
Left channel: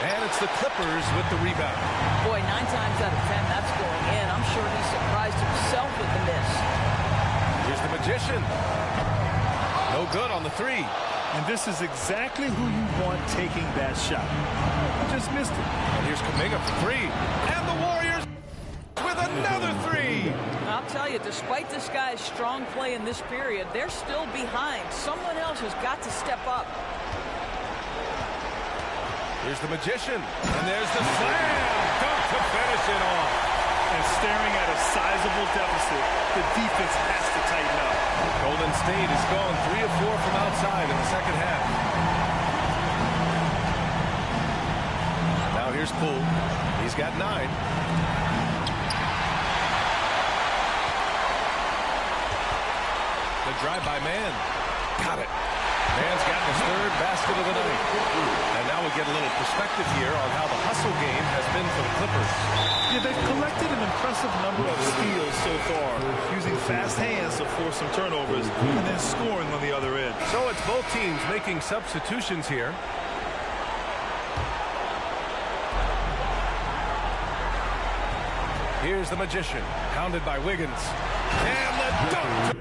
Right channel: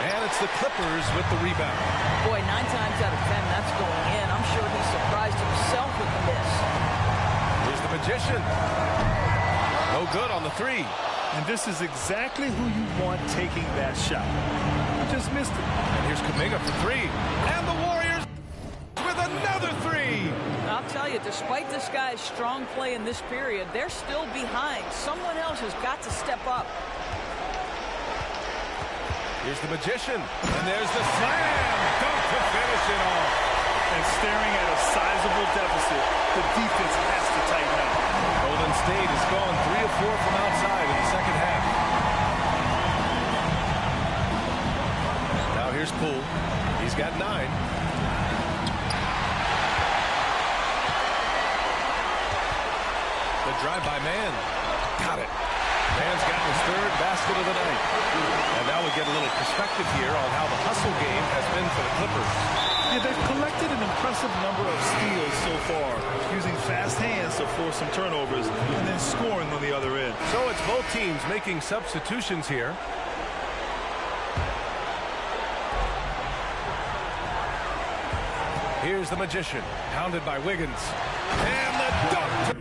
And it's the Clippers with the rebound. Boy, 9 times out of 10, that's going in. I'm sure he surprised himself with the miss. Here's the Magician. No good on the 3. And this is exactly who you want taking that shot. He just missed it. And here's Kuminga for 3. And the Warriors with another 3. I'll tell you, despite this guy's strong play in this period, they're still behind. Someone else has got to step up. Here's the Magician. And there's the slam dunk to finish it off. And staring at a sizable deficit, the defense has to tighten up. Golden State is going 3 of 4 from outside in the second half. Now here's Poole. He's got 9. The drive by Mann. Got it. Mann's gotten his 3rd basket of the night. And now we get a little perspective here on how the hustle game has been for the Clippers. Yeah, they've collected an impressive number of steals so far, using fast hands to force some turnovers and then scoring on the other end. So it's both teams making substitutions here. Here's the Magician, pounded by Wiggins. And the dunk.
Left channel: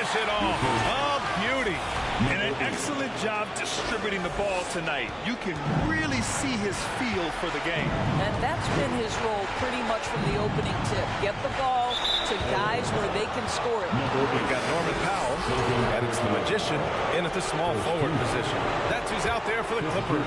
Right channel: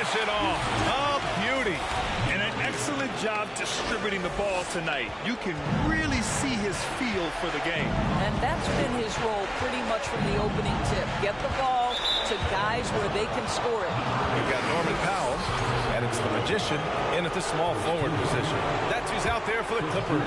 finish it off. A beauty. And an excellent job distributing the ball tonight. You can really see his feel for the game. And that's been his role pretty much from the opening tip. Get the ball to guys where they can score it. We've got Norman Powell, and it's the Magician in at the small forward position. That's who's out there for the Clippers.